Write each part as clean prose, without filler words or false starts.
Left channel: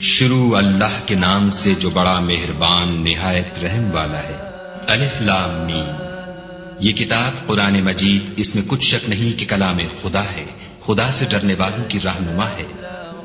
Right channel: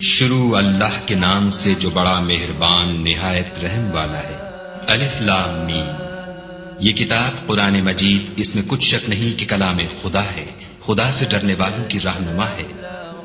شروع اللہ کے نام سے جو بڑا مہربان نہایت رحم والا ہے۔ الف لام میم۔ یہ کتاب قرآن مجید، اس میں کچھ شک نہیں کہ کلام خدا ہے، خدا سے ڈرنے والوں کی رہنما ہے،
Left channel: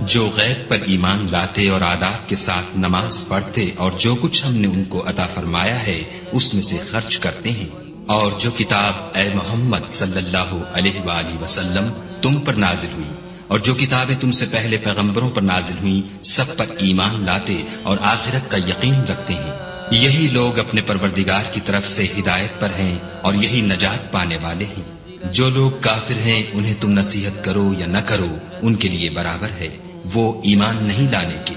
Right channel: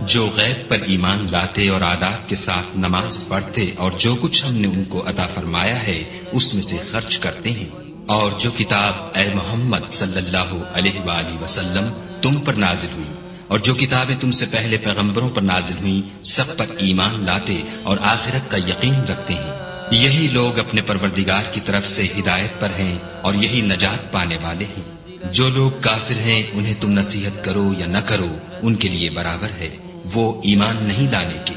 جو غیب پر ایمان لاتے اور آداب کے ساتھ نماز پڑھتے اور جو کچھ ہم نے ان کو عطا فرمایا ہے اس میں سے خرچ کرتے ہیں، اور جو کتاب اے محمد صلی اللہ علیہ وآلہ وسلم تم پر نازل ہوئی اور جو کتابیں تم سے پہلے پیغمبروں پر نازل ہوئیں سب پر ایمان لاتے اور آخرت کا یقین رکھتے ہیں، یہی لوگ اپنے پروردگار کی طرف سے ہدایت پر ہیں اور یہی نجات پانے والے ہیں۔ جو لوگ کافر ہیں انہیں تم نصیحت کرو یا نہ کرو ان کے لیے برابر ہے، وہ ایمان نہیں لانے کے۔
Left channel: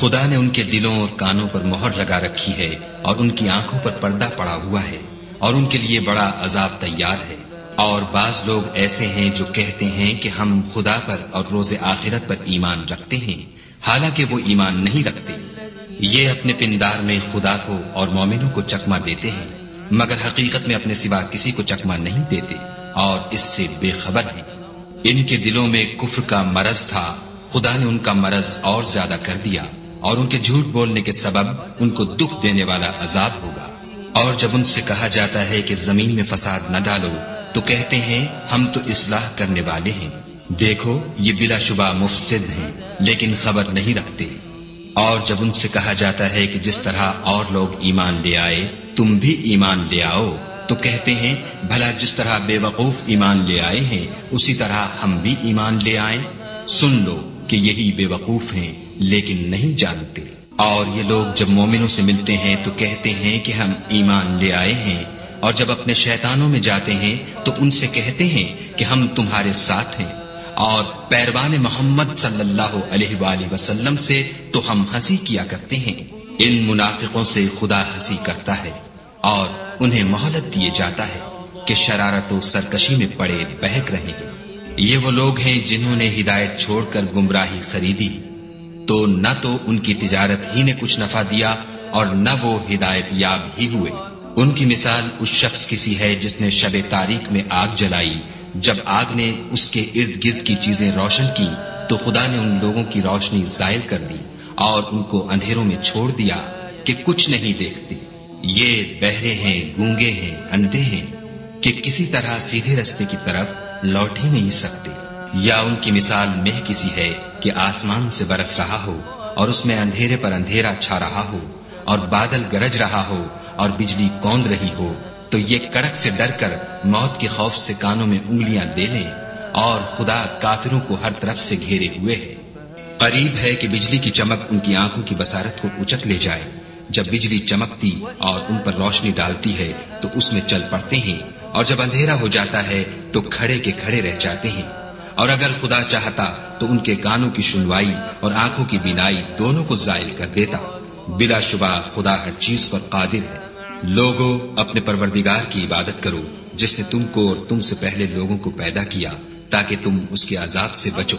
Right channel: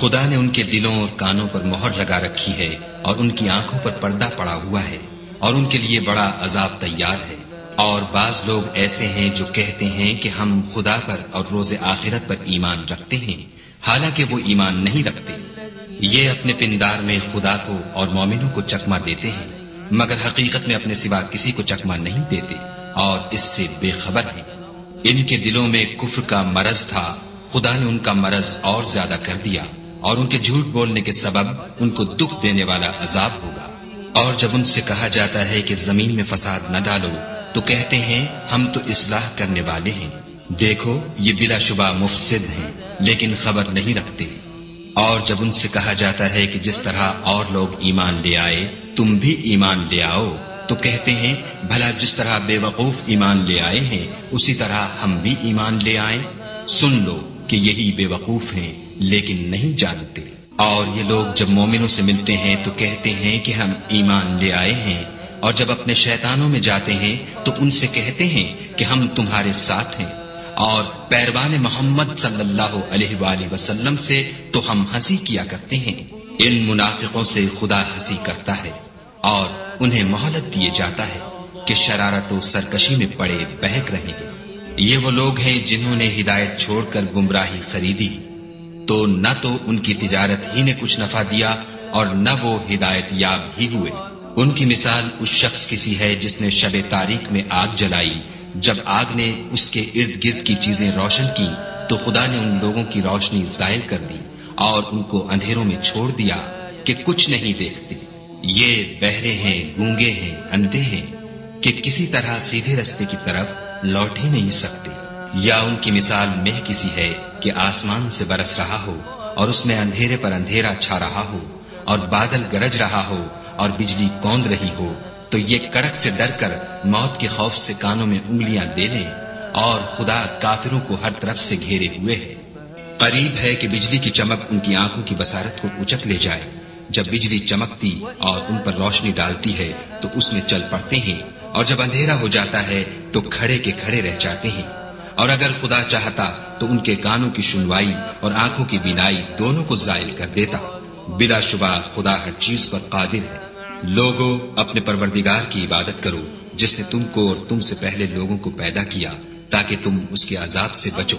خدا نے ان کے دلوں اور کانوں پر مہر لگا رکھی ہے اور ان کی آنکھوں پر پردہ پڑا ہوا ہے اور ان کے لیے بڑا عذاب تیار ہے۔ اور بعض لوگ ایسے ہیں جو کہتے ہیں کہ ہم خدا پر اور روز آخرت پر ایمان رکھتے ہیں، حالانکہ وہ ایمان نہیں رکھتے۔ یہ اپنے پندار میں خدا کو اور مومنوں کو چکما دیتے ہیں، مگر حقیقت میں اپنے سوا کسی کو چکما نہیں دیتے اور اس سے بے خبر ہیں۔ ان کے دلوں میں کفر کا مرض تھا، خدا نے ان کا مرض اور زیادہ کر دیا اور ان کے جھوٹ بولنے کے سبب ان کو دکھ دینے والا عذاب ہوگا۔ اور جب ان سے کہا جاتا ہے کہ زمین میں فساد نہ ڈالو تو کہتے ہیں ہم تو اصلاح کرنے والے ہیں، دیکھو یہ بلا شبہ مفسد ہیں لیکن خبر نہیں رکھتے۔ اور جب ان سے کہا جاتا ہے کہ جس طرح اور لوگ ایمان لے آئے تم بھی ایمان لے آؤ تو کہتے ہیں بھلا جس طرح بے وقوف ایمان لے آئے ہیں اسی طرح ہم بھی ایمان لے آئیں۔ سن لو کہ یہی بے وقوف ہیں لیکن نہیں جانتے۔ اور یہ لوگ جب مومنوں سے ملتے ہیں تو کہتے ہیں کہ ہم ایمان لے آئے ہیں، اور جب اپنے شیطانوں میں جاتے ہیں تو ان سے کہتے ہیں کہ ہم تمہارے ساتھ ہیں، اور پیروان محمد صلی اللہ علیہ وآلہ وسلم سے تو ہم ہنسی کیا کرتے ہیں۔ ان منافقوں سے خدا ہنسی کرتا ہے اور انہیں مہلت دیے جاتا ہے کہ شرارت و سرکشی میں پڑے بہک رہے ہیں۔ یہ وہ لوگ ہیں جنہوں نے ہدایت چھوڑ کر گمراہی خریدی، تو نہ تو ان کی تجارت ہی نے کچھ نفع دیا اور نہ وہ ہدایت یاب ہی ہوئے۔ ان کی مثال اس شخص کی سی ہے جس نے شب تاریک میں آگ جلائی، جب آگ نے اس کے ارد گرد کی چیزیں روشن کی تو خدا نے ان لوگوں کی روشنی زائل کر دی اور ان کو اندھیروں میں چھوڑ دیا کہ کچھ نہیں دیکھتے۔ یہ بہرے ہیں، گونگے ہیں، اندھے ہیں کہ کسی طرح سیدھے رستے کی طرف لوٹ ہی نہیں سکتے۔ یا ان کی مثال مہ کسی ہے کہ آسمان سے برس رہا ہو اور اس میں اندھیرے پر اندھیرا چھا رہا ہو اور بادل گرج رہا ہو اور بجلی کوند رہی ہو تو یہ کڑک سے ڈر کر موت کے خوف سے کانوں میں انگلیاں دے لیں، اور خدا کافروں کو ہر طرف سے گھیرے ہوئے ہے۔ قریب ہے کہ بجلی کی چمک ان کی آنکھوں کی بصارت کو اچک لے جائے۔ جب بجلی چمکتی اور ان پر روشنی ڈالتی ہے تو اس میں چل پڑتے ہیں، اور جب اندھیرا ہو جاتا ہے تو کھڑے کے کھڑے رہ جاتے ہیں۔ اور اگر خدا چاہتا تو ان کے کانوں کی سنوائی اور آنکھوں کی بینائی دونوں کو زائل کر دیتا۔ بلا شبہ خدا ہر چیز پر قادر ہے۔ لوگوں اپنے پروردگار کی عبادت کرو جس نے تم کو اور تم سے پہلے لوگوں کو پیدا کیا تاکہ تم اس کے عذاب سے بچو،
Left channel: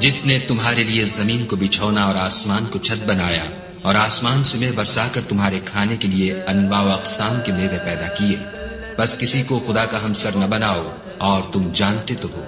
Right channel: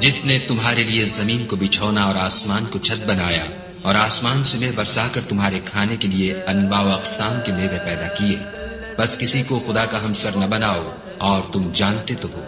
جس نے تمہارے لیے زمین کو بچھونا اور آسمان کو چھت بنایا اور آسمان سے میں برسا کر تمہارے کھانے کے لیے انواع و اقسام کے میوے پیدا کیے، بس کسی کو خدا کا ہمسر نہ بناؤ اور تم جانتے تو ہو۔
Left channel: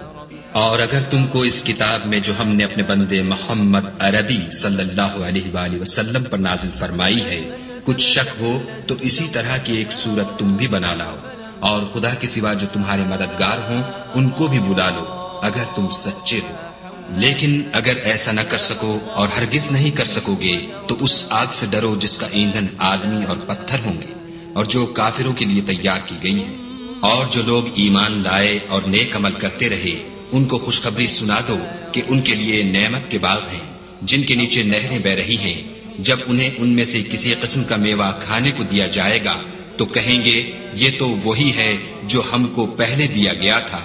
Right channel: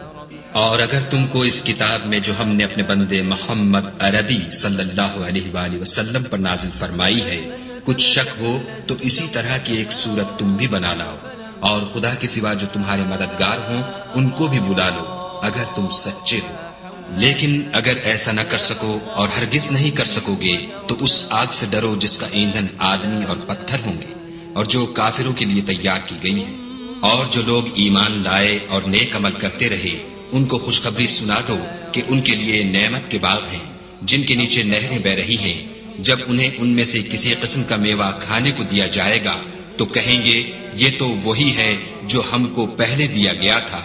اور اگر تم کو اس کتاب میں جو ہم نے اپنے بندے محمد عربی صلی اللہ علیہ وآلہ وسلم پر نازل فرمائی ہے کچھ شک ہو تو اسی طرح کی ایک صورت تم بھی بنا لاؤ، اور خدا کے سوا جو تمہارے مددگار ہوں ان کو بھی بلا لو اگر تم سچے ہو۔ لیکن اگر ایسا نہ کر سکو اور ہرگز نہیں کر سکو گے تو اس آگ سے ڈرو جس کا ایندھن آدمی اور پتھر ہوں گے اور جو کافروں کے لیے تیار کی گئی ہے۔ اور جو لوگ ایمان لائے اور نیک عمل کرتے رہے ان کو خوشخبری سنا دو کہ ان کے لیے نعمت کے باغ ہیں جن کے نیچے نہریں بہ رہی ہیں۔ جب انہیں ان میں سے کسی قسم کا میوہ کھانے کو دیا جائے گا تو کہیں گے یہ تو وہی ہے جو ہم کو پہلے دیا گیا تھا،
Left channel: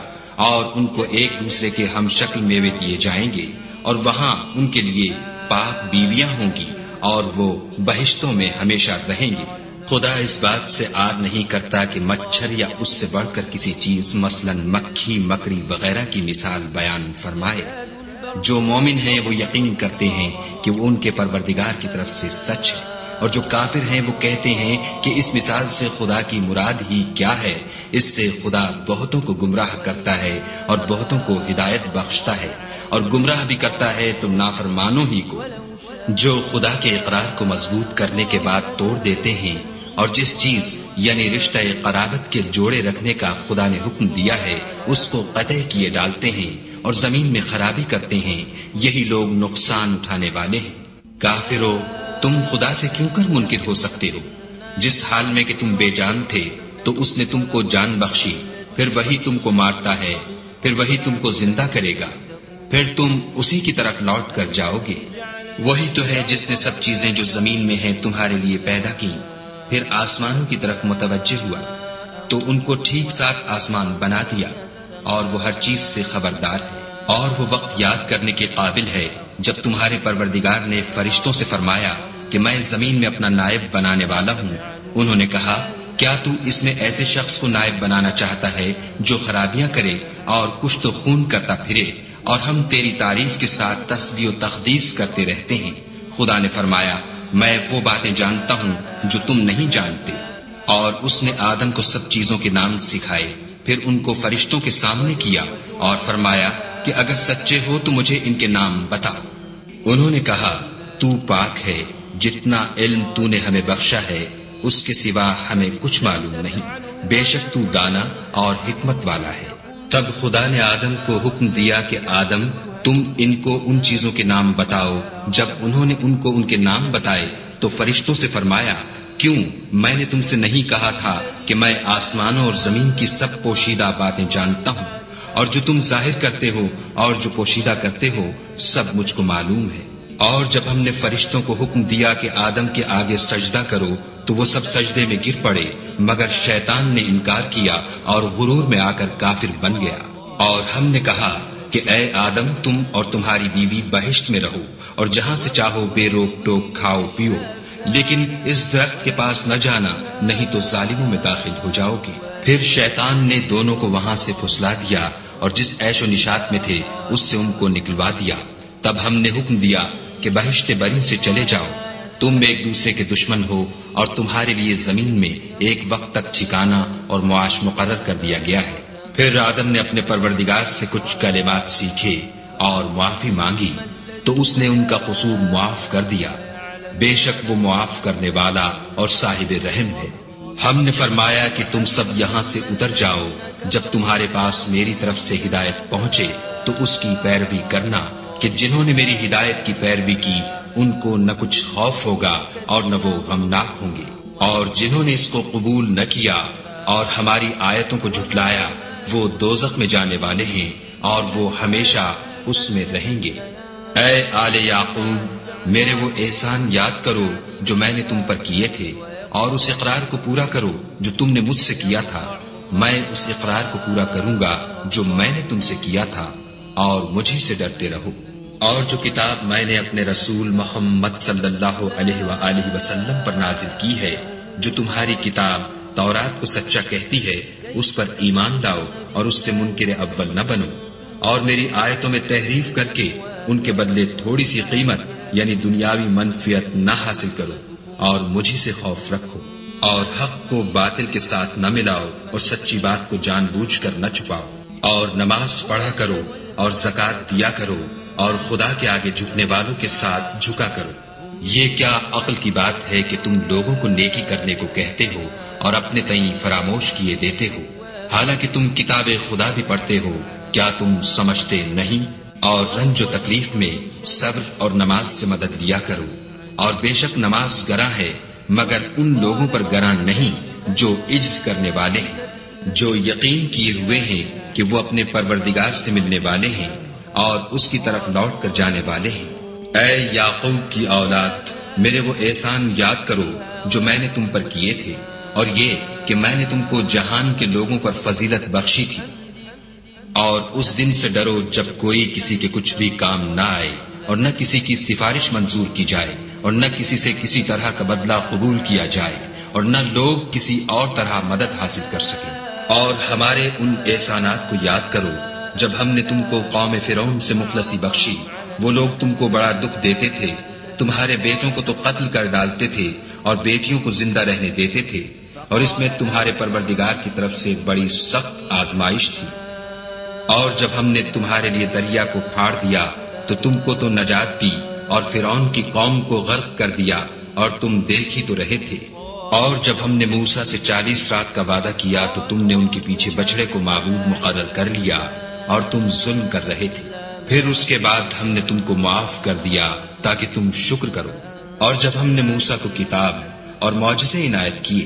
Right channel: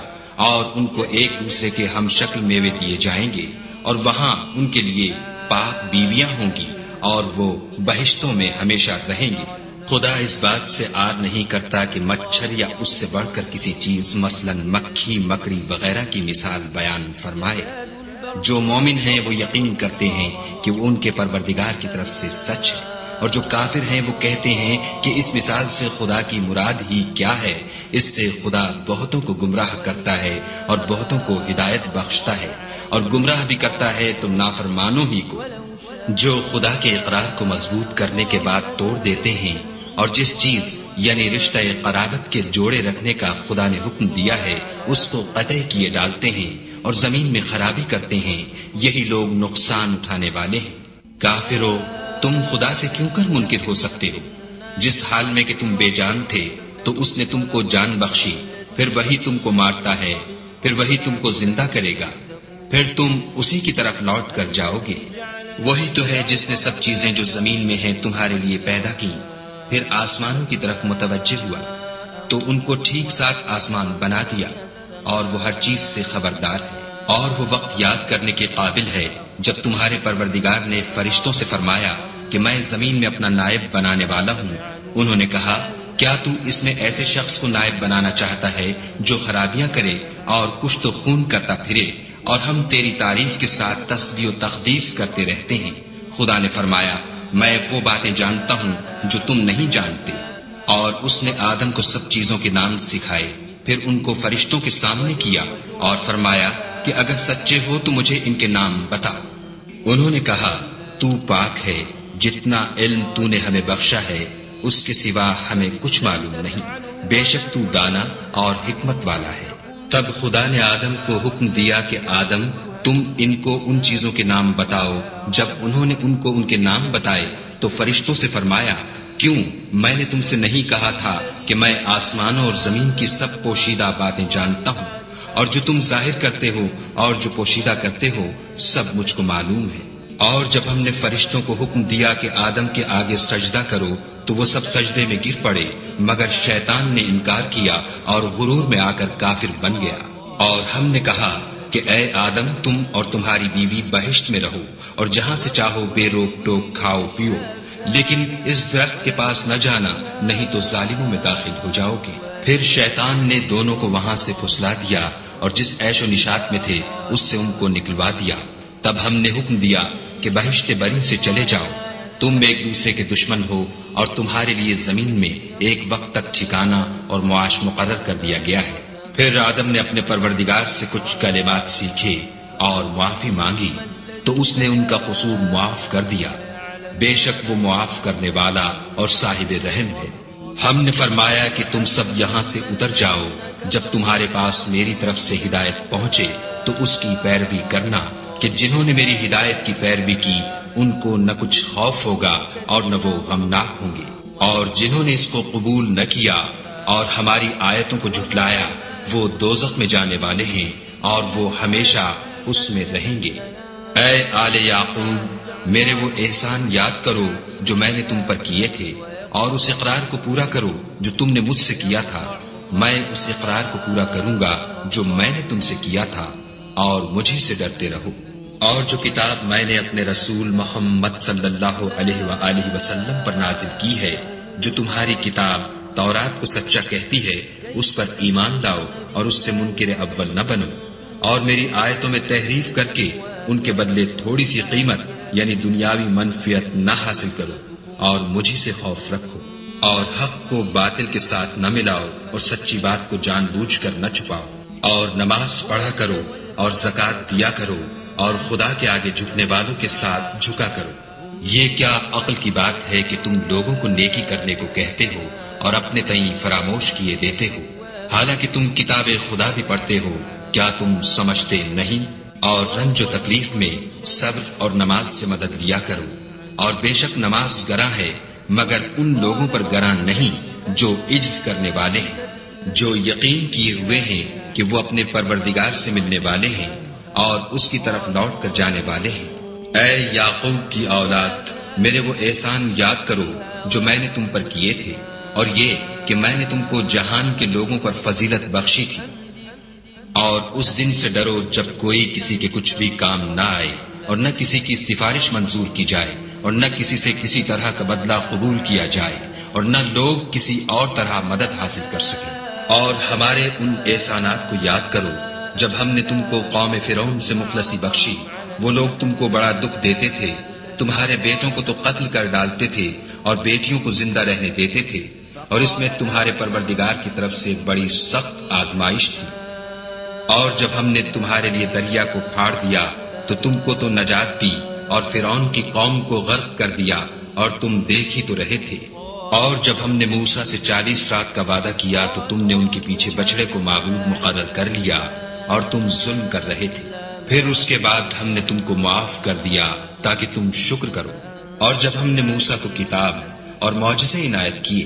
اور ان کو ایک دوسرے کے ہم شکل میوے دیے جائیں گے، اور وہاں ان کے لیے پاک بیویاں ہوں گی اور وہ بہشتوں میں ہمیشہ رہیں گے۔ خدا اس بات سے آر نہیں کرتا کہ مچھر یا اس سے بڑھ کر کسی چیز مثلاً مکھی، مکڑی وغیرہ کی مثال بیان فرمائے۔ جو مومن ہیں وہ یقین کرتے ہیں کہ وہ ان کے پروردگار کی طرف سے سچ ہے، اور جو کافر ہیں وہ کہتے ہیں کہ اس مثال سے خدا کی مراد ہی کیا ہے۔ اس سے خدا بہتوں کو گمراہ کرتا ہے اور بہتوں کو ہدایت بخشتا ہے، اور گمراہ بھی کرتا ہے تم نافرمانوں ہی کو، جو خدا کے اقرار کو مضبوط کرنے کے بعد توڑ دیتے ہیں، اور جس چیز یعنی رشتہ قرابت کے جوڑے رکھنے کا خدا نے حکم دیا ہے اس کو قطع کیے ڈالتے ہیں اور زمین میں خرابی کرتے ہیں، یہی لوگ نقصان اٹھانے والے ہیں۔ کافرو، تم خدا سے کیوں کر منکر ہو سکتے ہو؟ جس حال میں کہ تم بے جان تھے تو اس نے تم کو جان بخشی، پھر وہی تم کو مارتا ہے، پھر وہی تم کو زندہ کرے گا، پھر تم اسی کی طرف لوٹ کر جاؤ گے۔ وہی تو ہے جس نے سب چیزیں جو زمین میں ہیں تمہارے لیے پیدا کی، پھر آسمانوں کی طرف متوجہ ہوا تو ان کو ٹھیک ساتھ آسمان بنا دیا، اور وہ ہر چیز سے خبردار ہے۔ اور وہ وقت یاد کرنے کے قابل ہے جب تمہارے پروردگار نے فرشتوں سے فرمایا کہ میں زمین میں اپنا نائب بنانے والا ہوں۔ انہوں نے کہا، کیا تو اس میں ایسے شخص کو نائب بنانا چاہتا ہے جو خرابیاں کرے اور کشت و خون کرتا پھرے، اور ہم تیری تعریف کے ساتھ تسبیح و تقدیس کرتے رہتے ہیں؟ خدا نے فرمایا، میں وہ باتیں جانتا ہوں جو تم نہیں جانتے۔ اور اس نے آدم کو سب چیزوں کے نام سکھائے، پھر ان کو فرشتوں کے سامنے کیا اور فرمایا کہ اگر سچے ہو تو مجھے ان کے نام بتا۔ انہوں نے کہا، تو پاک ہے، جتنا علم تو نے ہمیں بخشا ہے اس کے سوا ہمیں کچھ معلوم نہیں، بے شک تو دانا اور حکمت والا ہے۔ تب خدا نے آدم کو حکم دیا کہ آدم، تم ان کو ان چیزوں کے نام بتاؤ۔ جب انہوں نے ان کو ان کے نام بتائے تو فرشتوں سے فرمایا، کیوں میں نے تم سے نہیں کہا تھا کہ میں آسمانوں اور زمین کی سب پوشیدہ باتیں جانتا ہوں، اور جو تم ظاہر کرتے ہو اور جو پوشیدہ کرتے ہو سب مجھ کو معلوم ہے۔ اور جب ہم نے فرشتوں کو حکم دیا کہ آدم کے آگے سجدہ کرو تو وہ سب سجدے میں گر پڑے، مگر شیطان نے انکار کیا اور غرور میں آ کر کافر بن گیا۔ اور ہم نے کہا کہ اے آدم، تم اور تمہاری بیوی بہشت میں رہو اور جہاں سے چاہو بے روک ٹوک کھاؤ پیو، لیکن اس درخت کے پاس نہ جانا، نہیں تو ظالموں میں داخل ہو جاؤ گے۔ پھر شیطان نے دونوں کو وہاں سے پھسلا دیا اور جس عیش و نشاط میں تھے اس سے ان کو نکلوا دیا۔ تب ہم نے حکم دیا کہ بہشت بری سے چلے جاؤ، تم ایک دوسرے کے دشمن ہو اور تمہارے لیے زمین میں ایک وقت تک ٹھکانہ اور معاش مقرر کر دیا گیا ہے۔ پھر آدم نے اپنے پروردگار سے کچھ کلمات سیکھے اور معافی مانگی تو اس نے ان کا قصور معاف کر دیا، بے شک وہ معاف کرنے والا اور صاحب رحم ہے۔ ہم نے فرمایا کہ تم سب یہاں سے اتر جاؤ، جب تمہارے پاس میری طرف سے ہدایت پہنچے تو اس کی پیروی کرنا، کہ جنہوں نے میری ہدایت کی پیروی کی ان کو نہ کچھ خوف ہوگا اور نہ وہ غمناک ہوں گے، اور جنہوں نے اس کو قبول نہ کیا اور ہماری آیتوں کو جھٹلایا وہ دوزخ میں جانے والے ہیں اور وہ ہمیشہ اس میں رہیں گے۔ اے آل یعقوب، میرے وہ احسان یاد کرو جو میں نے تم پر کیے تھے، اور اس اقرار کو پورا کرو جو تم نے مجھ سے کیا تھا۔ میں اس اقرار کو پورا کروں گا جو میں نے تم سے کیا تھا، اور مجھے سے ڈرتے رہو۔ اور جو کتاب میں نے اپنے رسول محمد صلی اللہ علیہ وآلہ وسلم پر نازل کی ہے، جو تمہاری کتاب تورات کو سچا کہتی ہے، اس پر ایمان لاؤ اور اس سے منکر اول نہ بنو، اور میری آیتوں میں تحریف کر کے ان کے بدلے تھوڑی سی قیمت یعنی دنیاوی منفعت نہ حاصل کرو، اور مجھے سے خوف رکھو، اور حق کو باطل کے ساتھ نہ ملاؤ اور سچی بات کو جان بوجھ کر نہ چھپاؤ، اور نماز پڑھا کرو اور زکوٰۃ دیا کرو، اور خدا کے آگے جھکنے والوں کے ساتھ جھکا کرو۔ یہ کیا عقل کی بات ہے کہ تم لوگوں کو نیکی کرنے کو کہتے ہو اور اپنے تئیں فراموش کیے دیتے ہو، حالانکہ تم کتاب خدا بھی پڑھتے ہو؟ کیا تم سمجھتے نہیں؟ اور رنج و تکلیف میں صبر اور نماز سے مدد لیا کرو، اور بے شک نماز گراں ہے مگر ان لوگوں پر گراں نہیں جو عجز کرنے والے ہیں، جو یقین کیے ہوئے ہیں کہ وہ اپنے پروردگار سے ملنے والے ہیں اور اس کی طرف لوٹ کر جانے والے ہیں۔ اے یعقوب کی اولاد، میرے وہ احسان یاد کرو جو میں نے تم پر کیے تھے، اور یہ کہ میں نے تم کو جہان کے لوگوں پر فضیلت بخشی تھی۔ اور اس دن سے ڈرو جب کوئی کسی کے کچھ بھی کام نہ آئے، اور نہ کسی کی سفارش منظور کی جائے، اور نہ کسی سے کسی طرح کا بدلہ قبول کیا جائے، اور نہ لوگ کسی اور طرح مدد حاصل کر سکیں۔ اور ہمارے ان احسانات کو یاد کرو جب ہم نے تم کو قوم فرعون سے مخلصی بخشی، وہ لوگ تم کو بڑا دکھ دیتے تھے، تمہارے بیٹوں کو تو قتل کر ڈالتے تھے اور بیٹیوں کو زندہ رہنے دیتے تھے، اور اس میں تمہارے پروردگار کی طرف سے بڑی سخت آزمائش تھی۔ اور جب ہم نے تمہارے لیے دریا کو پھاڑ دیا تو تم کو تو نجات دی اور فرعون کی قوم کو غرق کر دیا اور تم دیکھ ہی تو رہے تھے۔ اور جب ہم نے موسیٰ سے 40 رات کا وعدہ کیا تو تم نے ان کے پیچھے بچڑے کو معبود مقرر کر لیا اور تم ظلم کر رہے تھے۔ پھر اس کے بعد ہم نے تم کو معاف کر دیا تاکہ تم شکر کرو۔ اور جب ہم نے موسیٰ کو کتاب اور معجزے عنایت کیے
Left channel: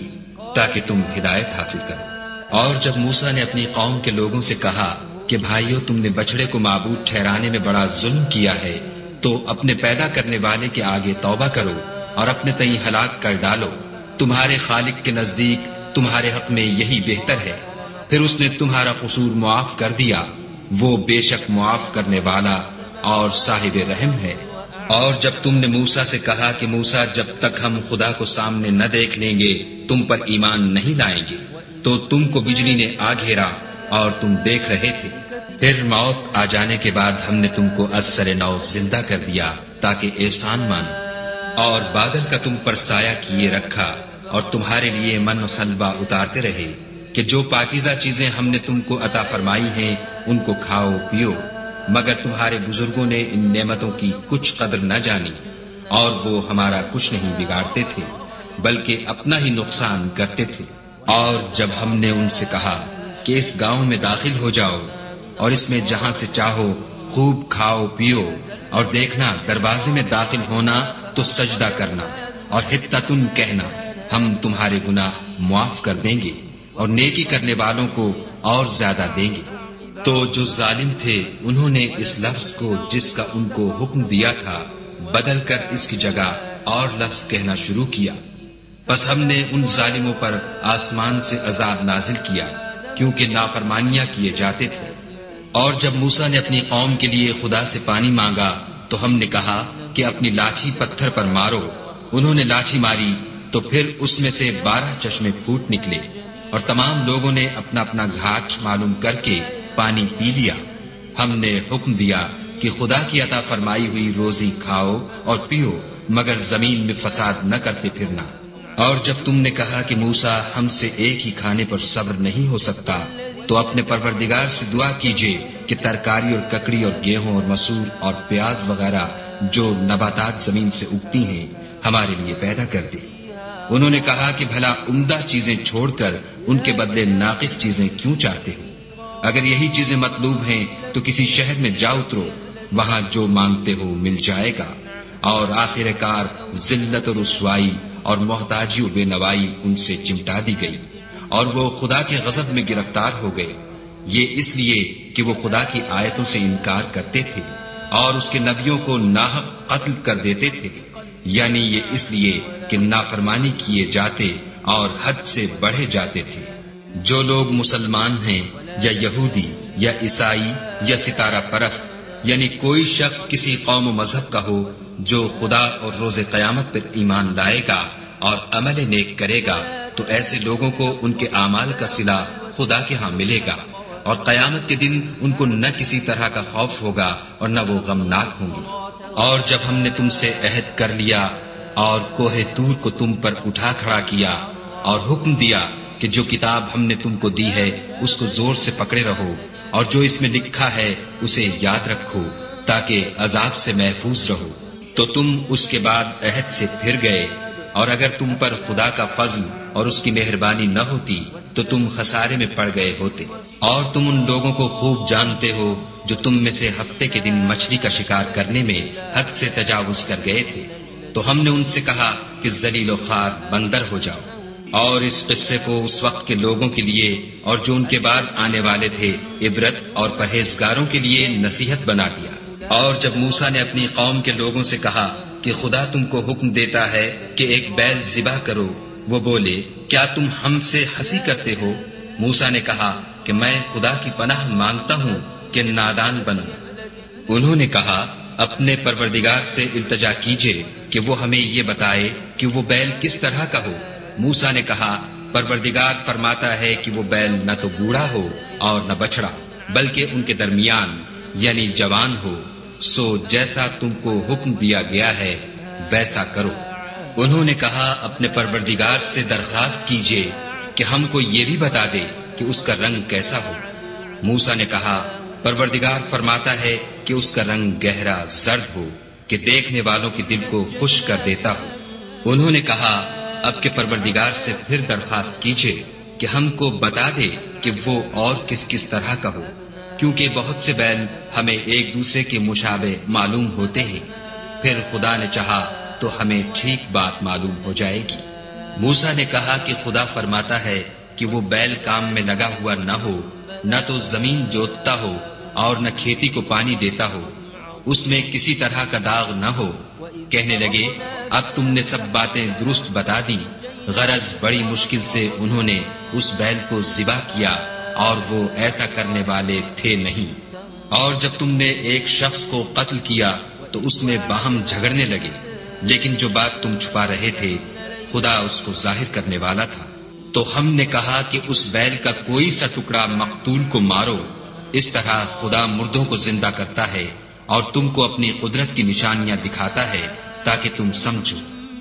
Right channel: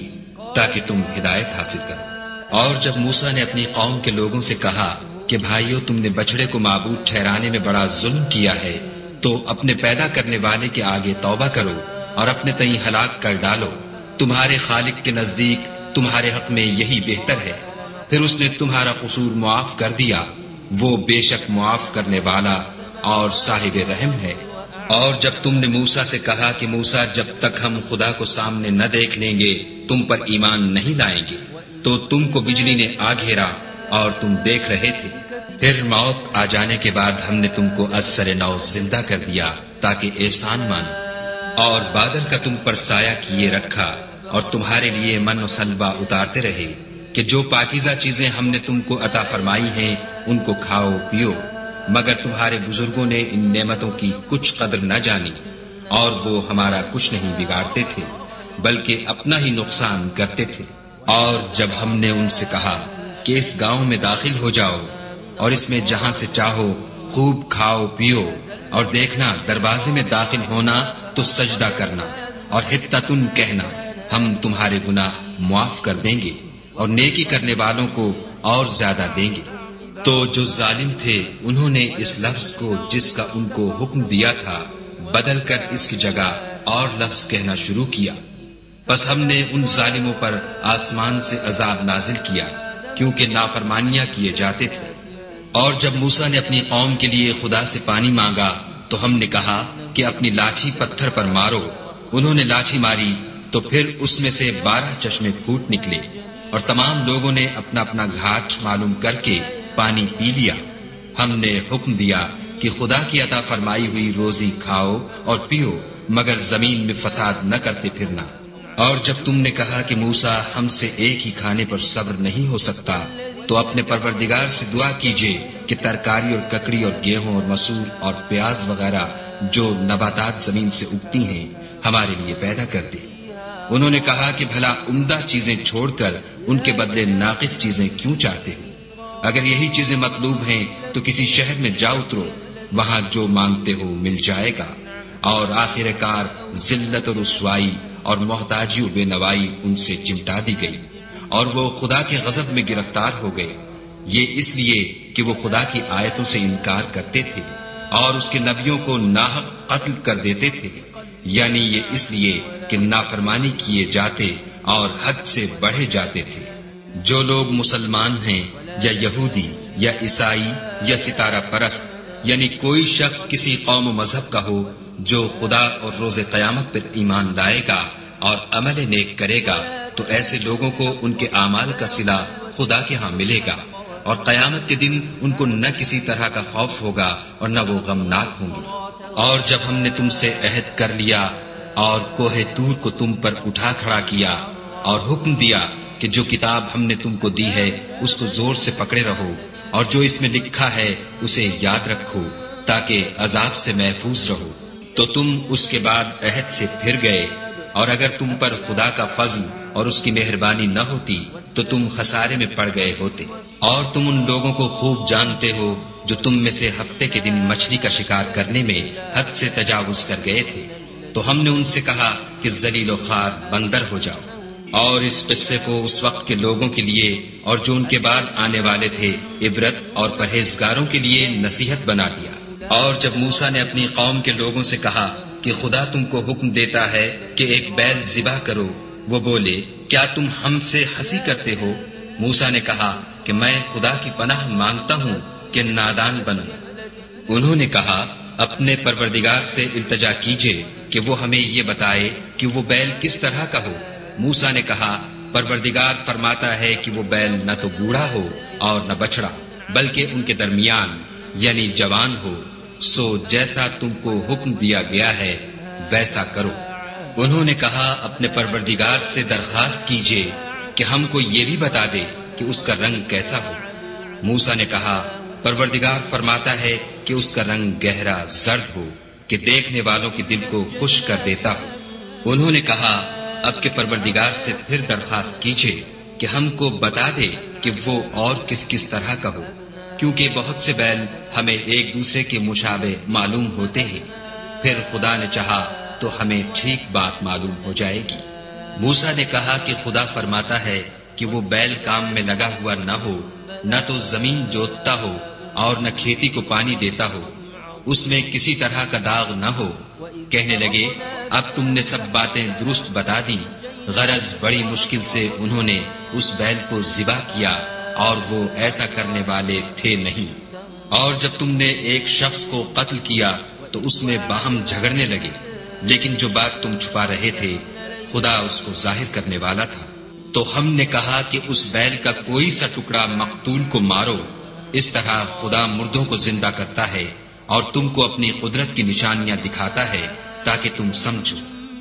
تاکہ تم ہدایت حاصل کرو۔ اور جب موسیٰ نے اپنی قوم کے لوگوں سے کہا کہ بھائیو، تم نے بچڑے کو معبود ٹھہرانے میں بڑا ظلم کیا ہے، تو اپنے پیدا کرنے والے کے آگے توبہ کرو اور اپنے تئیں ہلاک کر ڈالو، تمہارے خالق کے نزدیک تمہارے حق میں یہی بہتر ہے۔ پھر اس نے تمہارا قصور معاف کر دیا، وہ بے شک معاف کرنے والا اور صاحب رحم ہے۔ اور جب تم نے موسیٰ سے کہا کہ موسیٰ، جب تک ہم خدا کو سامنے نہ دیکھ لیں گے تم پر ایمان نہیں لائیں گے، تو تم کو بجلی نے آ گھیرا اور تم دیکھ رہے تھے۔ پھر موت آ جانے کے بعد ہم نے تم کو از سر نو زندہ کر دیا تاکہ احسان مانو، اور بادل کا تم پر سایہ کیے رکھا اور تمہارے لیے من و سلوہ اتارتے رہے کہ جو پاکیزہ چیزیں ہم نے تم کو عطا فرمائی ہیں ان کو کھاؤ پیو، مگر تمہارے بزرگوں نے ان نعمتوں کی کچھ قدر نہ جانی اور وہ ہمارا کچھ نہیں بگاڑتے تھے بلکہ اپنا ہی نقصان کرتے تھے۔ اور جب ہم نے ان سے کہا کہ اس گاؤں میں داخل ہو جاؤ اور اس میں جہاں سے چاہو خوب کھاؤ پیو، اور دیکھنا دروازے میں داخل ہونا تو سجدہ کرنا اور حطتن کہنا، ہم تمہارے گناہ معاف کر دیں گے اور نیکی کرنے والوں کو اور زیادہ دیں گے۔ تو جو ظالم تھے انہوں نے اس لفظ کو جس کا ان کو حکم دیا تھا بدل کر اس کی جگہ اور لفظ کہنا شروع کیا، بس ہم نے ان ظالموں پر آسمان سے عذاب نازل کیا کیونکہ نافرمانیاں کیے جاتے تھے۔ اور جب موسیٰ نے اپنی قوم کے لیے خدا سے پانی مانگا تو ہم نے کہا کہ اپنی لاٹھی پتھر پر مارو۔ انہوں نے لاٹھی ماری تو پھر اس میں سے 12 چشمے پھوٹ نکلے اور تمام لوگوں نے اپنا اپنا گھاٹ معلوم کر کے پانی پی لیا۔ ہم نے حکم دیا کہ خدا کی عطا فرمائی ہوئی روزی کھاؤ اور پیو، مگر زمین میں فساد نہ کرتے پھرنا۔ اور جب تم نے کہا کہ موسیٰ، ہم سے ایک ہی کھانے پر صبر نہیں ہو سکتا، تو اپنے پروردگار سے دعا کیجئے کہ ترکاری اور ککڑی اور گیہوں اور مسور اور پیاز وغیرہ جو نباتات زمین سے اگتی ہیں ہمارے لیے پیدا کر دے۔ انہوں نے کہا کہ بھلا عمدہ چیزیں چھوڑ کر ان کے بدلے ناقص چیزیں کیوں چاہتے ہو؟ اگر یہی چیزیں مطلوب ہیں تو کسی شہر میں جا اترو، وہاں جو مانگتے ہو مل جائے گا۔ اور آخر کار ذلت و رسوائی اور محتاجی و بے نوائی ان سے چمٹا دی گئی اور وہ خدا کے غضب میں گرفتار ہو گئے، یہ اس لیے کہ وہ خدا کی آیتوں سے انکار کرتے تھے اور اس کے نبیوں کو ناحق قتل کر دیتے تھے، یعنی یہ اس لیے کہ نافرمانی کیے جاتے اور حد سے بڑھے جاتے تھے۔ جو لوگ مسلمان ہیں یا یہودی یا عیسائی یا ستارہ پرست، یعنی کوئی شخص کسی قوم و مذہب کا ہو، جو خدا اور روز قیامت پر ایمان لائے گا اور عمل نیک کرے گا، تو ایسے لوگوں کو ان کے اعمال کا صلہ خدا کے ہاں ملے گا، اور قیامت کے دن ان کو نہ کسی طرح کا خوف ہوگا اور نہ وہ غمناک ہوں گے۔ اور جب ہم نے تم سے عہد کر لیا اور کوہ طور کو تم پر اٹھا کھڑا کیا اور حکم دیا کہ جو کتاب ہم نے تم کو دی ہے اس کو زور سے پکڑے رہو، اور جو اس میں لکھا ہے اسے یاد رکھو تاکہ عذاب سے محفوظ رہو، تو تم اس کے بعد عہد سے پھر گئے، اور اگر تم پر خدا کا فضل اور اس کی مہربانی نہ ہوتی تو تم خسارے میں پڑ گئے ہوتے۔ اور تم ان لوگوں کو خوب جانتے ہو جو تم میں سے ہفتے کے دن مچھلی کا شکار کرنے میں حد سے تجاوز کر گئے تھے، تو ہم نے ان سے کہا کہ ذلیل و خوار بندر ہو جاؤ، اور اس قصے کو اس وقت کے لوگوں کے لیے اور جو ان کے بعد آنے والے تھے عبرت اور پرہیزگاروں کے لیے نصیحت بنا دیا۔ اور جب موسیٰ نے اپنی قوم کے لوگوں سے کہا کہ خدا تم کو حکم دیتا ہے کہ ایک بیل ذبح کرو، وہ بولے کیا تم ہم سے ہنسی کرتے ہو؟ موسیٰ نے کہا کہ میں خدا کی پناہ مانگتا ہوں کہ نادان بنوں۔ انہوں نے کہا اپنے پروردگار سے التجا کیجئے کہ وہ ہمیں یہ بتائے کہ وہ بیل کس طرح کا ہو۔ موسیٰ نے کہا پروردگار فرماتا ہے کہ وہ بیل نہ تو بوڑھا ہو اور نہ بچڑا، بلکہ ان کے درمیان یعنی جوان ہو، سو جیسا تم کو حکم دیا گیا ہے ویسا کرو۔ انہوں نے کہا اپنے پروردگار سے درخواست کیجئے کہ ہم کو یہ بھی بتا دے کہ اس کا رنگ کیسا ہو۔ موسیٰ نے کہا پروردگار فرماتا ہے کہ اس کا رنگ گہرا زرد ہو کہ دیکھنے والوں کے دل کو خوش کر دیتا ہو۔ انہوں نے کہا اب کے پروردگار سے پھر درخواست کیجئے کہ ہم کو بتا دے کہ وہ اور کس کس طرح کا ہو، کیونکہ بہت سے بیل ہمیں ایک دوسرے کے مشابہ معلوم ہوتے ہیں، پھر خدا نے چاہا تو ہمیں ٹھیک بات معلوم ہو جائے گی۔ موسیٰ نے کہا کہ خدا فرماتا ہے کہ وہ بیل کام میں لگا ہوا نہ ہو، نہ تو زمین جوتتا ہو اور نہ کھیتی کو پانی دیتا ہو، اس میں کسی طرح کا داغ نہ ہو۔ کہنے لگے اب تم نے سب باتیں درست بتا دی، غرض بڑی مشکل سے انہوں نے اس بیل کو ذبح کیا اور وہ ایسا کرنے والے تھے نہیں۔ اور جب تم نے ایک شخص کو قتل کیا تو اس میں باہم جھگڑنے لگے، لیکن جو بات تم چھپا رہے تھے خدا اس کو ظاہر کرنے والا تھا۔ تو ہم نے کہا کہ اس بیل کا کوئی سا ٹکڑا مقتول کو مارو، اس طرح خدا مردوں کو زندہ کرتا ہے اور تم کو اپنی قدرت کی نشانیاں دکھاتا ہے تاکہ تم سمجھو۔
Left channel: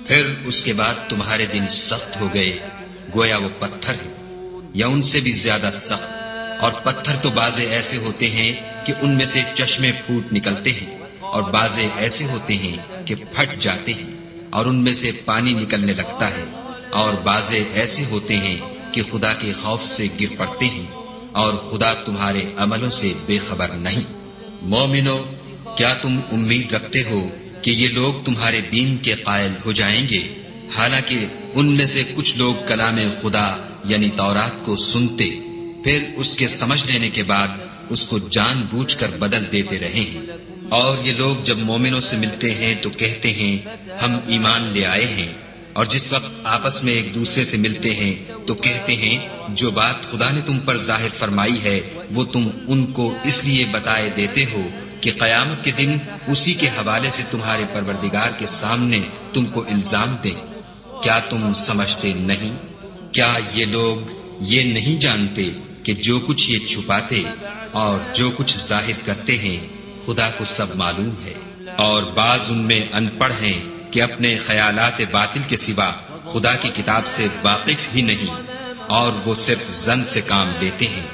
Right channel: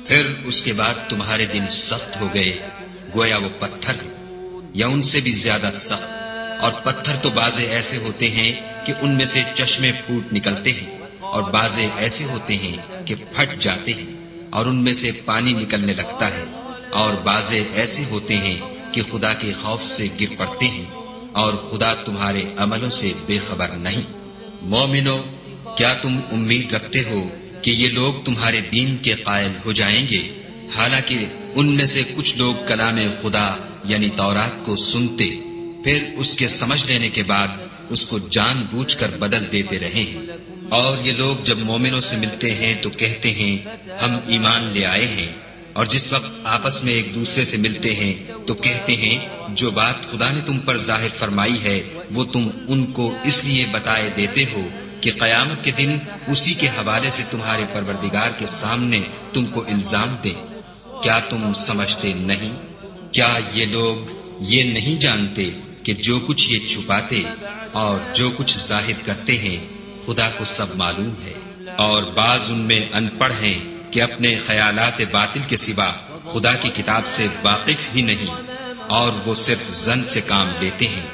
پھر اس کے بعد تمہارے دل سخت ہو گئے گویا وہ پتھر ہے یا ان سے بھی زیادہ سخت، اور پتھر تو بعضے ایسے ہوتے ہیں کہ ان میں سے چشمے پھوٹ نکلتے ہیں، اور بعضے ایسے ہوتے ہیں کہ پھٹ جاتے ہیں اور ان میں سے پانی نکلنے لگتا ہے، اور بعضے ایسے ہوتے ہیں کہ خدا کے خوف سے گر پڑتے ہیں، اور خدا تمہارے عملوں سے بے خبر نہیں۔ مومنو، کیا تم امید رکھتے ہو کہ یہ لوگ تمہارے دین کے قائل ہو جائیں گے، حالانکہ ان میں سے کچھ لوگ کلام خدا یعنی تورات کو سنتے پھر اس کے سمجھ لینے کے بعد اس کو جان بوجھ کر بدل دیتے رہے ہیں؟ اور یہ لوگ جب مومنوں سے ملتے ہیں تو کہتے ہیں ہم ایمان لے آئے ہیں، اور جس وقت آپس میں ایک دوسرے سے ملتے ہیں تو کہتے ہیں جو بات خدا نے تم پر ظاہر فرمائی ہے وہ تم ان کو اس لیے بتائے دیتے ہو کہ قیامت کے دن اسی کے حوالے سے تمہارے پروردگار کے سامنے تم کو الزام دیں۔ کیا تم سمجھتے نہیں؟ کیا یہ لوگ یہ نہیں جانتے کہ جو کچھ یہ چھپاتے اور جو کچھ ظاہر کرتے ہیں خدا کو سب معلوم ہے؟ اور بعض ان میں ان پڑھ ہیں کہ اپنے خیالات باطل کے سوا خدا کی کتاب سے واقف ہی نہیں، اور وہ صرف ظن سے کام لیتے ہیں۔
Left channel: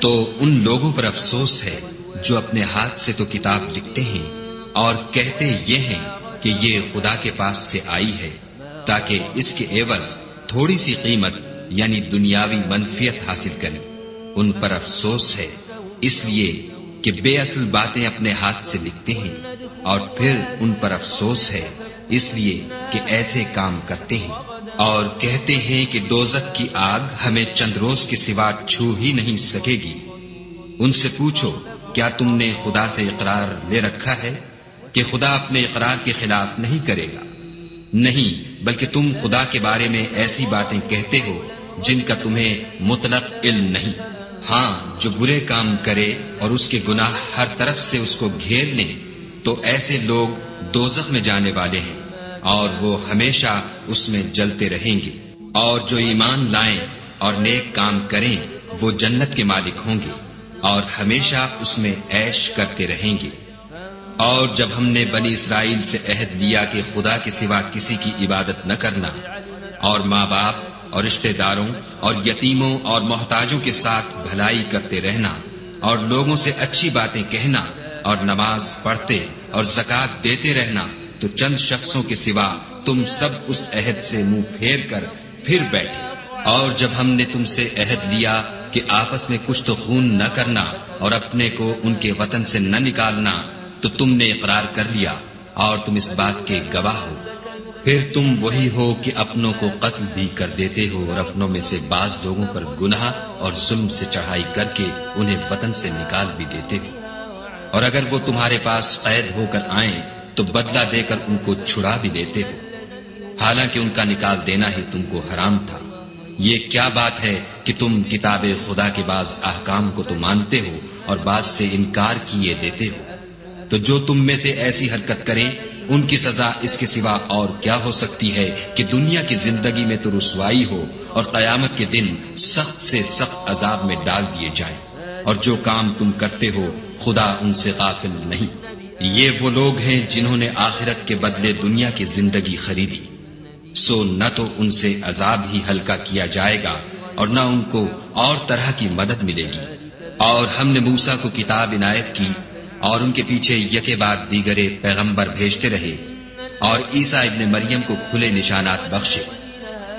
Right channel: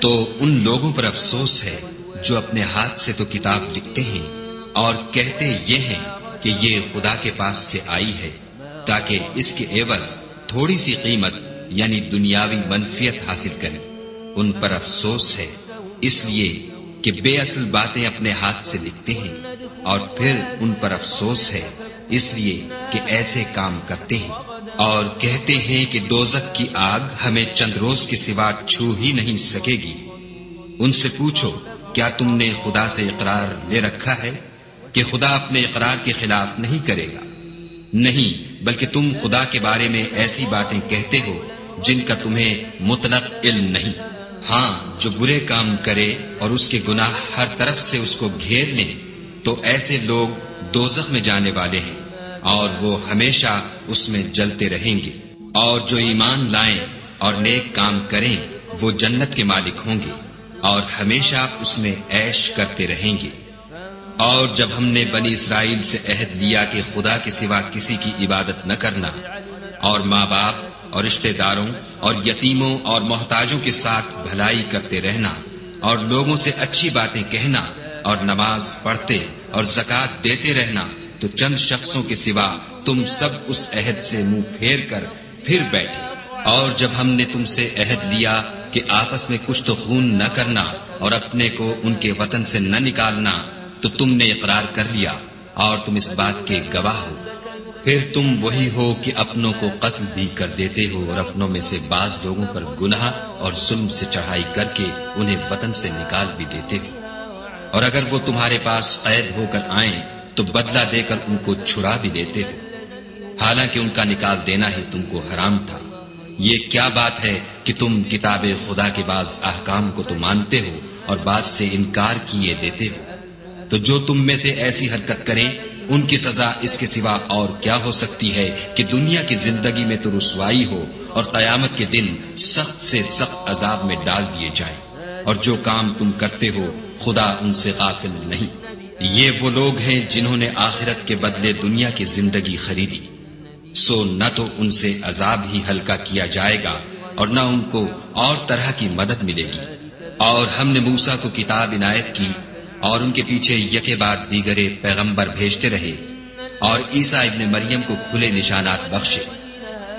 تو ان لوگوں پر افسوس ہے جو اپنے ہاتھ سے تو کتاب لکھتے ہیں اور کہتے یہ ہیں کہ یہ خدا کے پاس سے آئی ہے، تاکہ اس کے عوض تھوڑی سی قیمت یعنی دنیاوی منفیت حاصل کریں۔ ان پر افسوس ہے اس لیے کہ بے اصل باتیں اپنے ہاتھ سے لکھتے ہیں، اور پھر ان پر افسوس ہے اس لیے کہ ایسے کام کرتے ہیں، اور کہتے ہیں کہ دوزخ کی آگ ہمیں چند روز کے سوا چھو ہی نہیں سکے گی۔ ان سے پوچھو کیا تم نے خدا سے اقرار لے رکھا ہے کہ خدا اپنے اقرار کے خلاف نہیں کرے گا؟ نہیں، بلکہ تم خدا کے بارے میں ایسی باتیں کہتے ہو جن کا تمہیں مطلق علم نہیں۔ ہاں، جو برے کام کرے اور اس کے گناہ ہر طرف سے اس کو گھیر لیں تو ایسے لوگ دوزخ میں جانے والے ہیں اور وہ ہمیشہ اس میں جلتے رہیں گے، اور جو ایمان لائیں اور نیک کام کریں وہ جنت کے مالک ہوں گے اور ہمیشہ اس میں عیش کرتے رہیں گے۔ اور جب ہم نے بنی اسرائیل سے عہد لیا کہ خدا کے سوا کسی کی عبادت نہ کرنا، اور ماں باپ اور رشتہ داروں اور یتیموں اور محتاجوں کے ساتھ بھلائی کرتے رہنا، اور لوگوں سے اچھی باتیں کہنا، اور نماز پڑھتے اور زکوٰۃ دیتے رہنا، تو چند شخصوں کے سوا تم سب اس عہد سے منہ پھیر کر پھر بیٹھے۔ اور جب ہم نے تم سے عہد لیا کہ آپس میں کچھ تو خون نہ کرنا اور اپنے کو ان کے وطن سے نہ نکالنا، تو تم نے اقرار کر لیا اور تم اس بات کے گواہ ہو۔ پھر تم وہی ہو کہ اپنوں کو قتل بھی کر دیتے ہو اور اپنوں میں سے بعض لوگوں پر گناہ اور ظلم سے چڑھائی کر کے انہیں وطن سے نکال بھی دیتے ہو، اور اگر وہ تمہارے پاس قید ہو کر آئیں تو بدلہ دے کر ان کو چھڑا بھی دیتے ہو، حالانکہ ان کا نکال دینا ہی تم کو حرام تھا۔ یہ کیا بات ہے کہ تم کتاب خدا کے بعض احکام کو تو مانتے ہو اور بعض سے انکار کیے دیتے ہو؟ تو جو تم میں سے ایسی حرکت کریں ان کی سزا اس کے سوا اور کیا ہو سکتی ہے کہ دنیا کی زندگی میں تو رسوائی ہو اور قیامت کے دن سخت سے سخت عذاب میں ڈال دیے جائیں، اور جو کام تم کرتے ہو خدا ان سے غافل نہیں۔ یہ وہ لوگ ہیں جنہوں نے آخرت کے بدلے دنیا کی زندگی خریدی، سو نہ تو ان سے عذاب ہی ہلکا کیا جائے گا اور نہ ان کو اور طرح کی مدد ملے گی۔ اور ہم نے موسیٰ کو کتاب عنایت کی اور ان کے پیچھے یکے بعد دیگرے پیغمبر بھیجتے رہے، اور عیسیٰ ابن مریم کو کھلے نشانات بخشے،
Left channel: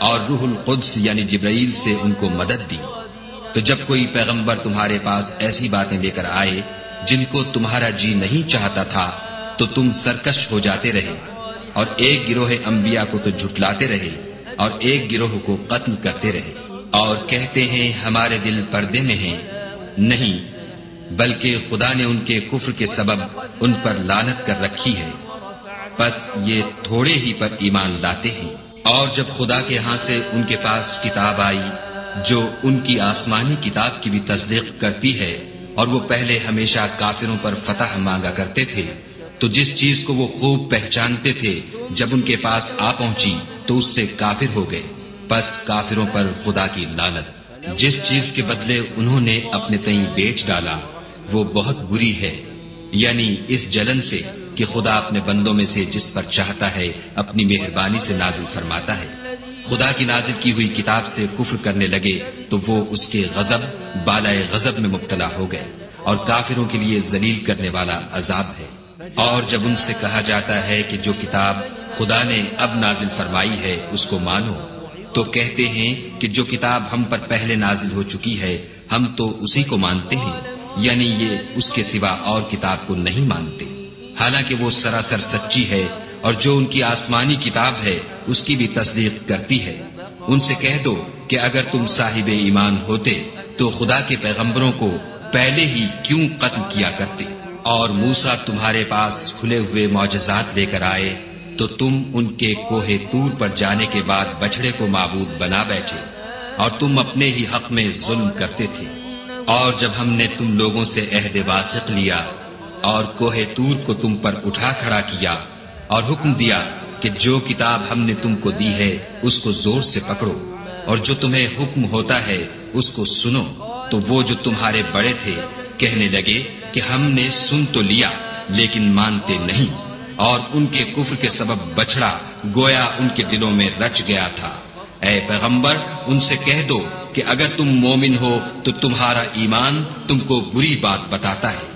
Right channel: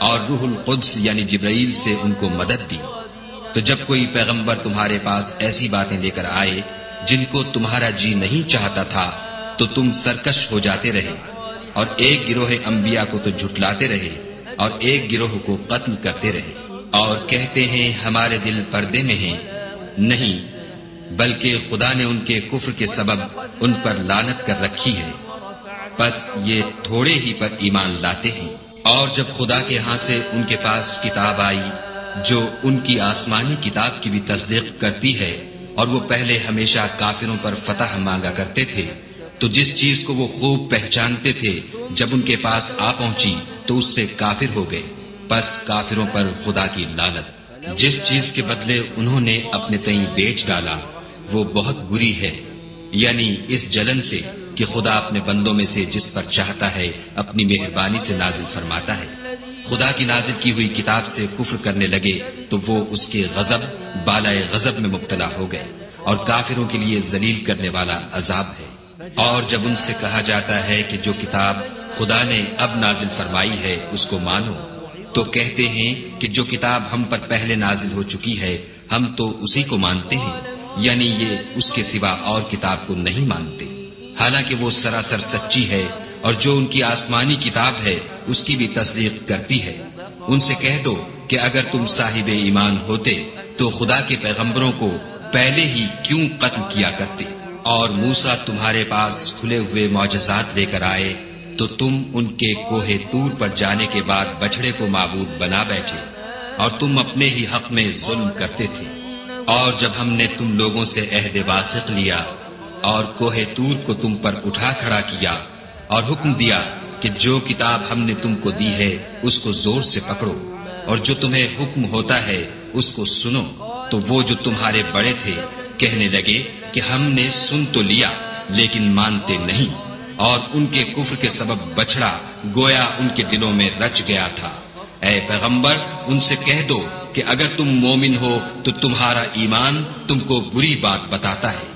اور روح القدس یعنی جبرائیل سے ان کو مدد دی۔ تو جب کوئی پیغمبر تمہارے پاس ایسی باتیں لے کر آئے جن کو تمہارا جی نہیں چاہتا تھا تو تم سرکش ہو جاتے رہے، اور ایک گروہ انبیاء کو تو جھٹلاتے رہے اور ایک گروہ کو قتل کرتے رہے، اور کہتے ہیں ہمارے دل پردے میں ہیں، نہیں بلکہ خدا نے ان کے کفر کے سبب ان پر لعنت کر رکھی ہے، بس یہ تھوڑے ہی پر ایمان لاتے ہیں۔ اور جب خدا کے ہاں سے ان کے پاس کتاب آئی جو ان کی آسمانی کتاب کی بھی تصدیق کرتی ہے، اور وہ پہلے ہمیشہ کافروں پر فتح مانگا کرتے تھے، تو جس چیز کو وہ خوب پہچانتے تھے جب ان کے پاس آ پہنچی تو اس سے کافر ہو گئے، بس کافروں پر خدا کی لعنت۔ جس چیز کے بدلے انہوں نے اپنے تئیں بیچ ڈالا وہ بہت بری ہے، یعنی اس جلن سے کہ خدا اپنے بندوں میں سے جس پر چاہتا ہے اپنی مہربانی سے نازل فرماتا ہے۔ خدا کی نازل کی ہوئی کتاب سے کفر کرنے لگے تو وہ اس کے غضب بالائے غضب میں مبتلا ہو گئے، اور کافروں کے لیے ذلیل کرنے والا عذاب ہے۔ اور جب ان سے کہا جاتا ہے کہ جو کتاب خدا نے اب نازل فرمائی ہے اس کو مانو، تو کہتے ہیں کہ جو کتاب ہم پر پہلے نازل ہو چکی ہے ہم تو اسی کو مانتے ہیں، یعنی یہ اس کے سوا اور کتاب کو نہیں مانتے، حالانکہ وہ سراسر سچی ہے، اور جو ان کی آسمانی کتاب ہے اس کی بھی تصدیق کرتی ہے۔ ان سے کہہ دو کہ اگر تم صاحب ایمان ہوتے تو خدا کے پیغمبروں کو پہلے ہی کیوں قتل کیا کرتے، اور موسیٰ تمہارے پاس کھلے ہوئے معجزات لے کر آئے تو تم ان کے کوہ طور پر جانے کے بعد بچڑے کو معبود بنا بیٹھے، اور تم اپنے ہی حق میں ظلم کرتے تھے۔ اور جب ہم نے تم لوگوں سے عہد واثق لیا اور کوہ طور کو تم پر اٹھا کھڑا کیا اور حکم دیا کہ جو کتاب ہم نے تم کو دی ہے اس کو زور سے پکڑو، اور جو تمہیں حکم ہوتا ہے اس کو سنو، تو وہ جو تمہارے بڑے تھے کہنے لگے کہ ہم نے سن تو لیا لیکن مانتے نہیں، اور ان کے کفر کے سبب بچڑا گویا ان کے دلوں میں رچ گیا تھا۔ اے پیغمبر ان سے کہہ دو کہ اگر تم مومن ہو تو تمہارا ایمان تم کو بری بات بتاتا ہے۔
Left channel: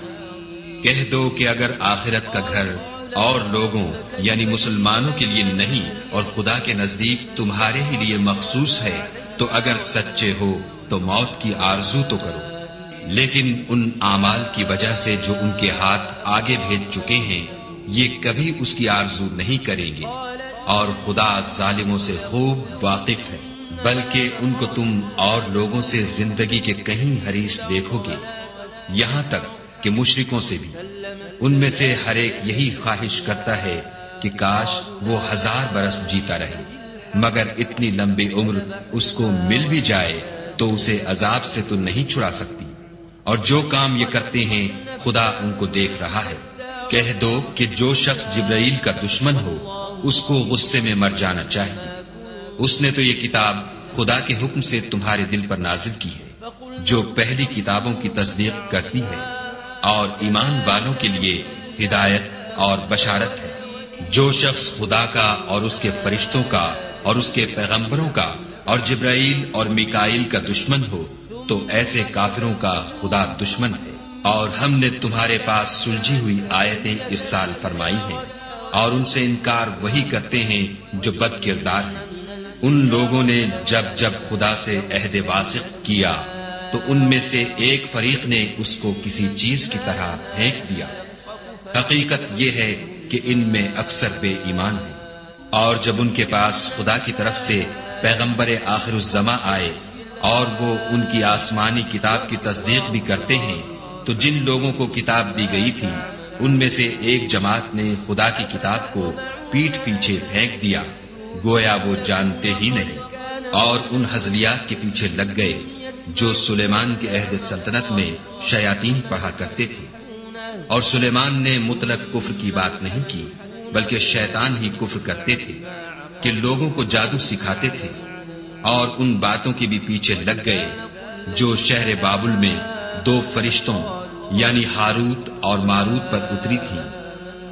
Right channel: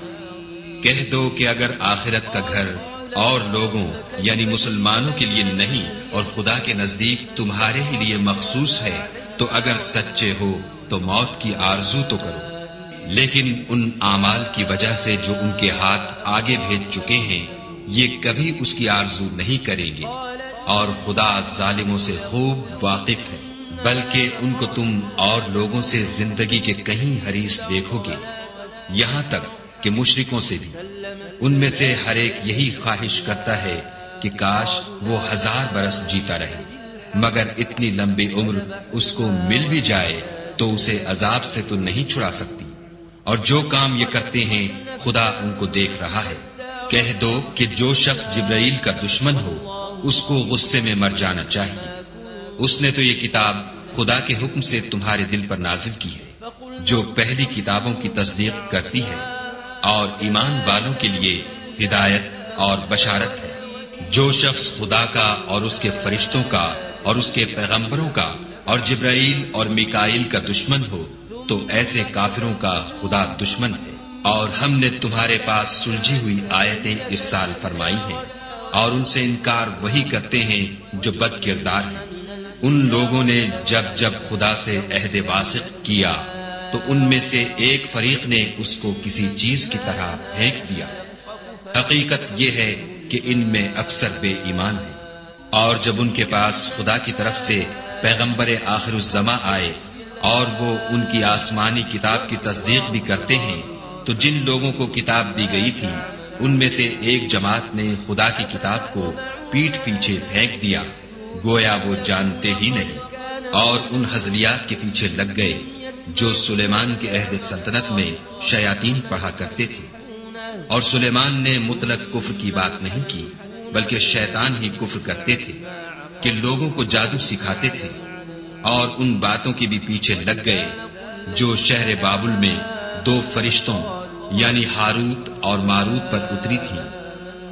کہہ دو کہ اگر آخرت کا گھر اور لوگوں یعنی مسلمانوں کے لیے نہیں اور خدا کے نزدیک تمہارے ہی لیے مخصوص ہے تو اگر سچے ہو تو موت کی آرزو تو کرو، لیکن ان اعمال کی وجہ سے جو ان کے ہاتھ آگے بھیج چکے ہیں یہ کبھی اس کی آرزو نہیں کریں گے، اور خدا ظالموں سے خوب واقف ہے۔ بلکہ ان کو تم اور لوگوں سے زندگی کے کہیں حریص دیکھو گے، یہاں تک کہ مشرکوں سے بھی۔ ان میں سے ہر ایک یہی خواہش کرتا ہے کہ کاش وہ 1000 برس جیتا رہے، مگر اتنی لمبی عمر اس کو مل بھی جائے تو اسے عذاب سے تو نہیں چھڑا سکتی، اور جو کام یہ کرتے ہیں خدا ان کو دیکھ رہا ہے۔ کہہ دو کہ جو شخص جبرائیل کا دشمن ہو اس کو غصے میں مر جانا چاہیے، اس نے تو یہ کتاب خدا کے حکم سے تمہارے دل پر نازل کی ہے جو پہلی کتابوں کی تصدیق کرتی ہے، اور ایمان والوں کے لیے ہدایت اور بشارت ہے۔ جو شخص خدا کا اور اس کے فرشتوں کا اور اس کے پیغمبروں کا اور جبرائیل اور میکائیل کا دشمن ہو تو ایسے کافروں کا خدا دشمن ہے۔ اور ہم نے تمہارے پاس سلجھی ہوئی آیتیں ارسال فرمائی ہیں، اور ان سے انکار وہی کرتے ہیں جو بد کردار ہیں۔ ان لوگوں نے جب جب خدا سے عہد واثق کیا تو ان میں سے ایک فریق نے اس کو کسی چیز کی طرح پھینک دیا۔ حقیقت یہ ہے کہ ان میں اکثر بے ایمان ہیں۔ اور جب ان کے پاس خدا کی طرف سے پیغمبر آخر الزماں آئے اور وہ ان کی آسمانی کتاب کی تصدیق بھی کرتے ہیں تو جن لوگوں کو کتاب دی گئی تھی ان میں سے ایک جماعت نے خدا کی کتاب کو پیٹھ پیچھے پھینک دیا گویا وہ جانتے ہی نہیں، اور ان ہزلیات کے پیچھے لگ گئے جو سلیمان کے عہد سلطنت میں شیاطین پڑھا کرتے تھے۔ اور سلیمان نے مطلق کفر کی بات نہیں کی بلکہ شیطان ہی کفر کرتے تھے کہ لوگوں کو جادو سکھاتے تھے، اور ان باتوں کے بھی پیچھے لگ گئے جو شہر بابل میں 2 فرشتوں یعنی ہاروت اور ماروت پر اتری تھی،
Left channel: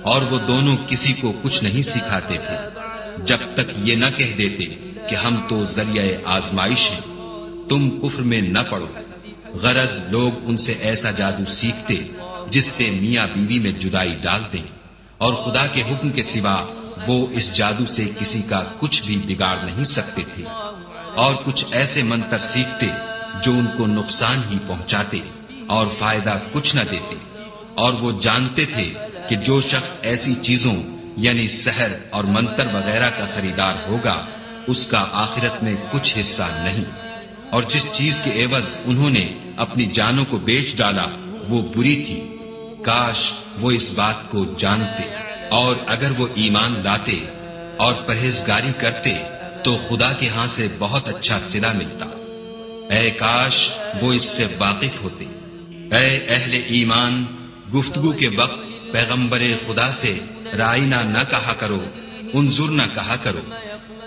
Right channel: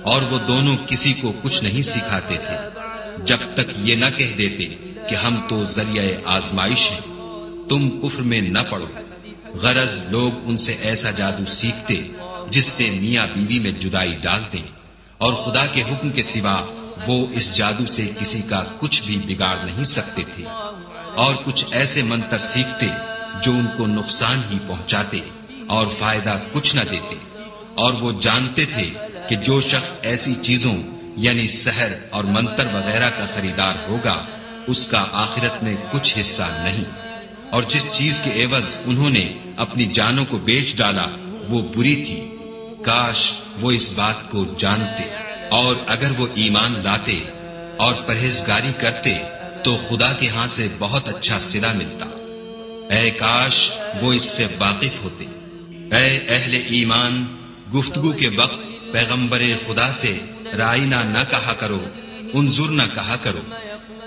اور وہ دونوں کسی کو کچھ نہیں سکھاتے تھے جب تک یہ نہ کہہ دیتے کہ ہم تو ذریعہ آزمائش ہیں، تم کفر میں نہ پڑو۔ غرض لوگ ان سے ایسا جادو سیکھتے جس سے میاں بیوی میں جدائی ڈال دیں، اور خدا کے حکم کے سوا وہ اس جادو سے کسی کا کچھ بھی بگاڑ نہیں سکتے تھے، اور کچھ ایسے منتر سیکھتے جو ان کو نقصان ہی پہنچاتے اور فائدہ کچھ نہ دیتے، اور وہ جانتے تھے کہ جو شخص ایسی چیزوں یعنی سحر اور منتر وغیرہ کا خریدار ہوگا اس کا آخرت میں کچھ حصہ نہیں، اور جس چیز کے عوض انہوں نے اپنی جانوں کو بیچ ڈالا وہ بری تھی، کاش وہ اس بات کو جانتے، اور اگر وہ ایمان لاتے اور پرہیزگاری کرتے تو خدا کے ہاں سے بہت اچھا صلہ ملتا، اے کاش وہ اس سے واقف ہوتے۔ اے اہل ایمان، گفتگو کے وقت پیغمبر خدا سے رائنا نہ کہا کرو، انظر نہ کہا کرو،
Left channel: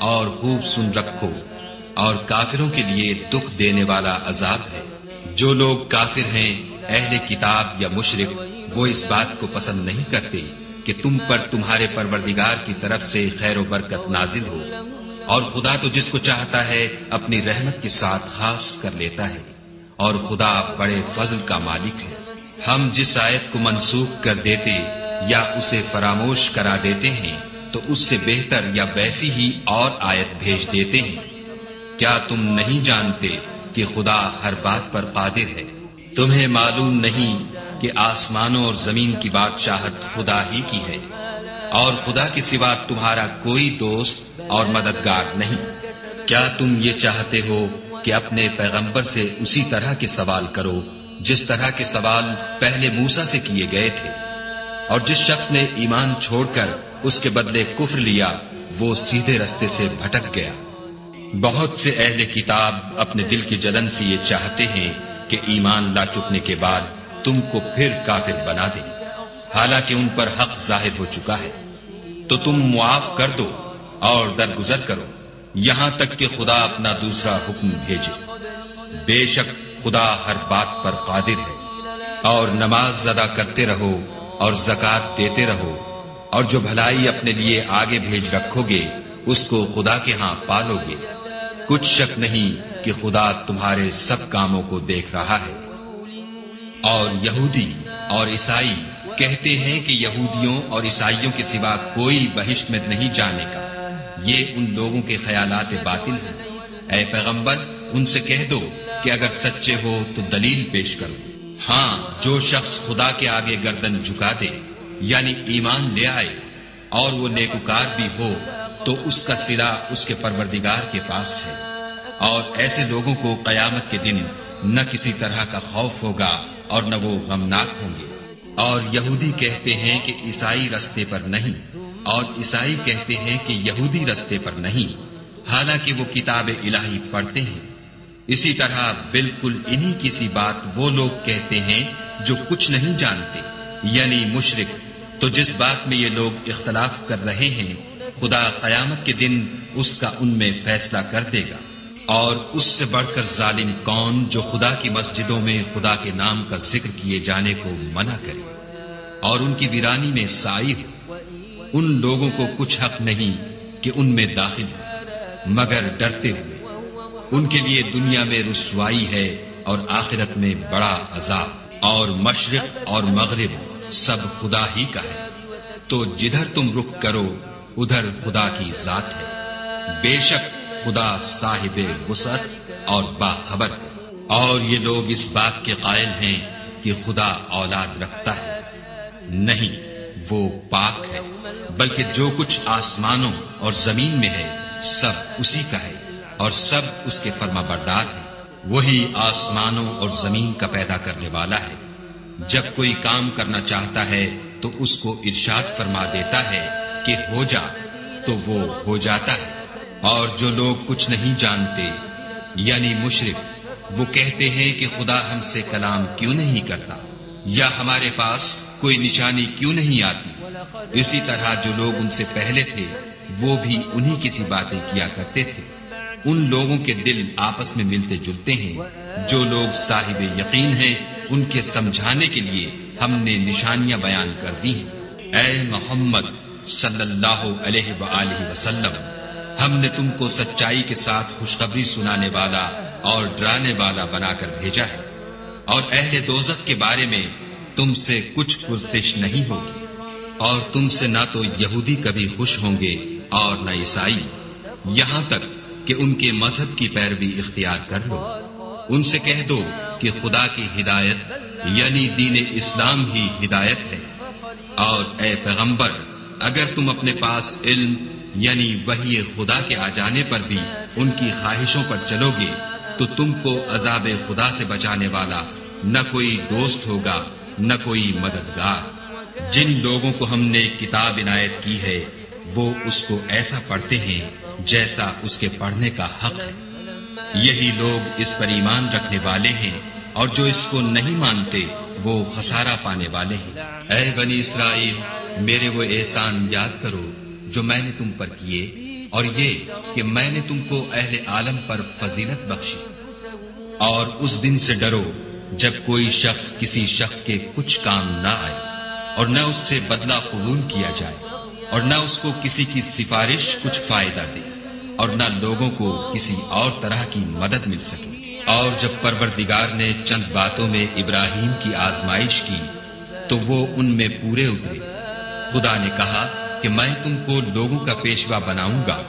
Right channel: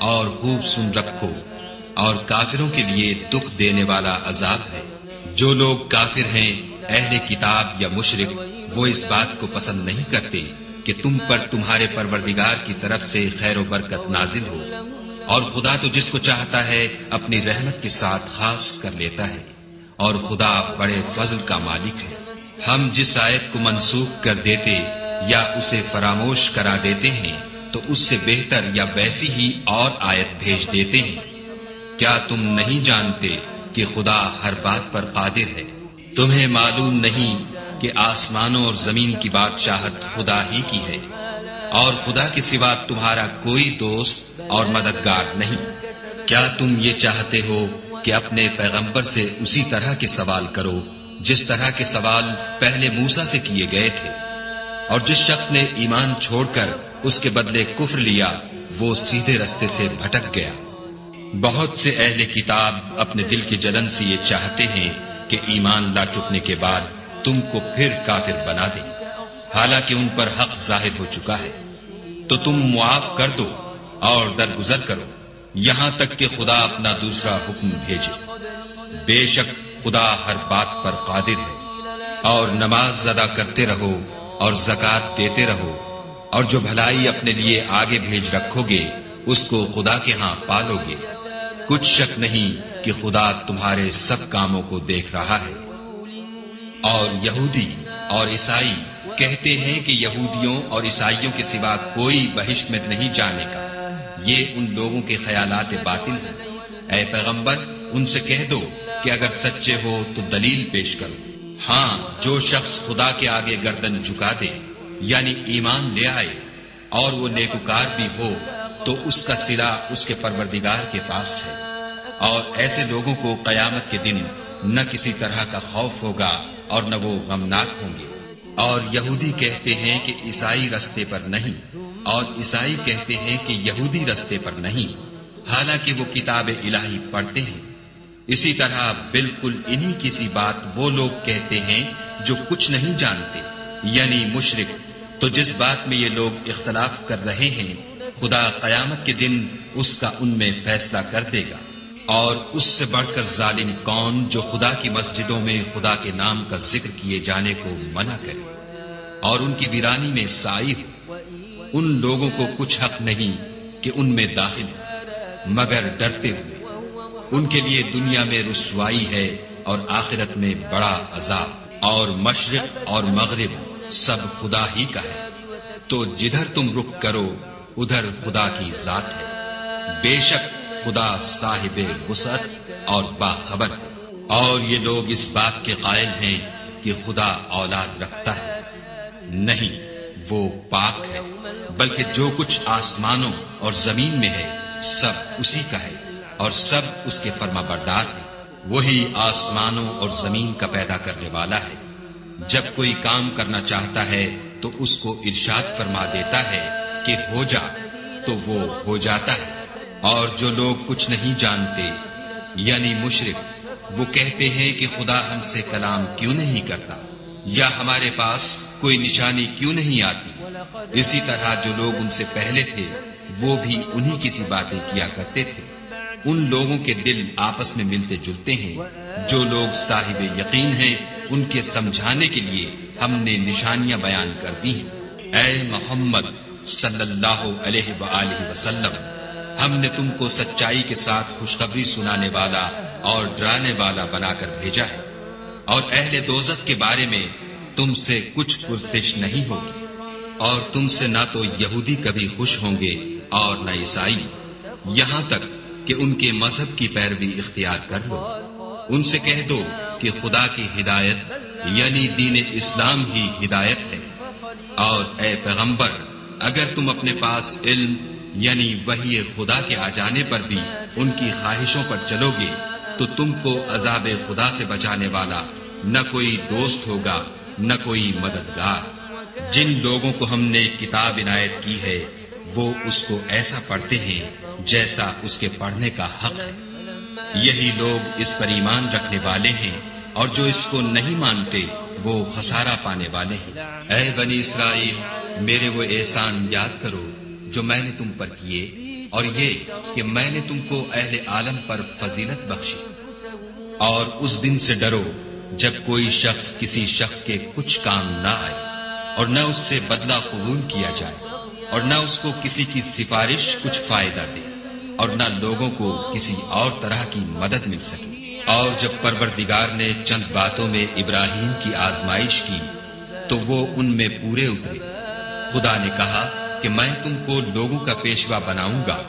اور خوب سن رکھو، اور کافروں کے لیے دکھ دینے والا عذاب ہے۔ جو لوگ کافر ہیں، اہل کتاب یا مشرک، وہ اس بات کو پسند نہیں کرتے کہ تم پر تمہارے پروردگار کی طرف سے خیر و برکت نازل ہو، اور خدا تو جس کو چاہتا ہے اپنی رحمت کے ساتھ خاص کر لیتا ہے، اور خدا بڑے فضل کا مالک ہے۔ ہم جس آیت کو منسوخ کر دیتے یا اسے فراموش کرا دیتے ہیں تو اس سے بہتر یا ویسی ہی اور آیت بھیج دیتے ہیں۔ کیا تم نہیں جانتے کہ خدا ہر بات پر قادر ہے؟ تمہیں معلوم نہیں کہ آسمانوں اور زمین کی بادشاہت خدا ہی کی ہے، اور خدا کے سوا تمہارا کوئی دوست اور مددگار نہیں۔ کیا تم یہ چاہتے ہو کہ اپنے پیغمبر سے اسی طرح کے سوال کرو جس طرح کے سوال پہلے موسیٰ سے کیے گئے تھے؟ اور جس شخص نے ایمان چھوڑ کر اس کے بدلے کفر لیا وہ سیدھے رستے سے بھٹک گیا۔ بہت سے اہل کتاب اپنے دل کی جلن سے یہ چاہتے ہیں کہ ایمان لا چکنے کے بعد تم کو پھر کافر بنا دیں، حالانکہ ان پر حق ظاہر ہو چکا ہے، تو تم معاف کر دو اور درگزر کرو یہاں تک کہ خدا اپنا دوسرا حکم بھیجے۔ بے شک خدا ہر بات پر قادر ہے، اور نماز ادا کرتے رہو اور زکوٰۃ دیتے رہو، اور جو بھلائی اپنے لیے آگے بھیج رکھو گے اس کو خدا کے ہاں پالو گے۔ کچھ شک نہیں کہ خدا تمہارے سب کاموں کو دیکھ رہا ہے۔ اور یہودی اور عیسائی کہتے ہیں کہ یہودیوں اور عیسائیوں کے سوا کوئی بہشت میں نہیں جانے کا، یہ ان لوگوں کے خیالات باطل ہیں۔ اے پیغمبر، ان سے کہہ دو کہ اگر سچے ہو تو دلیل پیش کرو۔ ہاں، جو شخص خدا کے آگے گردن جھکا دے یعنی ایمان لے آئے اور وہ نیکوکار بھی ہو تو اس کا صلہ اس کے پروردگار کے پاس ہے، اور ایسے لوگوں کو قیامت کے دن نہ کسی طرح کا خوف ہوگا اور نہ وہ غمناک ہوں گے۔ اور یہودی کہتے ہیں کہ عیسائی رستے پر نہیں، اور عیسائی کہتے ہیں کہ یہودی رستے پر نہیں، حالانکہ وہ کتاب الہی پڑھتے ہیں۔ اسی طرح بالکل انہی کی سی بات وہ لوگ کہتے ہیں جو کچھ نہیں جانتے، یعنی مشرک۔ تو جس بات میں یہ لوگ اختلاف کر رہے ہیں خدا قیامت کے دن اس کا ان میں فیصلہ کر دے گا۔ اور اس سے بڑھ کر ظالم کون جو خدا کی مسجدوں میں خدا کے نام کا ذکر کیے جانے کو منع کرے اور ان کی ویرانی میں سائی ہو۔ ان لوگوں کو کچھ حق نہیں کہ ان میں داخل ہو مگر ڈرتے ہوئے۔ ان کے لیے دنیا میں رسوائی ہے اور آخرت میں بڑا عذاب۔ اور مشرق اور مغرب سب خدا ہی کا ہے، تو جدھر تم رخ کرو ادھر خدا کی ذات ہے۔ بے شک خدا صاحب وسعت اور باخبر ہے۔ اور یہ لوگ اس بات کے قائل ہیں کہ خدا اولاد رکھتا ہے، نہیں، وہ پاک ہے، بلکہ جو کچھ آسمانوں اور زمین میں ہے سب اسی کا ہے، اور سب اس کے فرما بردار ہیں۔ وہی آسمانوں اور زمین کا پیدا کرنے والا ہے۔ جب کوئی کام کرنا چاہتا ہے تو اس کو ارشاد فرما دیتا ہے کہ ہو جا، تو وہ ہو جاتا ہے۔ اور جو لوگ کچھ نہیں جانتے یعنی مشرک، وہ کہتے ہیں کہ خدا ہم سے کلام کیوں نہیں کرتا، یا ہمارے پاس کوئی نشانی کیوں نہیں آتی۔ اسی طرح جو لوگ ان سے پہلے تھے وہ بھی انہی کی سی باتیں کیا کرتے تھے۔ ان لوگوں کے دل آپس میں ملتے جلتے ہیں۔ جو لوگ صاحب یقین ہیں ان کے سمجھانے کے لیے ہم نے نشانیاں بیان کر دی ہیں۔ اے محمد صلی اللہ علیہ وآلہ وسلم، ہم نے تم کو سچائی کے ساتھ خوشخبری سنانے والا اور ڈرانے والا بنا کر بھیجا ہے۔ اور اہل دوزخ کے بارے میں تم سے کچھ پرسش نہیں ہوگی، اور تم سے نہ تو یہودی کبھی خوش ہوں گے اور نہ عیسائی، یہاں تک کہ ان کے مذہب کی پیروی اختیار کر لو۔ ان سے کہہ دو کہ خدا کی ہدایت یعنی دین اسلام ہی ہدایت ہے، اور اے پیغمبر اگر تم اپنے پاس علم یعنی وحی خدا کے آ جانے پر بھی ان کی خواہشوں پر چلو گے تو تم کو عذاب خدا سے بچانے والا نہ کوئی دوست ہوگا نہ کوئی مددگار۔ جن لوگوں کو ہم نے کتاب عنایت کی ہے وہ اس کو ایسا پڑھتے ہیں جیسا اس کے پڑھنے کا حق ہے، یہی لوگ اس پر ایمان رکھنے والے ہیں، اور جو اس کو نہیں مانتے وہ خسارہ پانے والے ہیں۔ اے بنی اسرائیل، میرے وہ احسان یاد کرو جو میں نے تم پر کیے، اور یہ کہ میں نے تم کو اہل عالم پر فضیلت بخشی۔ اور اس دن سے ڈرو جب کوئی شخص کسی شخص کے کچھ کام نہ آئے، اور نہ اس سے بدلہ قبول کیا جائے، اور نہ اس کو کسی کی سفارش کچھ فائدہ دے، اور نہ لوگوں کو کسی اور طرح کی مدد مل سکے۔ اور جب پروردگار نے چند باتوں میں ابراہیم کی آزمائش کی تو وہ ان میں پورے اترے۔ خدا نے کہا کہ میں تم کو لوگوں کا پیشوا بناؤں گا۔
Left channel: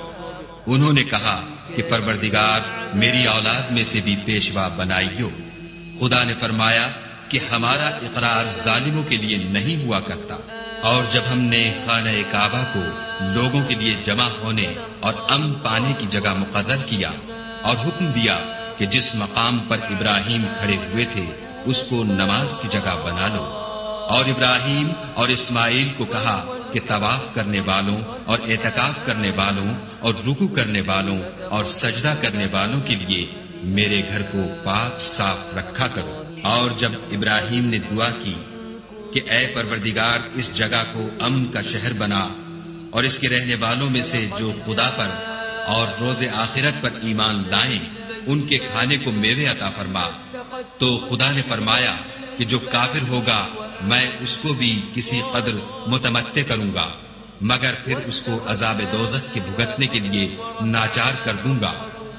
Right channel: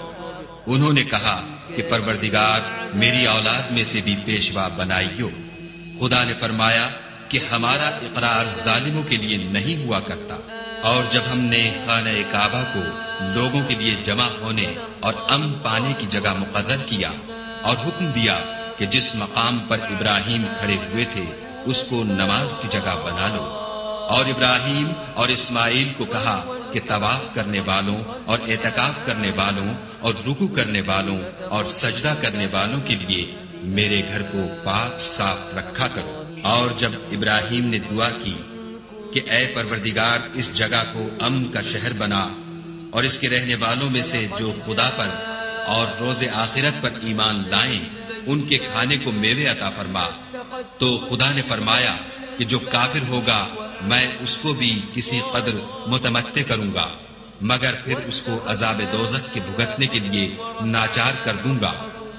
انہوں نے کہا کہ پروردگار میری اولاد میں سے بھی پیشوا بنائیو۔ خدا نے فرمایا کہ ہمارا اقرار ظالموں کے لیے نہیں ہوا کرتا۔ اور جب ہم نے خانہ کعبہ کو لوگوں کے لیے جمع ہونے اور امن پانے کی جگہ مقرر کیا اور حکم دیا کہ جس مقام پر ابراہیم کھڑے ہوئے تھے اس کو نماز کی جگہ بنا لو، اور ابراہیم اور اسماعیل کو کہا کہ طواف کرنے والوں اور اعتکاف کرنے والوں اور رکوع کرنے والوں اور سجدہ کرنے والوں کے لیے میرے گھر کو پاک صاف رکھا کرو۔ اور جب ابراہیم نے دعا کی کہ اے پروردگار اس جگہ کو امن کا شہر بنا، اور اس کے رہنے والوں میں سے جو خدا پر اور روز آخرت پر ایمان لائیں ان کے کھانے کو میوے عطا فرما، تو خدا نے فرمایا کہ جو کافر ہوگا میں اس کو بھی کسی قدر متمتع کروں گا، مگر پھر اس کو عذاب دوزخ کے بھگتنے کے لیے ناچار کر دوں گا،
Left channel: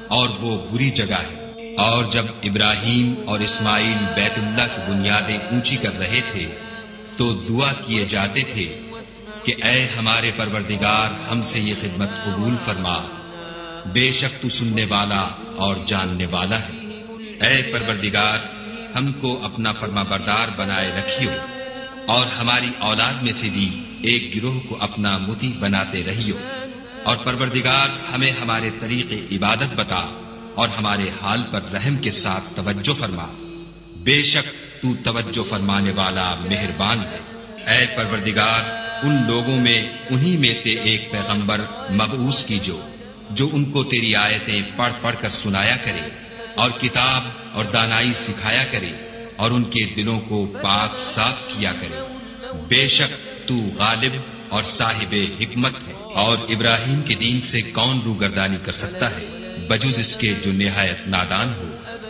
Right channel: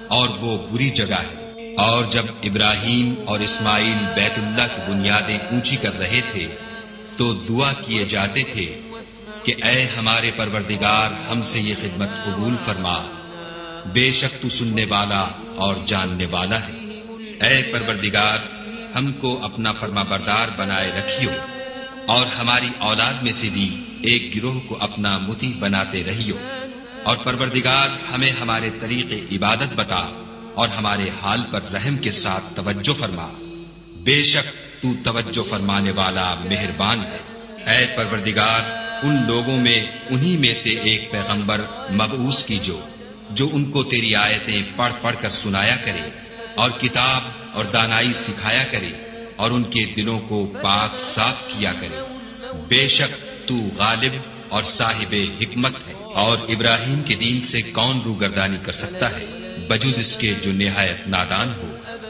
اور وہ بری جگہ ہے۔ اور جب ابراہیم اور اسماعیل بیت اللہ کی بنیادیں اونچی کر رہے تھے تو دعا کیے جاتے تھے کہ اے ہمارے پروردگار ہم سے یہ خدمت قبول فرما، بے شک تو سننے والا اور جاننے والا ہے۔ اے پروردگار ہم کو اپنا فرما بردار بنائے رکھیو، اور ہماری اولاد میں سے بھی ایک گروہ کو اپنا مطیع بناتے رہیو، اور پروردگار ہمیں ہمارے طریق عبادت بتا اور ہمارے حال پر رحم کے ساتھ توجہ فرما، بے شک تو توجہ فرمانے والا مہربان ہے۔ اے پروردگار ان لوگوں میں انہی میں سے ایک پیغمبر مبعوث کیجو جو ان کو تیری آیتیں پڑھ پڑھ کر سنایا کرے اور کتاب اور دانائی سکھایا کرے اور ان کے دلوں کو پاک صاف کیا کرے، بے شک تو غالب اور صاحب حکمت ہے۔ اور ابراہیم کے دین سے کون روگردانی کر سکتا ہے بجز اس کے جو نہایت نادان ہو۔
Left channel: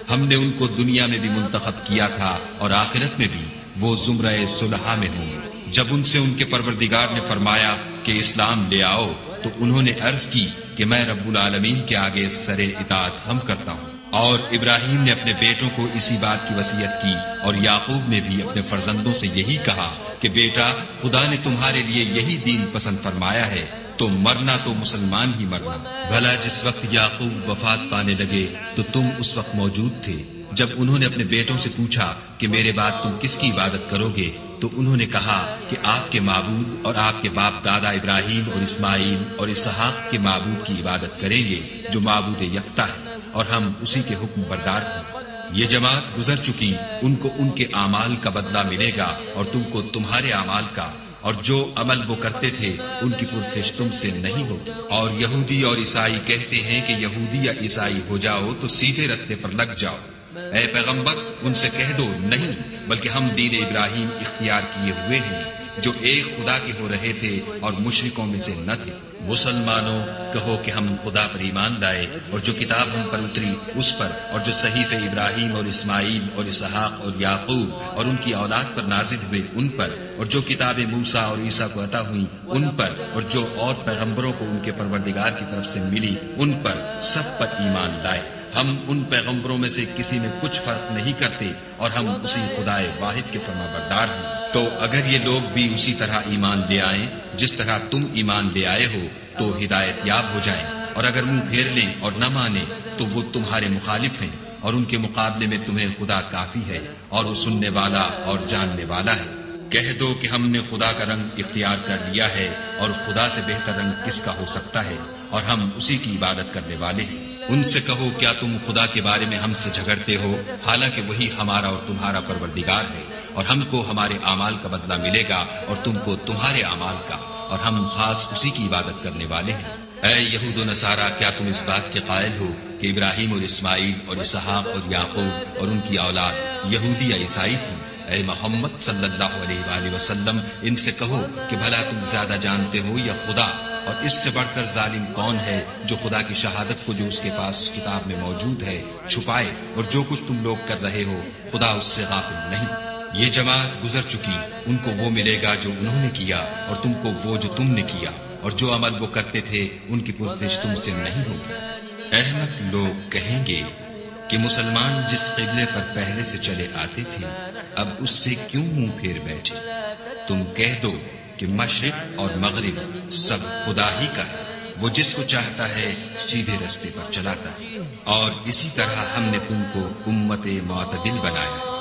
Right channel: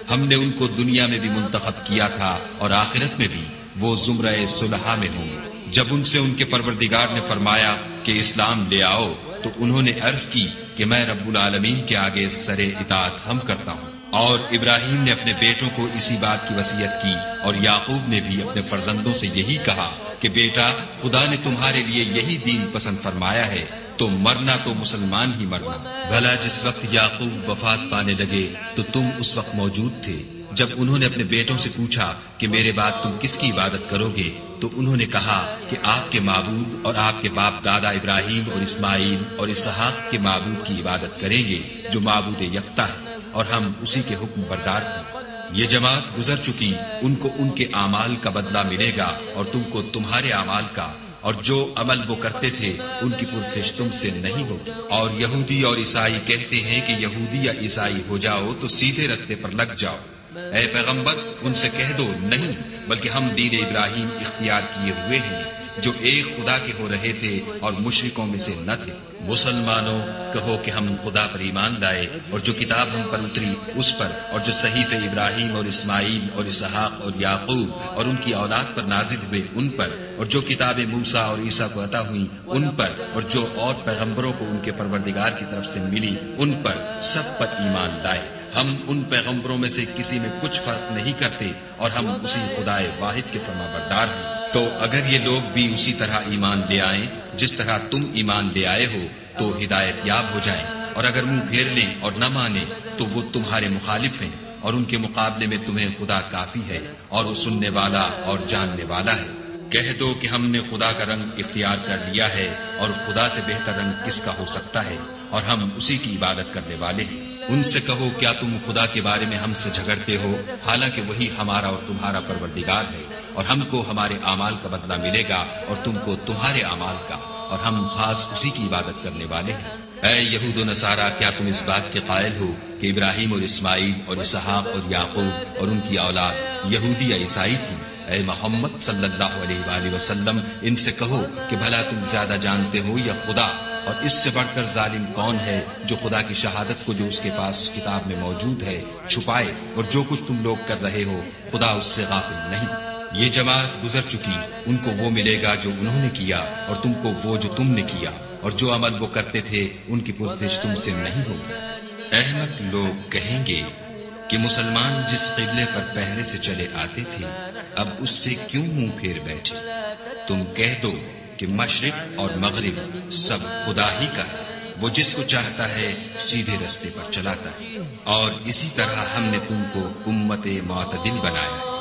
ہم نے ان کو دنیا میں بھی منتخب کیا تھا اور آخرت میں بھی وہ زمرہ صلحاء میں ہوں گے۔ جب ان سے ان کے پروردگار نے فرمایا کہ اسلام لے آؤ تو انہوں نے عرض کی کہ میں رب العالمین کے آگے سر اطاعت خم کرتا ہوں۔ اور ابراہیم نے اپنے بیٹوں کو اسی بات کی وصیت کی، اور یعقوب نے بھی اپنے فرزندوں سے یہی کہا کہ بیٹا خدا نے تمہارے لیے یہی دین پسند فرمایا ہے تو مرنا تو مسلمان ہی مرنا۔ بھلا جس وقت یعقوب وفات پانے لگے تو تم اس وقت موجود تھے جب انہوں نے اپنے بیٹوں سے پوچھا کہ میرے بعد تم کس کی عبادت کرو گے، تو انہوں نے کہا کہ آپ کے معبود اور آپ کے باپ دادا ابراہیم اور اسماعیل اور اسحاق کے معبود کی عبادت کریں گے جو معبود یکتا ہے، اور ہم اسی کے حکم بردار ہیں۔ یہ جماعت گزر چکی، ان کو ان کے اعمال کا بدلہ ملے گا اور تم کو تمہارے اعمال کا، اور جو عمل وہ کرتے تھے ان کی پرسش تم سے نہیں ہوگی۔ اور یہودی اور عیسائی کہتے ہیں کہ یہودی یا عیسائی ہو جاؤ تو سیدھے رستے پر لگ جاؤ۔ اے پیغمبر ان سے کہہ دو نہیں، بلکہ ہم دین ابراہیم اختیار کیے ہوئے ہیں جو ایک خدا کے ہو رہے تھے اور مشرکوں میں سے نہ تھے۔ مسلمانوں کہو کہ ہم خدا پر ایمان لائے اور جو کتاب ہم پر اتری اس پر، اور جو صحیفے ابراہیم اور اسماعیل اور اسحاق اور یعقوب اور ان کی اولاد پر نازل ہوئے ان پر، اور جو کتابیں موسیٰ اور عیسیٰ کو عطا ہوئیں ان پر، اور جو اور پیغمبروں کو ان کے پروردگار کی طرف سے ملی ان پر، سب پر ایمان لائے۔ ہم ان پیغمبروں میں سے کسی میں کچھ فرق نہیں کرتے اور ہم اسی خدائے واحد کے فرمانبردار ہیں۔ تو اگر یہ لوگ بھی اسی طرح ایمان لے آئیں جس طرح تم ایمان لے آئے ہو تو ہدایت یاب ہو جائیں، اور اگر منہ پھیر لیں اور نہ مانیں تو وہ تمہارے مخالف ہیں، اور ان کے مقابلے میں تمہیں خدا کافی ہے اور وہ سننے والا اور جاننے والا ہے۔ کہہ دو کہ ہم نے خدا کا رنگ اختیار کر لیا ہے، اور خدا سے بہتر رنگ کس کا ہو سکتا ہے، اور ہم اسی کی عبادت کرنے والے ہیں۔ ان سے کہو کیا تم خدا کے بارے میں ہم سے جھگڑتے ہو، حالانکہ وہی ہمارا اور تمہارا پروردگار ہے، اور ہم کو ہمارے اعمال کا بدلہ ملے گا اور تم کو تمہارے اعمال کا، اور ہم خاص اسی کی عبادت کرنے والے ہیں۔ اے یہود و نصارا، کیا تم اس بات کے قائل ہو کہ ابراہیم اور اسماعیل اور اسحاق اور یعقوب اور ان کی اولاد یہودی یا عیسائی تھی؟ اے محمد صلی اللہ علیہ وآلہ وسلم، ان سے کہو کہ بھلا تم زیادہ جانتے ہو یا خدا؟ اور اس سے بڑھ کر ظالم کون ہے جو خدا کی شہادت کو جو اس کے پاس کتاب میں موجود ہے چھپائے، اور جو کچھ تم لوگ کر رہے ہو خدا اس سے غافل نہیں۔ یہ جماعت گزر چکی، ان کو وہ ملے گا جو انہوں نے کیا، اور تم کو وہ جو تم نے کیا، اور جو عمل وہ کرتے تھے ان کی پرسش تم سے نہیں ہوگی۔ احمق لوگ کہیں گے کہ مسلمان جس قبلے پر پہلے سے چلے آتے تھے اب اس سے کیوں منہ پھیر بیٹھے؟ تم کہہ دو کہ مشرق اور مغرب سب خدا ہی کا ہے، وہ جس کو چاہتا ہے سیدھے رستے پر چلاتا ہے، اور اسی طرح ہم نے تم کو امت معتدل بنایا ہے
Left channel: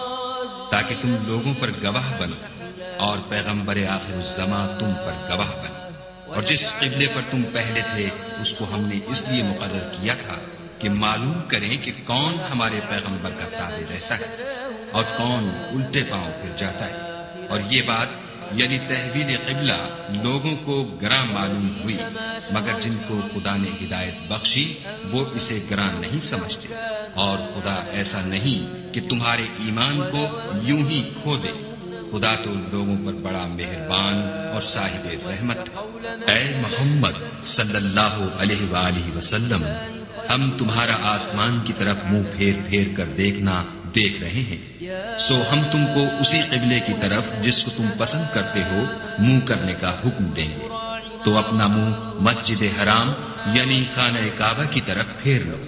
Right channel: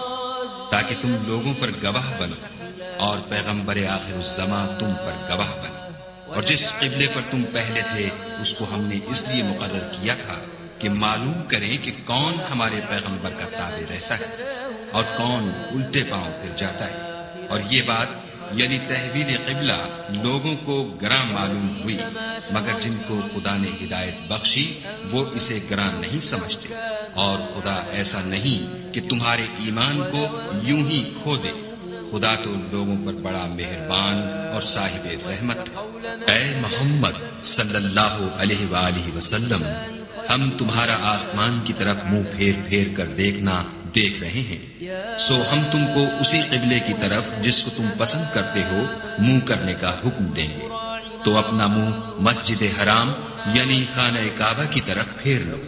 تاکہ تم لوگوں پر گواہ بنو، اور پیغمبر آخر الزماں تم پر گواہ بنے۔ اور جس قبلے پر تم پہلے تھے اس کو ہم نے اس لیے مقرر کیا تھا کہ معلوم کریں کہ کون ہمارے پیغمبر کا تابع رہتا ہے اور کون الٹے پاؤں پھر جاتا ہے۔ اور یہ بات یعنی تحویل قبلہ لوگوں کو گراں معلوم ہوئی، مگر جن کو خدا نے ہدایت بخشی وہ اسے گراں نہیں سمجھتے، اور خدا ایسا نہیں کہ تمہارے ایمان کو یوں ہی کھو دے۔ خدا تو لوگوں پر بڑا مہربان اور صاحب رحمت ہے۔ اے محمد صلی اللہ علیہ وآلہ وسلم، ہم تمہارا آسمان کی طرف منہ پھیر پھیر کر دیکھنا دیکھ رہے ہیں، سو ہم تم کو اسی قبلے کی طرف جس کو تم پسند کرتے ہو منہ کرنے کا حکم دیں گے، تو اپنا منہ مسجد حرام یعنی خانہ کعبہ کی طرف پھیر لو،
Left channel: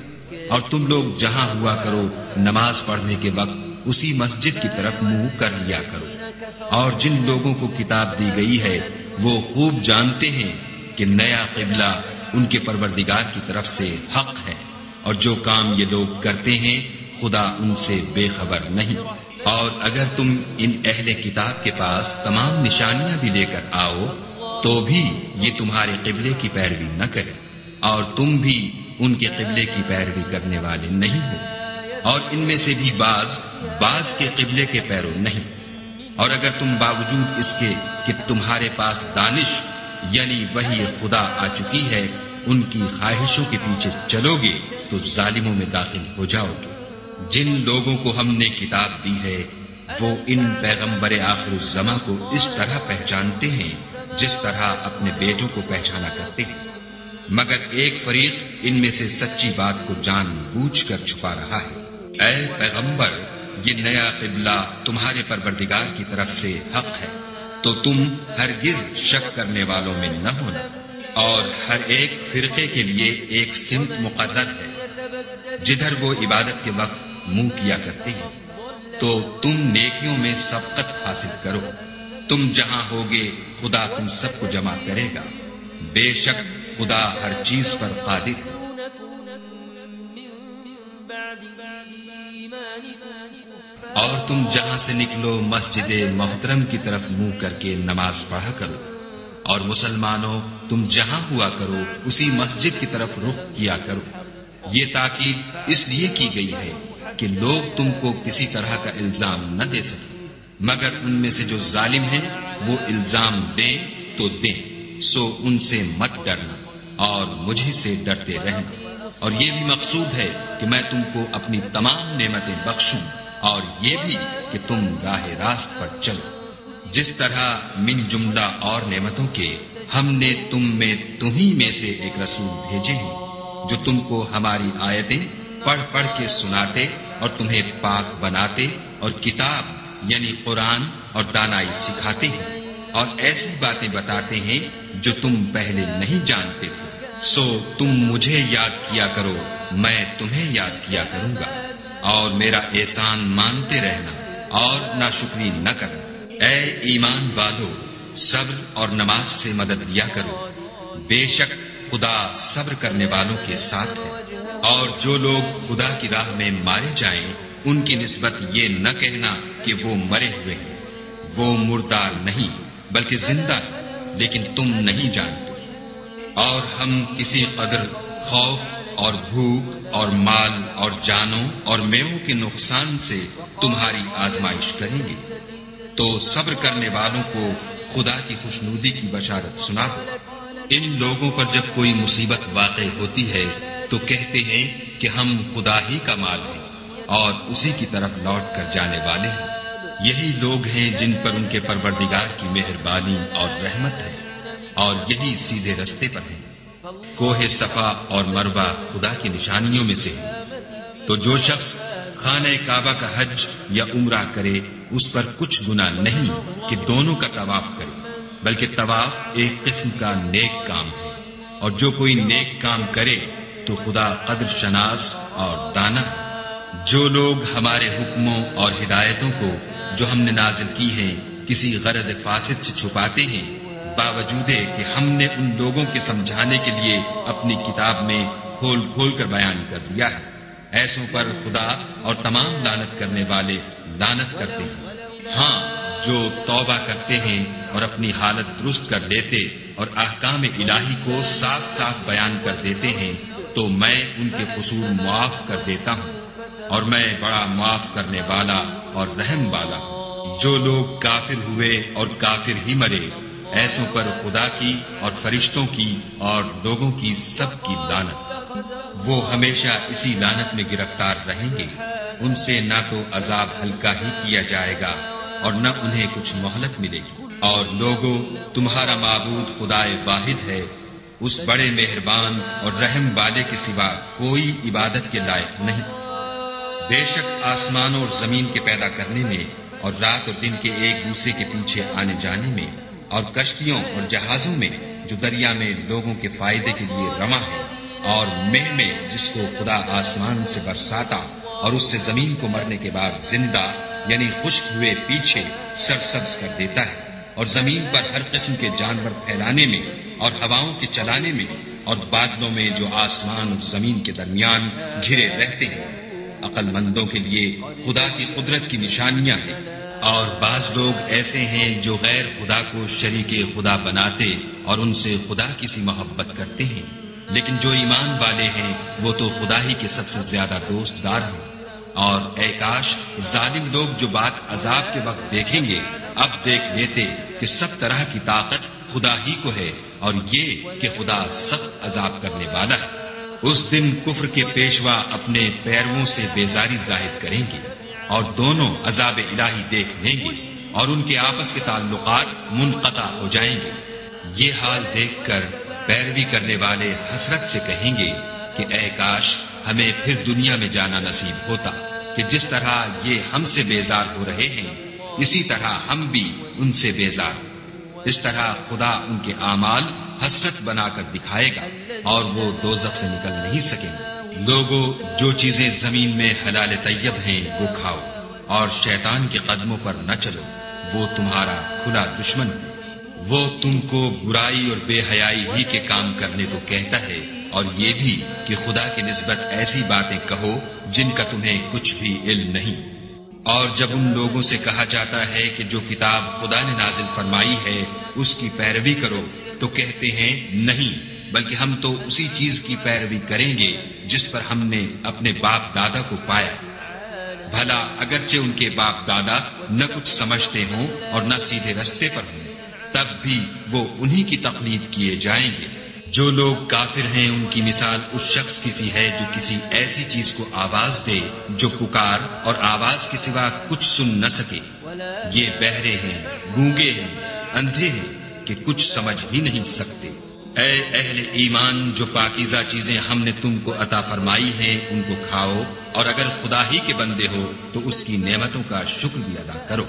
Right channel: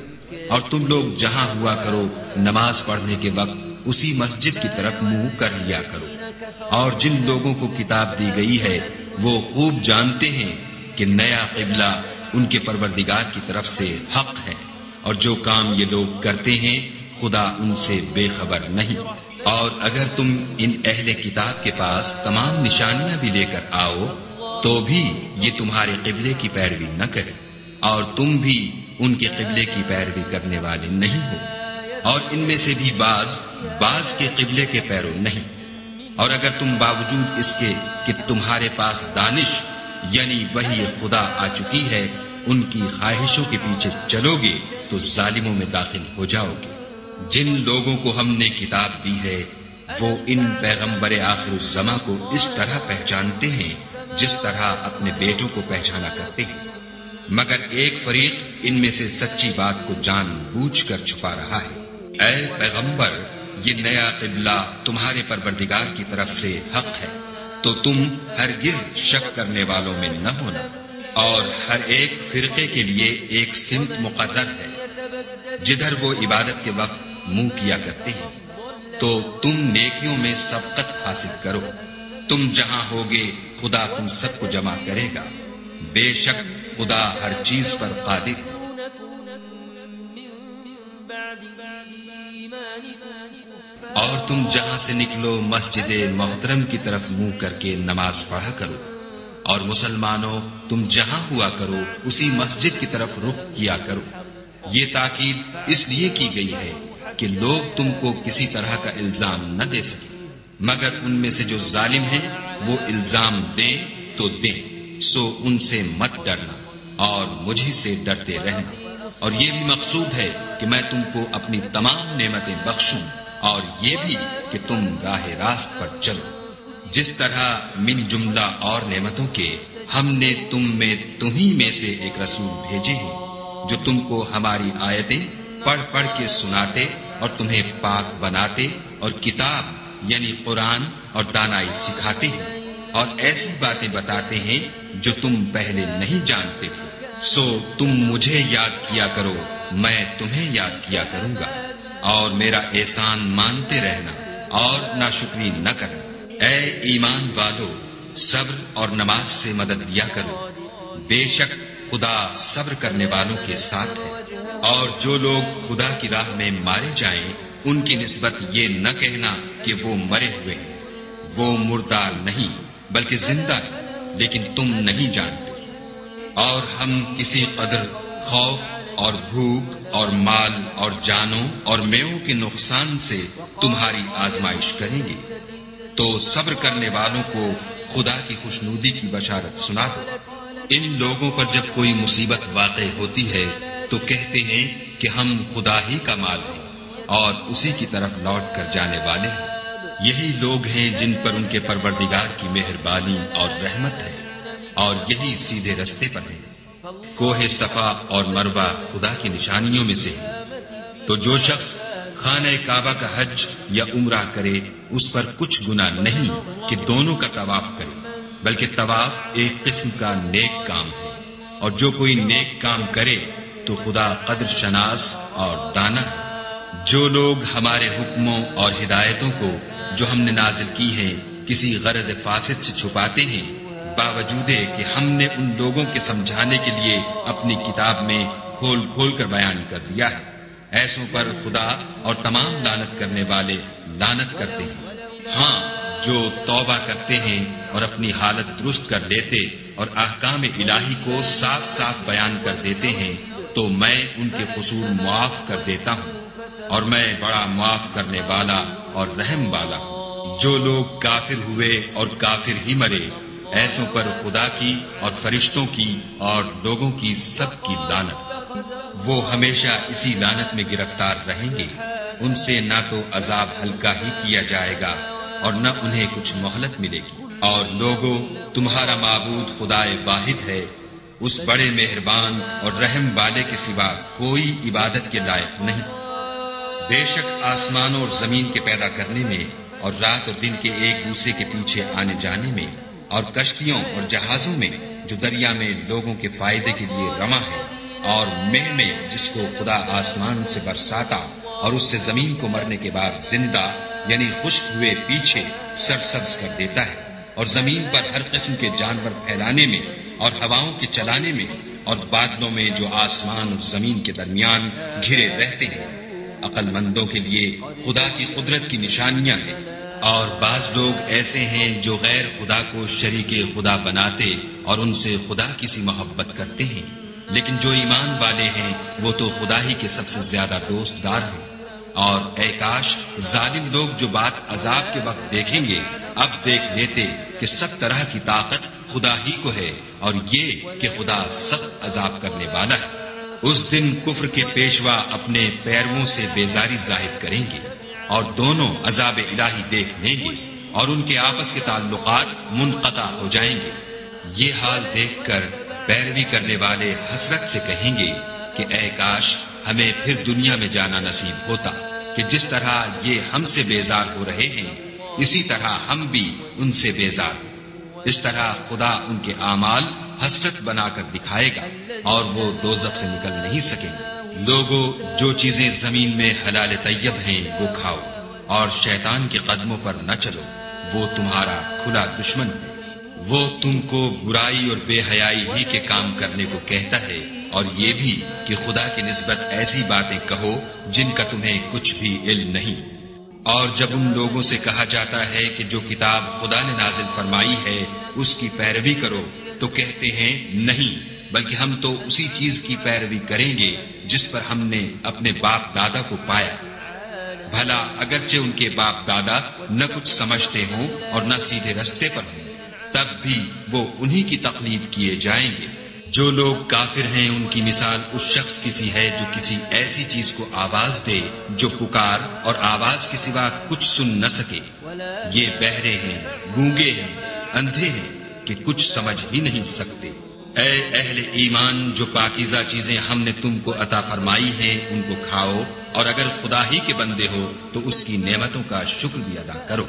اور تم لوگ جہاں ہوا کرو نماز پڑھنے کے وقت اسی مسجد کی طرف منہ کر لیا کرو۔ اور جن لوگوں کو کتاب دی گئی ہے وہ خوب جانتے ہیں کہ نیا قبلہ ان کے پروردگار کی طرف سے حق ہے، اور جو کام یہ لوگ کرتے ہیں خدا ان سے بے خبر نہیں۔ اور اگر تم ان اہل کتاب کے پاس تمام نشانیاں بھی لے کر آؤ تو بھی یہ تمہارے قبلے کی پیروی نہ کرے، اور تم بھی ان کے قبلے کی پیروی کرنے والے نہیں ہو، اور ان میں سے بھی بعض کے قبلے کے پیرو نہیں۔ اور اگر تم باوجود اس کے کہ تمہارے پاس دانش یعنی وحی خدا آ چکی ہے ان کی خواہشوں کے پیچھے چلو گے تو ظالموں میں داخل ہو جاؤ گے۔ جن لوگوں کو ہم نے کتاب دی ہے وہ ان پیغمبر آخر الزماں کو اس طرح پہچانتے ہیں جس طرح اپنے بیٹوں کو پہچانا کرتے ہیں، مگر ایک فریق ان میں سے سچی بات کو جان بوجھ کر چھپا رہا ہے۔ اے پیغمبر، یہ نیا قبلہ تمہارے پروردگار کی طرف سے حق ہے، تو تم ہرگز شک کرنے والوں میں نہ ہونا، اور ہر ایک فرقے کے لیے ایک سمت مقرر ہے جدھر وہ عبادت کے وقت منہ کیا کرتے ہیں، تو تم نیکیوں میں سبقت حاصل کرو۔ تم جہاں ہوگے خدا تم سب کو جمع کرے گا، بے شک خدا ہر چیز پر قادر ہے۔ اور تم جہاں سے نکلو مسجد محترم کی طرف منہ کر کے نماز پڑھا کرو، اور مسلمانوں تم جہاں ہوا کرو اسی مسجد کی طرف رخ کیا کرو۔ یہ تاکید اس لیے کی گئی ہے کہ لوگ تم کو کسی طرح کا الزام نہ دے سکیں، مگر ان میں سے جو ظالم ہیں وہ الزام دیں تو دیں، سو ان سے مت ڈرنا اور مجھے سے ڈرتے رہنا۔ اور یہ بھی مقصود ہے کہ میں تم کو اپنی تمام نعمتیں بخشوں، اور یہ بھی کہ تم راہ راست پر چلو، جس طرح من جملہ اور نعمتوں کے ہم نے تمہیں میں سے ایک رسول بھیجے ہیں جو تم کو ہماری آیتیں پڑھ پڑھ کے سناتے اور تمہیں پاک بناتے اور کتاب یعنی قرآن اور دانائی سکھاتے ہیں اور ایسی باتیں بتاتے ہیں جو تم پہلے نہیں جانتے تھے۔ سو تم مجھے یاد کیا کرو، میں تمہیں یاد کیا کروں گا، اور میرا احسان مانتے رہنا اور ناشکری نہ کرنا۔ اے ایمان والو، صبر اور نماز سے مدد لیا کرو، بے شک خدا صبر کرنے والوں کے ساتھ ہے۔ اور جو لوگ خدا کی راہ میں مارے جائیں ان کی نسبت یہ نہ کہنا کہ وہ مرے ہوئے ہیں، وہ مردار نہیں بلکہ زندہ ہے، لیکن تم نہیں جانتے۔ اور ہم کسی قدر خوف اور بھوک اور مال اور جانوں اور میووں کے نقصان سے تمہاری آزمائش کریں گے، تو صبر کرنے والوں کو خدا کی خوشنودی کی بشارت سنا دو۔ ان لوگوں پر جب کوئی مصیبت واقع ہوتی ہے تو کہتے ہیں کہ ہم خدا ہی کا مال ہیں اور اسی کی طرف لوٹ کر جانے والے ہیں۔ یہی لوگ ہیں جن پر ان کے پروردگار کی مہربانی اور رحمت ہے، اور یہی سیدھے رستے پر ہیں۔ کوہ صفا اور مروہ خدا کی نشانیوں میں سے ہے، تو جو شخص خانہ کعبہ کا حج یا عمرہ کرے اس پر کچھ گناہ نہیں کہ دونوں کا طواف کرے، بلکہ طواف ایک قسم کا نیک کام ہے، اور جو کوئی نیک کام کرے تو خدا قدر شناس اور دانا ہے۔ جو لوگ ہمارے حکموں اور ہدایتوں کو جو ہم نے نازل کی ہیں کسی غرض فاسد سے چھپاتے ہیں، باوجود کہ ہم نے ان لوگوں کے سمجھانے کے لیے اپنی کتاب میں کھول کھول کر بیان کر دیا ہے، ایسوں پر خدا اور تمام لعنت کرنے والے لعنت کرتے ہیں۔ ہاں، جو توبہ کرتے ہیں اور اپنی حالت درست کر لیتے اور احکام الہی کو صاف صاف بیان کر دیتے ہیں تو میں ان کے قصور معاف کر دیتا ہوں، اور میں بڑا معاف کرنے والا اور رحم والا ہوں۔ جو لوگ کافر ہوئے اور کافر ہی مرے، ایسوں پر خدا کی اور فرشتوں کی اور لوگوں کی سب کی لعنت۔ وہ ہمیشہ اسی لعنت میں گرفتار رہیں گے، ان سے نہ تو عذاب ہلکا ہی کیا جائے گا اور نہ انہیں کچھ مہلت ملے گی۔ اور لوگوں، تمہارا معبود خدائے واحد ہے، اس بڑے مہربان اور رحم والے کے سوا کوئی عبادت کے لائق نہیں۔ بے شک آسمانوں اور زمین کے پیدا کرنے میں اور رات اور دن کے ایک دوسرے کے پیچھے آنے جانے میں اور کشتیوں اور جہازوں میں جو دریا میں لوگوں کے فائدے کے لیے رواں ہے، اور مہ میں جس کو خدا آسمان سے برساتا اور اس سے زمین کو مرنے کے بعد زندہ یعنی خشک ہوئے پیچھے سرسبز کر دیتا ہے، اور زمین پر ہر قسم کے جانور پھیلانے میں اور ہواؤں کے چلانے میں اور بادلوں میں جو آسمان اور زمین کے درمیان گھرے رہتے ہیں۔ عقل مندوں کے لیے خدا کی قدرت کی نشانیاں ہیں۔ اور بعض لوگ ایسے ہیں جو غیر خدا کو شریک خدا بناتے اور ان سے خدا کی سی محبت کرتے ہیں، لیکن جو ایمان والے ہیں وہ تو خدا ہی کے سب سے زیادہ دوست دار ہیں۔ اور اے کاش ظالم لوگ جو بات عذاب کے وقت دیکھیں گے اب دیکھ لیتے کہ سب طرح کی طاقت خدا ہی کو ہے، اور یہ کہ خدا سخت عذاب کرنے والا ہے۔ اس دن کفر کے پیشوا اپنے پیرووں سے بیزاری ظاہر کریں گے اور دونوں عذاب الہی دیکھ لیں گے اور ان کے آپس کے تعلقات منقطع ہو جائیں گے۔ یہ حال دیکھ کر پیروی کرنے والے حسرت سے کہیں گے کہ اے کاش ہمیں پھر دنیا میں جانا نصیب ہوتا کہ جس طرح یہ ہم سے بیزار ہو رہے ہیں اسی طرح ہم بھی ان سے بیزار ہیں۔ اس طرح خدا ان کے اعمال حسرت بنا کر دکھائے گا اور وہ دوزخ سے نکل نہیں سکیں گے۔ لوگوں، جو چیزیں زمین میں حلال طیب ہیں وہ کھاؤ، اور شیطان کے قدموں پر نہ چلو، وہ تمہارا کھلا دشمن ہے۔ وہ تم کو برائی اور بے حیائی ہی کے کام کرنے کو کہتا ہے، اور یہ بھی کہ خدا کی نسبت ایسی باتیں کہو جن کا تمہیں کچھ بھی علم نہیں۔ اور جب ان لوگوں سے کہا جاتا ہے کہ جو کتاب خدا نے نازل فرمائی ہے اس کی پیروی کرو تو کہتے ہیں نہیں، بلکہ ہم تو اسی چیز کی پیروی کریں گے جس پر ہم نے اپنے باپ دادا کو پایا۔ بھلا اگرچہ ان کے باپ دادا نہ کچھ سمجھتے ہوں اور نہ سیدھے رستے پر ہوں، تب بھی وہ انہی کی تقلید کیے جائیں گے۔ جو لوگ کافر ہیں ان کی مثال اس شخص کی سی ہے جو کسی ایسی چیز کو آواز دے جو پکار اور آواز کے سوا کچھ سن نہ سکے۔ یہ بہرے ہیں، گونگے ہیں، اندھے ہیں، کہ کچھ سمجھ ہی نہیں سکتے۔ اے اہل ایمان، جو پاکیزہ چیزیں ہم نے تم کو عطا فرمائی ہیں ان کو کھاؤ، اور اگر خدا ہی کے بندے ہو تو اس کی نعمتوں کا شکر بھی ادا کرو۔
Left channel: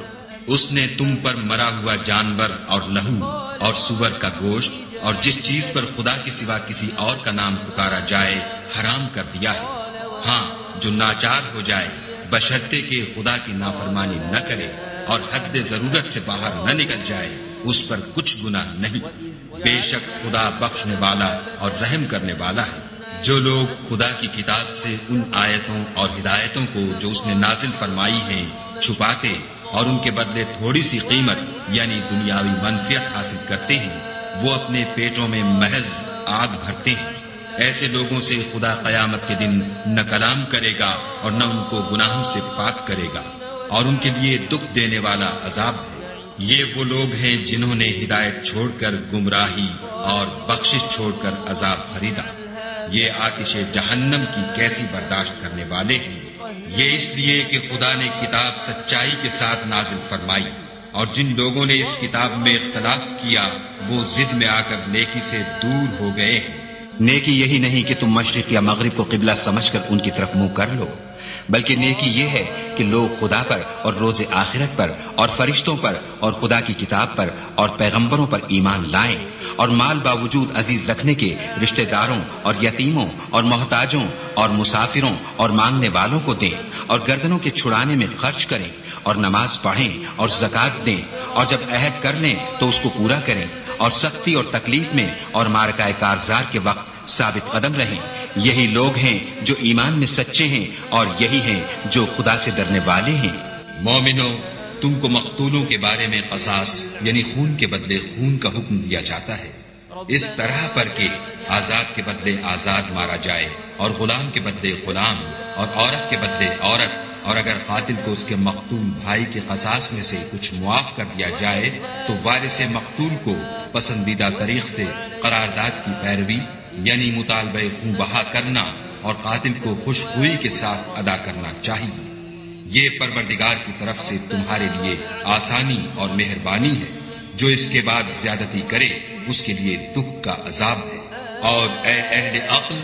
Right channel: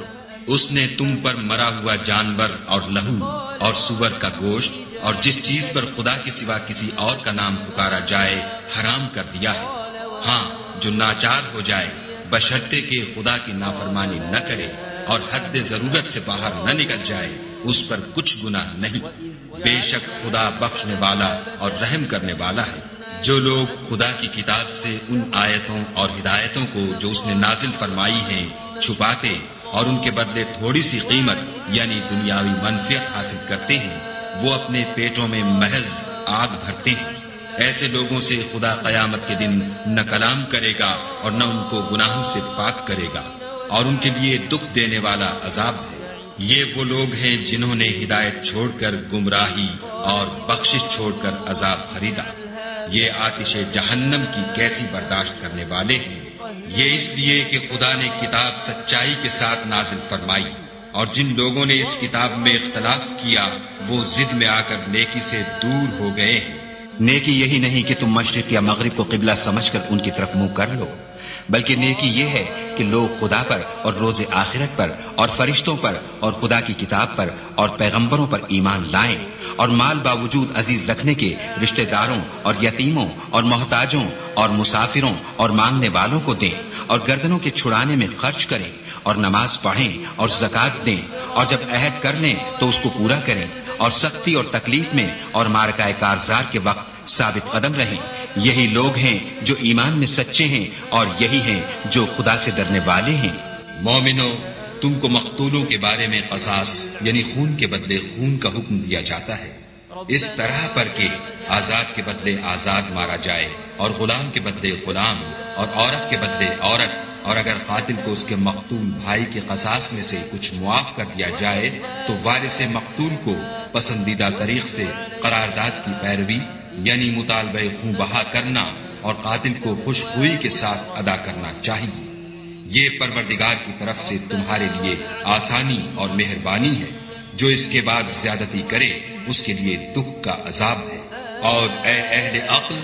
اس نے تم پر مرا ہوا جانور اور لہو اور سور کا گوشت اور جس چیز پر خدا کے سوا کسی اور کا نام پکارا جائے حرام کر دیا ہے۔ ہاں، جو ناچار ہو جائے بشرطے کہ خدا کی نافرمانی نہ کرے اور حد ضرورت سے باہر نہ نکل جائے، اس پر کچھ گناہ نہیں۔ بے شک خدا بخشنے والا اور رحم کرنے والا ہے۔ جو لوگ خدا کی کتاب سے ان آیتوں اور ہدایتوں کو جو اس نے نازل فرمائی ہیں چھپاتے اور ان کے بدلے تھوڑی سی قیمت یعنی دنیاوی منفعت حاصل کرتے ہیں، وہ اپنے پیٹوں میں محض آگ بھرتے ہیں۔ ایسے لوگوں سے خدا قیامت کے دن نہ کلام کرے گا اور نہ ان کو گناہوں سے پاک کرے گا، اور ان کے لیے دکھ دینے والا عذاب ہے۔ یہ وہ لوگ ہیں جنہوں نے ہدایت چھوڑ کر گمراہی اور بخشش چھوڑ کر عذاب خریدا۔ یہ آتش جہنم کی کیسی برداشت کرنے والے ہیں۔ یہ اس لیے کہ خدا نے کتاب سچائی کے ساتھ نازل فرمائی، اور جن لوگوں نے اس کتاب میں اختلاف کیا وہ ضد میں آ کر نیکی سے دور ہو گئے ہیں۔ نیکی یہی نہیں کہ تم مشرق یا مغرب کو قبلہ سمجھ کر ان کی طرف منہ کر لو، بلکہ نیکی یہ ہے کہ لوگ خدا پر اور روز آخرت پر اور فرشتوں پر اور خدا کی کتاب پر اور پیغمبروں پر ایمان لائیں، اور مال باوجود عزیز رکھنے کے رشتہ داروں اور یتیموں اور محتاجوں اور مسافروں اور مانگنے والوں کو دیں، اور گردنوں کے چھڑانے میں خرچ کریں، اور نماز پڑھیں اور زکوٰۃ دیں، اور جب عہد کر لیں تو اس کو پورا کریں، اور سختی اور تکلیف میں اور معرکہ کارزار کے وقت ثابت قدم رہیں۔ یہی لوگ ہیں جو ایمان میں سچے ہیں، اور یہی ہیں جو خدا سے ڈرنے والے ہیں۔ مومنو، تم کو مقتولوں کے بارے میں قصاص یعنی خون کے بدلے خون کا حکم دیا جاتا ہے، اس طرح پر کہ آزاد کے بدلے آزاد مارا جائے، اور غلام کے بدلے غلام، اور عورت کے بدلے عورت، اور اگر قاتل کو اس کے مقتول بھائی کے قصاص میں سے کچھ معاف کر دیا جائے تو وارث مقتول کو پسندیدہ طریق سے قرارداد کی پیروی یعنی مطالبہ خون بہا کرنا اور قاتل کو خوش ہوئی کے ساتھ ادا کرنا چاہیے۔ یہ پروردگار کی طرف سے تمہارے لیے آسانی اور مہربانی ہے۔ جو اس کے بعد زیادتی کرے اس کے لیے دکھ کا عذاب ہے۔ اور اے اہل عقل،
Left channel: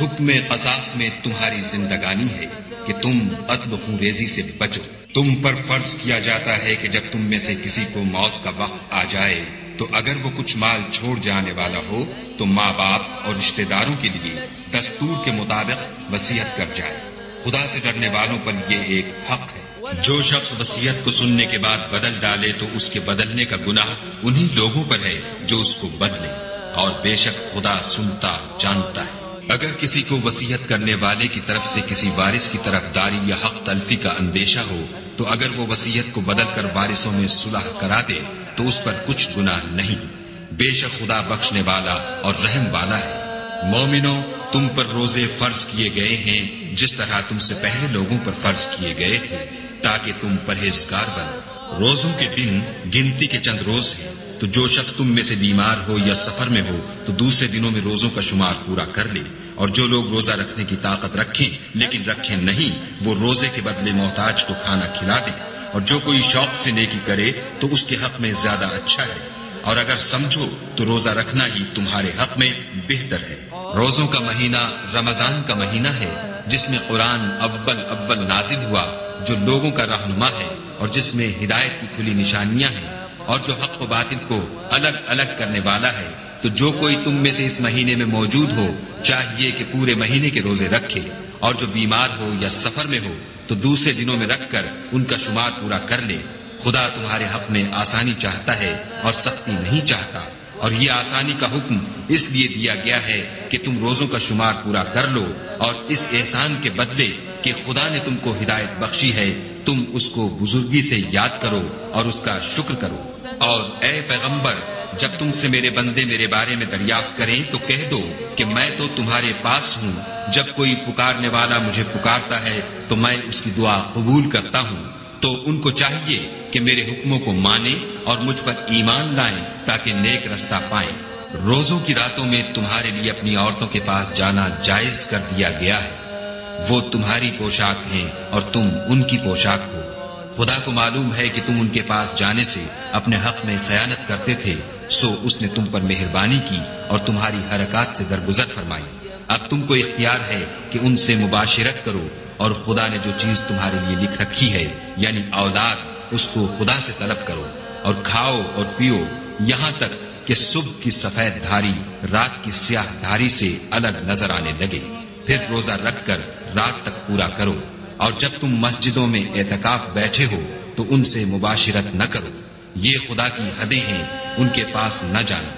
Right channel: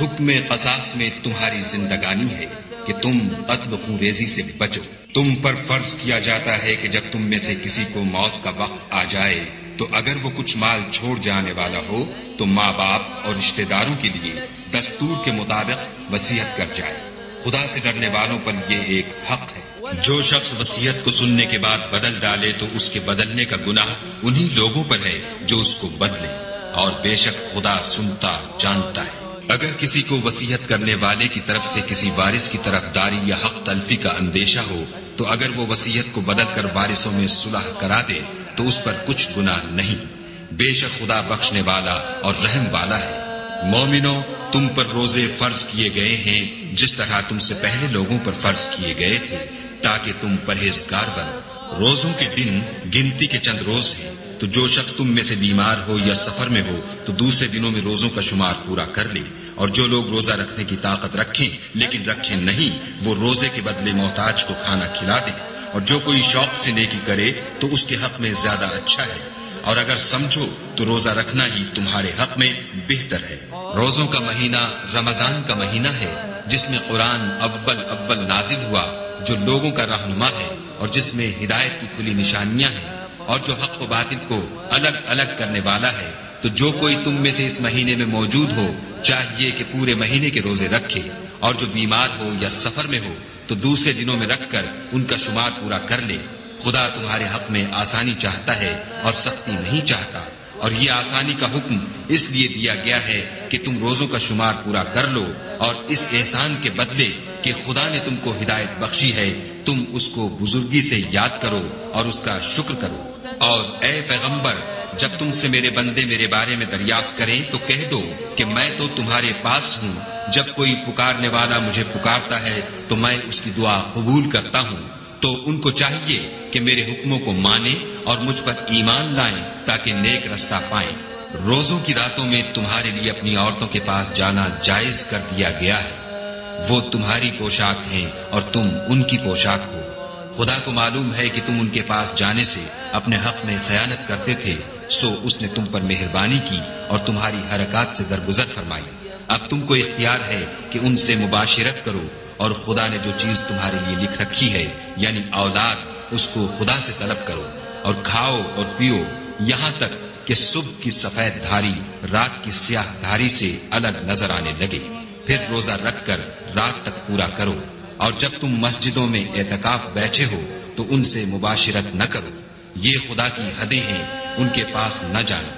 حکم قصاص میں تمہاری زندگانی ہے کہ تم قتل و خون ریزی سے بچو۔ تم پر فرض کیا جاتا ہے کہ جب تم میں سے کسی کو موت کا وقت آ جائے تو اگر وہ کچھ مال چھوڑ جانے والا ہو تو ماں باپ اور رشتہ داروں کے لیے دستور کے مطابق وصیت کر جائے۔ خدا سے ڈرنے والوں پر یہ ایک حق ہے۔ جو شخص وصیت کو سننے کے بعد بدل ڈالے تو اس کے بدلنے کا گناہ انہی لوگوں پر ہے جو اس کو بدلے، اور بے شک خدا سنتا جانتا ہے۔ اگر کسی کو وصیت کرنے والے کی طرف سے کسی وارث کی طرف داری یا حق تلفی کا اندیشہ ہو تو اگر وہ وصیت کو بدل کر وارثوں میں صلح کرا دے تو اس پر کچھ گناہ نہیں۔ بے شک خدا بخشنے والا اور رحم والا ہے۔ مومنو، تم پر روزے فرض کیے گئے ہیں جس طرح تم سے پہلے لوگوں پر فرض کیے گئے تھے تاکہ تم پرہیزگار بنو۔ روزوں کے دن گنتی کے چند روز ہیں، تو جو شخص تم میں سے بیمار ہو یا سفر میں ہو تو دوسرے دنوں میں روزوں کا شمار پورا کر لے، اور جو لوگ روزہ رکھنے کی طاقت رکھیں لیکن رکھیں نہیں وہ روزے کے بدلے محتاج کو کھانا کھلا دیں، اور جو کوئی شوق سے نیکی کرے تو اس کے حق میں زیادہ اچھا ہے، اور اگر سمجھو تو روزہ رکھنا ہی تمہارے حق میں بہتر ہے۔ روزوں کا مہینہ رمضان کا مہینہ ہے جس میں قرآن اول نازل ہوا، جو لوگوں کا رہنما ہے اور جس میں ہدایت کی کھلی نشانیاں ہیں، اور جو حق و باطل کو الگ الگ کرنے والا ہے۔ تو جو کوئی تم میں سے اس مہینے میں موجود ہو چاہیے کہ پورے مہینے کے روزے رکھے، اور جو بیمار ہو یا سفر میں ہو تو دوسرے دنوں میں رکھ کر ان کا شمار پورا کر لے۔ خدا تمہارے حق میں آسانی چاہتا ہے اور سختی نہیں چاہتا، اور یہ آسانی کا حکم اس لیے دیا گیا ہے کہ تم روزوں کا شمار پورا کر لو، اور اس احسان کے بدلے کہ خدا نے تم کو ہدایت بخشی ہے تم اس کو بزرگی سے یاد کرو اور اس کا شکر کرو۔ اور اے پیغمبر، جب تم سے میرے بندے میرے بارے میں دریافت کریں تو کہہ دو کہ میں تو تمہارے پاس ہوں، جب کوئی پکارنے والا مجھے پکارتا ہے تو میں اس کی دعا قبول کرتا ہوں۔ تو ان کو چاہیے کہ میرے حکموں کو مانیں اور مجھ پر ایمان لائیں تاکہ نیک رستہ پائیں۔ روزوں کی راتوں میں تمہارے لیے اپنی عورتوں کے پاس جانا جائز کر دیا گیا ہے، وہ تمہاری پوشاک ہیں اور تم ان کی پوشاک ہو۔ خدا کو معلوم ہے کہ تم ان کے پاس جانے سے اپنے حق میں خیانت کرتے تھے، سو اس نے تم پر مہربانی کی اور تمہاری حرکات سے درگزر فرمائی۔ اب تم کو اختیار ہے کہ ان سے مباشرت کرو، اور خدا نے جو چیز تمہارے لیے لکھ رکھی ہے یعنی اولاد، اس کو خدا سے طلب کرو، اور کھاؤ اور پیو یہاں تک کہ صبح کی سفید دھاری رات کی سیاہ دھاری سے الگ نظر آنے لگے، پھر روزہ رکھ کر رات تک پورا کرو، اور جب تم مسجدوں میں اعتکاف بیٹھے ہو تو ان سے مباشرت نہ کرو، یہ خدا کی حدیں ہیں، ان کے پاس نہ جانا۔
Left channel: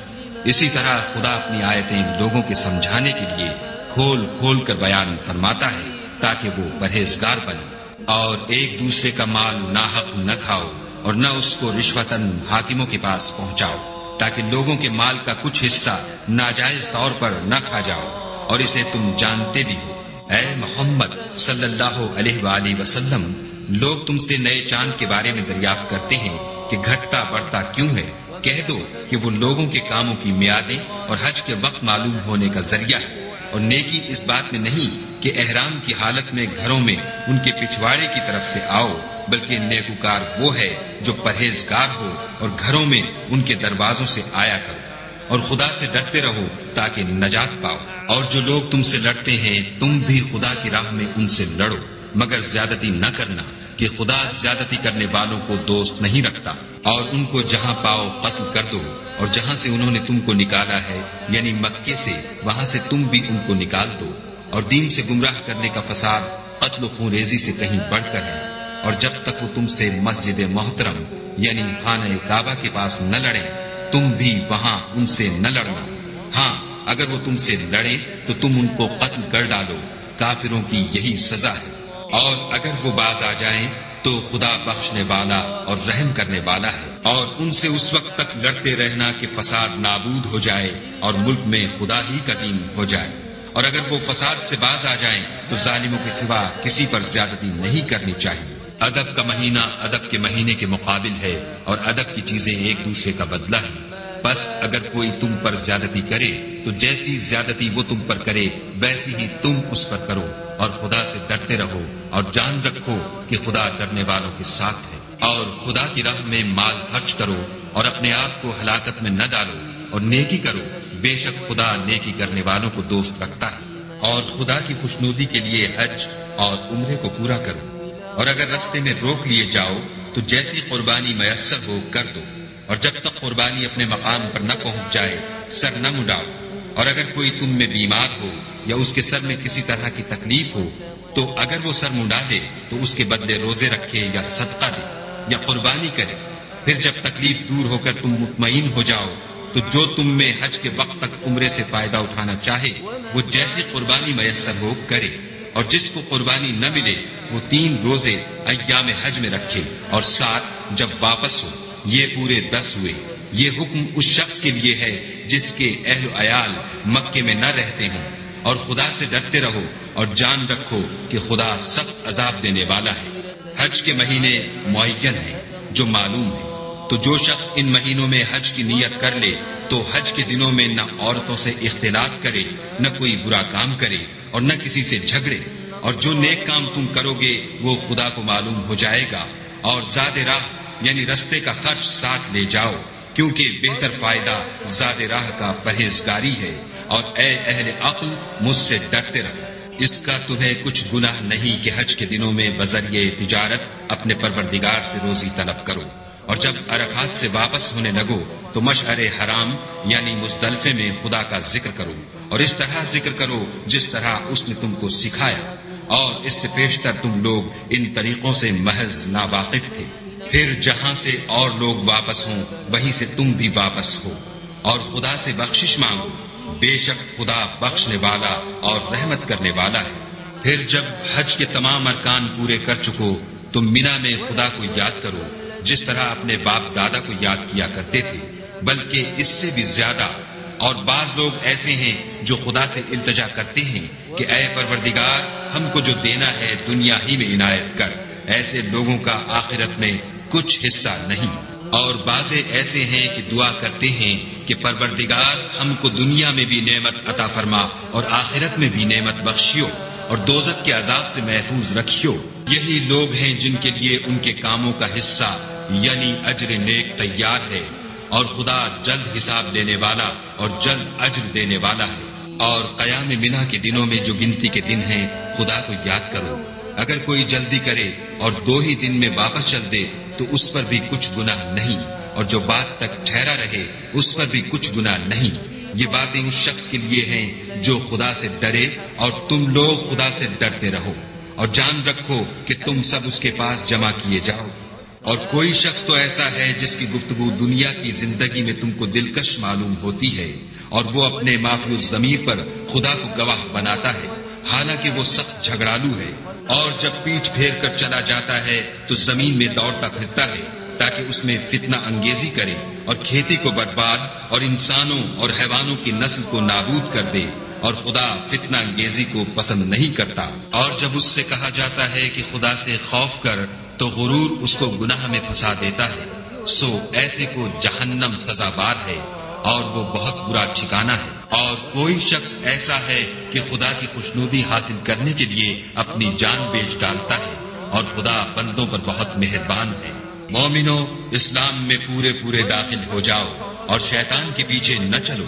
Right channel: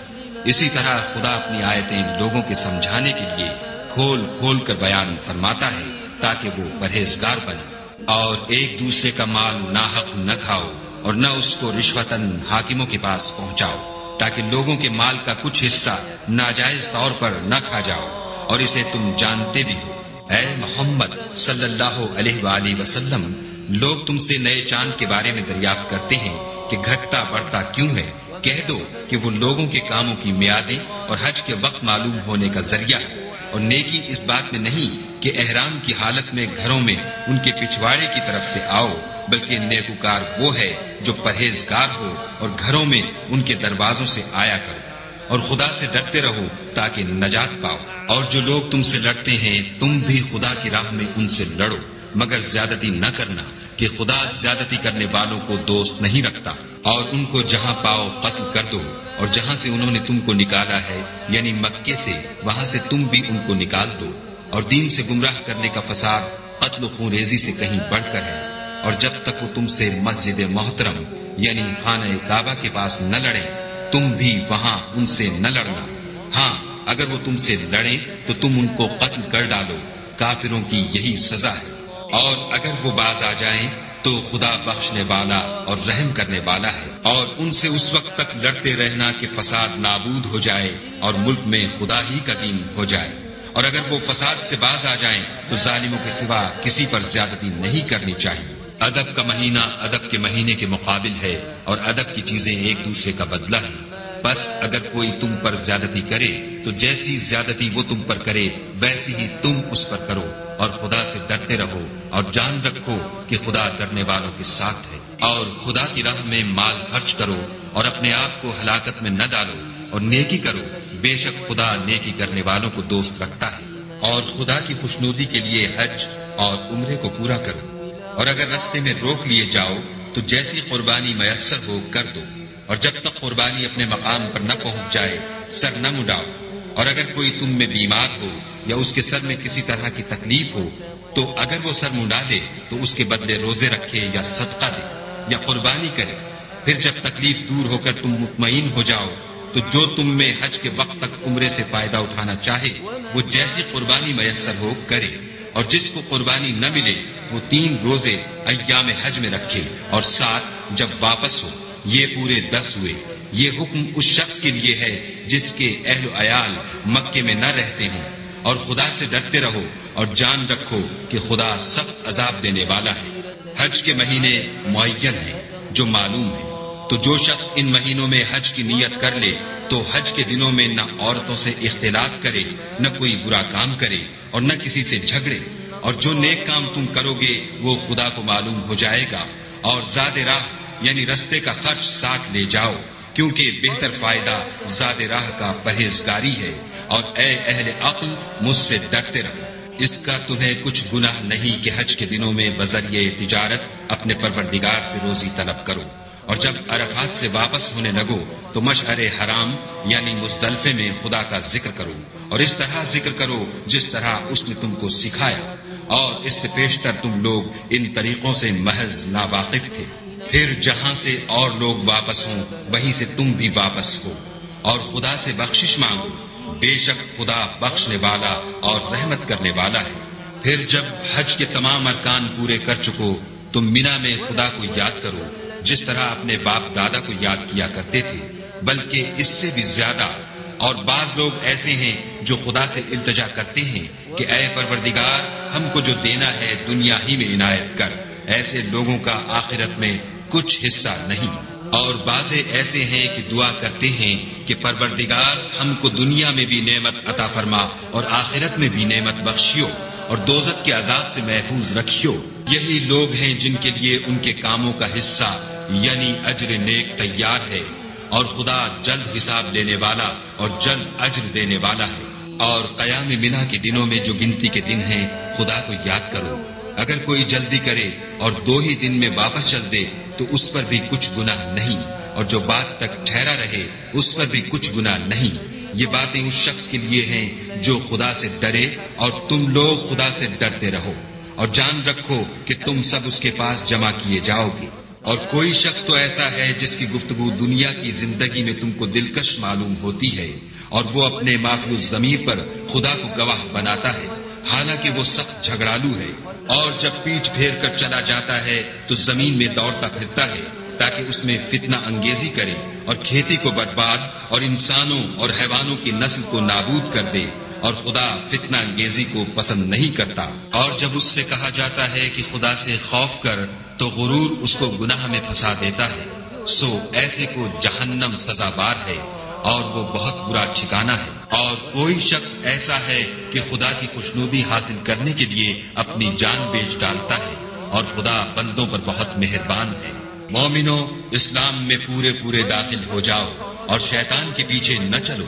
اسی طرح خدا اپنی آیتیں لوگوں کے سمجھانے کے لیے کھول کھول کر بیان فرماتا ہے تاکہ وہ پرہیزگار بنے، اور ایک دوسرے کا مال ناحق نہ کھاؤ، اور نہ اس کو رشوتاً حاکموں کے پاس پہنچاؤ، تاکہ لوگوں کے مال کا کچھ حصہ ناجائز طور پر نہ کھا جاؤ، اور اسے تم جانتے بھی ہو۔ اے محمد صلی اللہ علیہ وآلہ وسلم، لوگ تم سے نئے چاند کے بارے میں دریافت کرتے ہیں کہ گھٹتا بڑھتا کیوں ہے؟ کہہ دو کہ وہ لوگوں کے کاموں کی میعادیں اور حج کے وقت معلوم ہونے کا ذریعہ ہے، اور نیکی اس بات میں نہیں کہ احرام کی حالت میں گھروں میں ان کے پچھواڑے کی طرف سے آؤ، بلکہ نیکوکار وہ ہے جو پرہیزگار ہو اور گھروں میں ان کے دروازوں سے آیا کرو، اور خدا سے ڈرتے رہو تاکہ نجات پاؤ۔ اور جو لوگ تم سے لڑتے ہیں تم بھی خدا کی راہ میں ان سے لڑو، مگر زیادتی نہ کرنا، کہ خدا زیادتی کرنے والوں کو دوست نہیں رکھتا، اور ان کو جہاں پاؤ قتل کر دو، اور جہاں سے انہوں نے تم کو نکالا ہے یعنی مکے سے، وہاں سے تم بھی ان کو نکال دو، اور دین سے گمراہ کرنے کا فساد قتل و خون ریزی سے کہیں بڑھ کر ہے۔ اور جب تک وہ تم سے مسجد محترم یعنی خانہ کعبہ کے پاس نہ لڑے تم بھی وہاں ان سے نہ لڑنا، ہاں اگر وہ تم سے لڑیں تو تم ان کو قتل کر ڈالو، کافروں کی یہی سزا ہے۔ اور اگر وہ باز آ جائیں تو خدا بخشنے والا اور رحم کرنے والا ہے، اور ان سے اس وقت تک لڑتے رہنا کہ فساد نابود ہو جائے اور ملک میں خدا ہی کا دین ہو جائے، اور اگر وہ فساد سے باز آ جائیں تو ظالموں کے سوا کسی پر زیادتی نہیں کرنی چاہیے۔ ادب کا مہینہ ادب کے مہینے کے مقابل ہے، اور ادب کی چیزیں ایک دوسرے کا بدلہ ہے۔ بس اگر کوئی تم پر زیادتی کرے تو جیسی زیادتی وہ تم پر کرے ویسی ہی تم اس پر کرو، اور خدا سے ڈرتے رہو، اور جان رکھو کہ خدا ڈرنے والوں کے ساتھ ہے۔ اور خدا کی راہ میں مال خرچ کرو، اور اپنے آپ کو ہلاکت میں نہ ڈالو، اور نیکی کرو، بے شک خدا نیکی کرنے والوں کو دوست رکھتا ہے۔ اور خدا کی خوشنودی کے لیے حج اور عمرے کو پورا کرو، اور اگر رستے میں روک لیے جاؤ تو جیسی قربانی میسر ہو کر دو، اور جب تک قربانی اپنے مقام پر نہ پہنچ جائے سر نہ مڈاؤ، اور اگر کوئی تم میں بیمار ہو یا اس کے سر میں کسی طرح کی تکلیف ہو تو اگر وہ سر منڈا دے تو اس کے بدلے روزے رکھے یا صدقہ دے یا قربانی کرے۔ پھر جب تکلیف دور ہو کر تم مطمئن ہو جاؤ تو جو تم میں حج کے وقت تک عمرے سے فائدہ اٹھانا چاہے وہ جیسی قربانی میسر ہو کرے، اور جس کو قربانی نہ ملے وہ 3 روزے ایام حج میں رکھے، اور 7 جب واپس ہو، یہ پورے 10 ہوئے۔ یہ حکم اس شخص کے لیے ہے جس کے اہل و عیال مکے میں نہ رہتے ہوں، اور خدا سے ڈرتے رہو اور جان رکھو کہ خدا سخت عذاب دینے والا ہے۔ حج کے مہینے معین ہیں جو معلوم ہیں، تو جو شخص ان مہینوں میں حج کی نیت کر لے تو حج کے دنوں میں نہ عورتوں سے اختلاط کرے، نہ کوئی برا کام کرے، اور نہ کسی سے جھگڑے، اور جو نیک کام تم کرو گے وہ خدا کو معلوم ہو جائے گا۔ اور زاد راہ یعنی رستے کا خرچ ساتھ لے جاؤ، کیونکہ بہتر فائدہ زاد راہ کا پرہیزگاری ہے۔ اور اے اہل عقل، مجھ سے ڈرتے رہو، اس کا تمہیں کچھ گناہ نہیں کہ حج کے دنوں میں بذریعہ تجارت اپنے پروردگار سے روزی طلب کرو، اور جب عرفات سے واپس ہونے لگو تو مشعر حرام یعنی مزدلفے میں خدا کا ذکر کرو، اور اس طرح ذکر کرو جس طرح اس نے تم کو سکھایا، اور اس سے پیشتر تم لوگ ان طریقوں سے محض ناواقف تھے۔ پھر جہاں سے اور لوگ واپس ہوں وہیں سے تم بھی واپس ہو، اور خدا سے بخشش مانگو، بے شک خدا بخشنے والا اور رحمت کرنے والا ہے۔ پھر جب حج کے تمام ارکان پورے کر چکو تو مینا میں خدا کو یاد کرو جس طرح اپنے باپ دادا کو یاد کیا کرتے تھے، بلکہ اس سے بھی زیادہ۔ اور بعض لوگ ایسے ہیں جو خدا سے التجا کرتے ہیں کہ اے پروردگار، ہم کو جو دینا ہے دنیا ہی میں عنایت کر، ایسے لوگوں کا آخرت میں کچھ حصہ نہیں۔ اور بعض ایسے ہیں کہ دعا کرتے ہیں کہ پروردگار، ہم کو دنیا میں بھی نعمت عطا فرما اور آخرت میں بھی نعمت بخشیو، اور دوزخ کے عذاب سے محفوظ رکھیو۔ یہی لوگ ہیں جن کے لیے ان کے کاموں کا حصہ یعنی اجر نیک تیار ہے، اور خدا جلد حساب لینے والا اور جلد اجر دینے والا ہے۔ اور قیام منا کے دنوں میں جو گنتی کے دن ہیں خدا کو یاد کرو۔ اگر کوئی جلدی کرے اور 2 ہی دن میں واپس چل دے تو اس پر بھی کچھ گناہ نہیں، اور جو بات تک ٹھہرا رہے اس پر بھی کچھ گناہ نہیں۔ یہ باتیں اس شخص کے لیے ہیں جو خدا سے ڈرے، اور تم لوگ خدا سے ڈرتے رہو، اور جان رکھو کہ تم سب اس کے پاس جمع کیے جاؤ گے۔ اور کوئی شخص تو ایسا ہے جس کی گفتگو دنیا کی زندگی میں تم کو دلکش معلوم ہوتی ہے، اور وہ اپنے معافی الضمیر پر خدا کو گواہ بناتا ہے، حالانکہ وہ سخت جھگڑالو ہے، اور جب پیٹھ پھیر کر چلا جاتا ہے تو زمین میں دوڑتا پھرتا ہے تاکہ اس میں فتنہ انگیزی کرے اور کھیتی کو برباد اور انسانوں اور حیوانوں کی نسل کو نابود کر دے، اور خدا فتنہ انگیزی کو پسند نہیں کرتا۔ اور جب اس سے کہا جاتا ہے کہ خدا سے خوف کر تو غرور اس کو گناہ میں پھنسا دیتا ہے، سو ایسے کو جہنم سزاوار ہے اور وہ بہت برا ٹھکانہ ہے۔ اور کوئی شخص ایسا ہے کہ خدا کی خوشنودی حاصل کرنے کے لیے اپنی جان بیچ ڈالتا ہے، اور خدا بندوں پر بہت مہربان ہے۔ مومنو، اسلام میں پورے داخل ہو جاؤ اور شیطان کے پیچھے نہ چلو،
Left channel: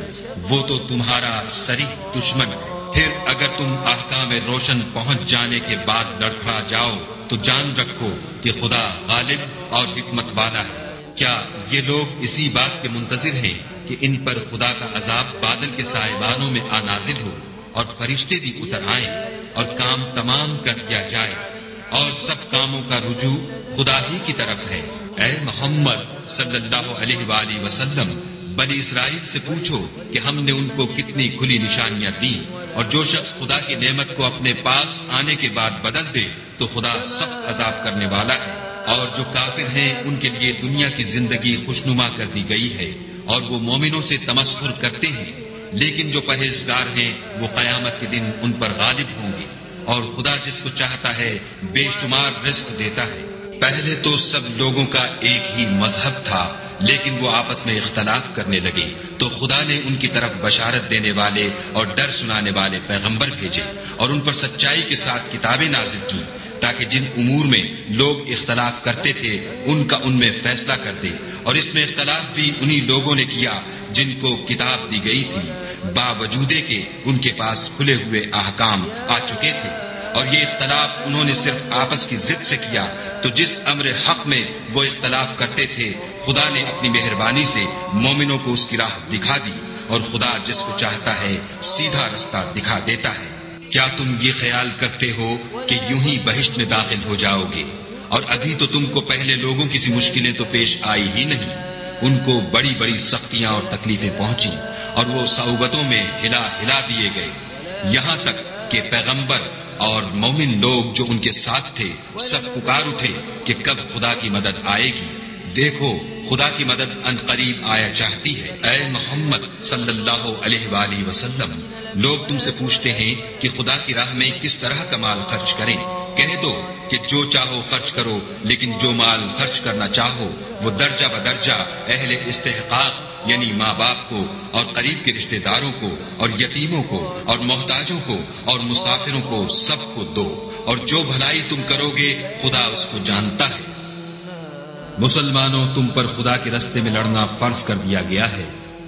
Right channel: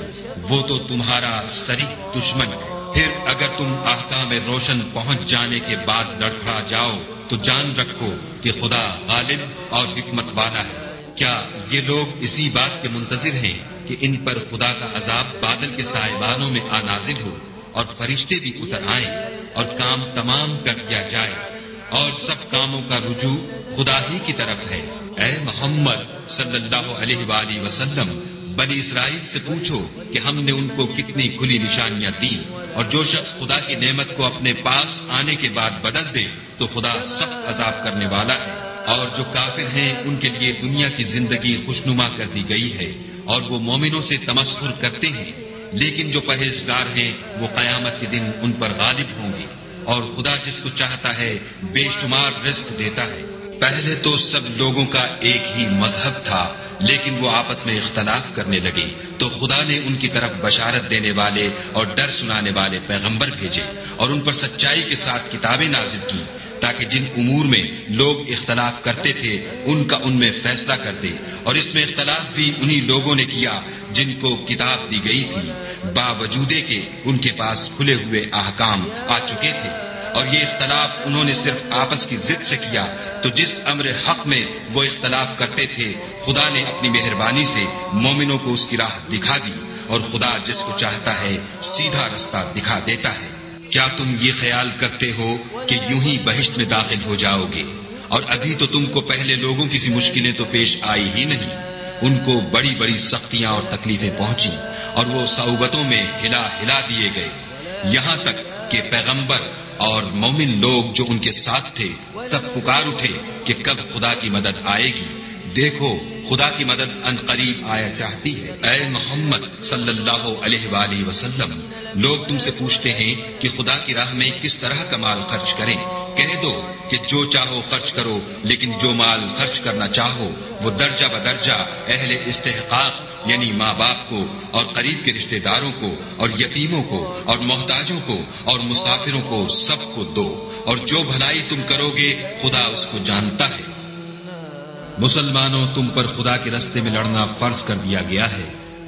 وہ تو تمہارا صریح دشمن ہے۔ پھر اگر تم احکام روشن پہنچ جانے کے بعد لڑکھڑا جاؤ تو جان رکھو کہ خدا غالب اور حکمت والا ہے۔ کیا یہ لوگ اسی بات کے منتظر ہیں کہ ان پر خدا کا عذاب بادل کے سائبانوں میں نازل ہو اور فرشتے بھی اتر آئیں اور کام تمام کر دیا جائے، اور سب کاموں کا رجوع خدا ہی کی طرف ہے؟ اے محمد صلی اللہ علیہ وآلہ وسلم، بنی اسرائیل سے پوچھو کہ ہم نے ان کو کتنی کھلی نشانیاں دی، اور جو شخص خدا کی نعمت کو اپنے پاس آنے کے بعد بدل دے تو خدا سخت عذاب کرنے والا ہے۔ اور جو کافر ہیں ان کے لیے دنیا کی زندگی خوشنما کر دی گئی ہے، اور وہ مومنوں سے تمسخر کرتے ہیں، لیکن جو پرہیزگار ہیں وہ قیامت کے دن ان پر غالب ہوں گے، اور خدا جس کو چاہتا ہے بے شمار رزق دیتا ہے۔ پہلے تو سب لوگوں کا ایک ہی مذہب تھا، لیکن وہ آپس میں اختلاف کرنے لگے تو خدا نے ان کی طرف بشارت دینے والے اور ڈر سنانے والے پیغمبر بھیجے، اور ان پر سچائی کے ساتھ کتابیں نازل کی، تاکہ جن امور میں لوگ اختلاف کرتے تھے ان کا ان میں فیصلہ کر دے۔ اور اس میں اختلاف بھی انہی لوگوں نے کیا جن کو کتاب دی گئی تھی، باوجود کہ ان کے پاس کھلے ہوئے احکام آ چکے تھے، اور یہ اختلاف انہوں نے صرف آپس کی ضد سے کیا۔ تو جس امر حق میں وہ اختلاف کرتے تھے خدا نے اپنی مہربانی سے مومنوں کو اس کی راہ دکھا دی، اور خدا جس کو چاہتا ہے سیدھا رستہ دکھا دیتا ہے۔ کیا تم یہ خیال کرتے ہو کہ یوں ہی بہشت میں داخل ہو جاؤ گے؟ اور ابھی تو تم کو پہلے لوگوں کی سی مشکلیں تو پیش آئی ہی نہیں، ان کو بڑی بڑی سختیاں اور تکلیفیں پہنچی، اور وہ صعوبتوں میں ہلا دیے گئے، یہاں تک کہ پیغمبر اور مومن لوگ جو ان کے ساتھ تھے سب پکار اٹھے کہ کب خدا کی مدد آئے گی۔ دیکھو خدا کی مدد ان قریب آیا چاہتی ہے۔ اے محمد صلی اللہ علیہ وآلہ وسلم، لوگ تم سے پوچھتے ہیں کہ خدا کی راہ میں کس طرح کا مال خرچ کریں۔ کہہ دو کہ جو چاہو خرچ کرو، لیکن جو مال خرچ کرنا چاہو وہ درجہ بدرجہ اہل استحقاق یعنی ماں باپ کو اور قریب کے رشتہ داروں کو اور یتیموں کو اور محتاجوں کو اور مسافروں کو سب کو دو، اور جو بھلائی تم کرو گے خدا اس کو جانتا ہے۔ مسلمانوں، تم پر خدا کے راستے میں لڑنا فرض کر دیا گیا ہے،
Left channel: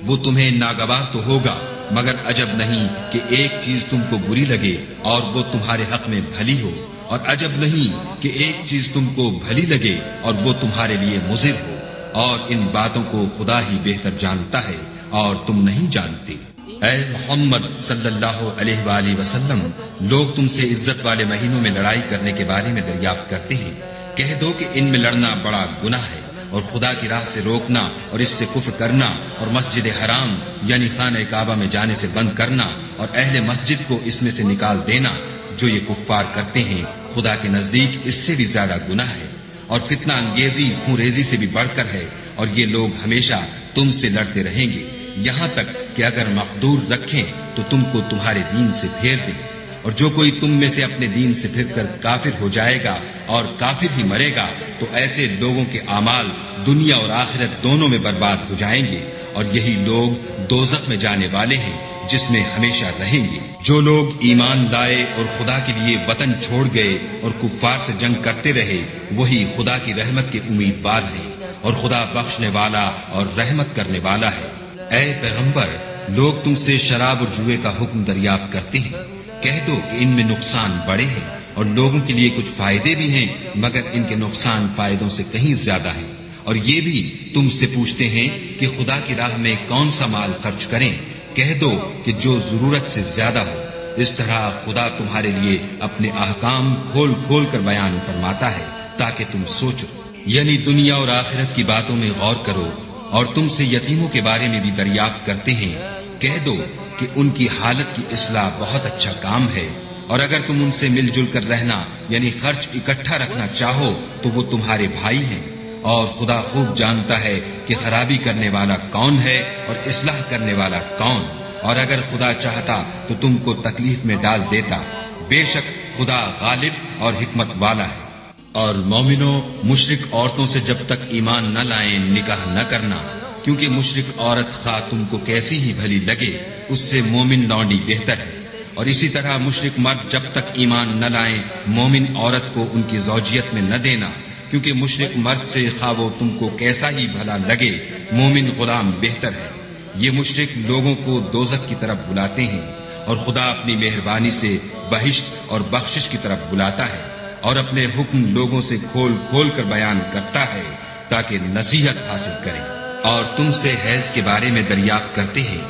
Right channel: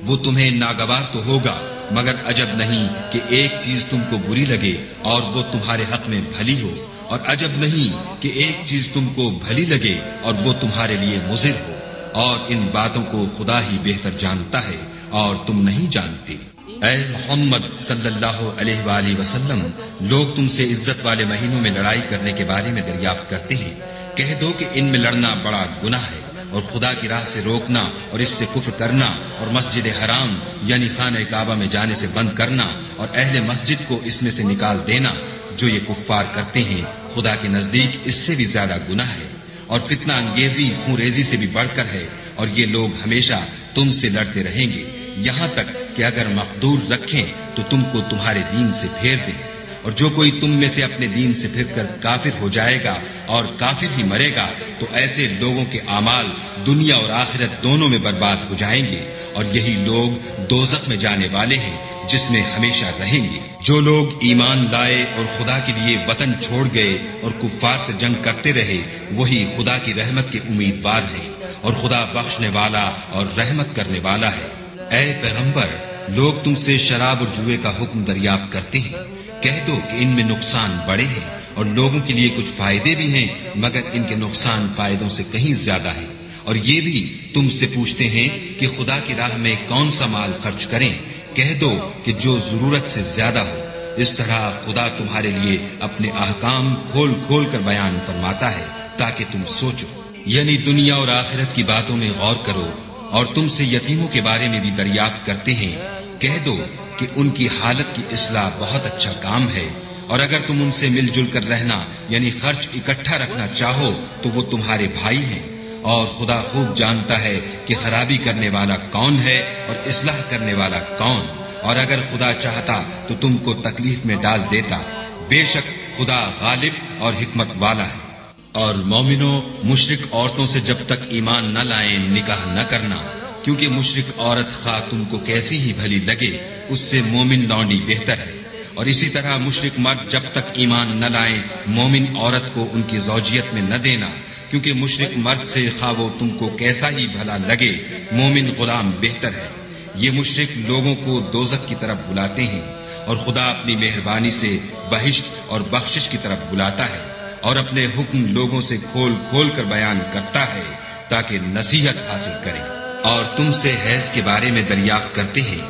وہ تمہیں ناگوار تو ہوگا، مگر عجب نہیں کہ ایک چیز تم کو بری لگے اور وہ تمہارے حق میں بھلی ہو، اور عجب نہیں کہ ایک چیز تم کو بھلی لگے اور وہ تمہارے لیے مضر ہو، اور ان باتوں کو خدا ہی بہتر جانتا ہے اور تم نہیں جانتے۔ اے محمد صلی اللہ علیہ وآلہ وسلم، لوگ تم سے عزت والے مہینوں میں لڑائی کرنے کے بارے میں دریافت کرتے ہیں، کہہ دو کہ ان میں لڑنا بڑا گناہ ہے، اور خدا کی راہ سے روکنا اور اس سے کفر کرنا اور مسجد حرام یعنی خانہ کعبہ میں جانے سے بند کرنا اور اہل مسجد کو اس میں سے نکال دینا، جو یہ کفار کرتے ہیں خدا کے نزدیک اس سے بھی زیادہ گناہ ہے، اور فتنہ انگیزی خون ریزی سے بھی بڑھ کر ہے، اور یہ لوگ ہمیشہ تم سے لڑتے رہیں گے، یہاں تک کہ اگر مقدور رکھیں تو تم کو تمہارے دین سے پھیر دیں، اور جو کوئی تم میں سے اپنے دین سے پھر کر کافر ہو جائے گا اور کافر ہی مرے گا تو ایسے لوگوں کے اعمال دنیا اور آخرت دونوں میں برباد ہو جائیں گے، اور یہی لوگ دوزخ میں جانے والے ہیں جس میں ہمیشہ رہیں گے۔ جو لوگ ایمان لائے اور خدا کے لیے وطن چھوڑ گئے اور کفار سے جنگ کرتے رہے وہی خدا کی رحمت کے امیدوار ہیں، اور خدا بخشنے والا اور رحمت کرنے والا ہے۔ اے پیغمبر، لوگ تم سے شراب اور جوئے کا حکم دریافت کرتے ہیں، کہہ دو کہ ان میں نقصان بڑے ہیں اور لوگوں کے لیے کچھ فائدے بھی ہیں، مگر ان کے نقصان فائدوں سے کہیں زیادہ ہیں۔ اور یہ بھی تم سے پوچھتے ہیں کہ خدا کی راہ میں کون سا مال خرچ کریں، کہہ دو کہ جو ضرورت سے زیادہ ہو۔ اس طرح خدا تمہارے لیے اپنے احکام کھول کھول کر بیان فرماتا ہے تاکہ تم سوچو، یعنی دنیا اور آخرت کی باتوں میں غور کرو۔ اور تم سے یتیموں کے بارے میں بھی دریافت کرتے ہیں، کہہ دو کہ ان کی حالت کی اصلاح بہت اچھا کام ہے، اور اگر تم ان سے مل جل کر رہنا یعنی خرچ اکٹھا رکھنا چاہو تو وہ تمہارے بھائی ہیں، اور خدا خوب جانتا ہے کہ خرابی کرنے والا کون ہے اور اصلاح کرنے والا کون، اور اگر خدا چاہتا تو تم کو تکلیف میں ڈال دیتا، بے شک خدا غالب اور حکمت والا ہے۔ اور مومنوں، مشرک عورتوں سے جب تک ایمان نہ لائیں نکاح نہ کرنا، کیونکہ مشرک عورت خواہ تم کو کیسی ہی بھلی لگے اس سے مومن لونڈی بہتر ہے، اور اسی طرح مشرک مرد جب تک ایمان نہ لائیں مومن عورت کو ان کی زوجیت میں نہ دینا، کیونکہ مشرک مرد سے خواہ وہ تم کو کیسا ہی بھلا لگے مومن غلام بہتر ہے۔ یہ مشرک لوگوں کو دوزخ کی طرف بلاتے ہیں، اور خدا اپنی مہربانی سے بہشت اور بخشش کی طرف بلاتا ہے، اور اپنے حکم لوگوں سے کھول کھول کر بیان کرتا ہے تاکہ نصیحت حاصل کریں۔ اور تم سے حیض کے بارے میں دریافت کرتے ہیں،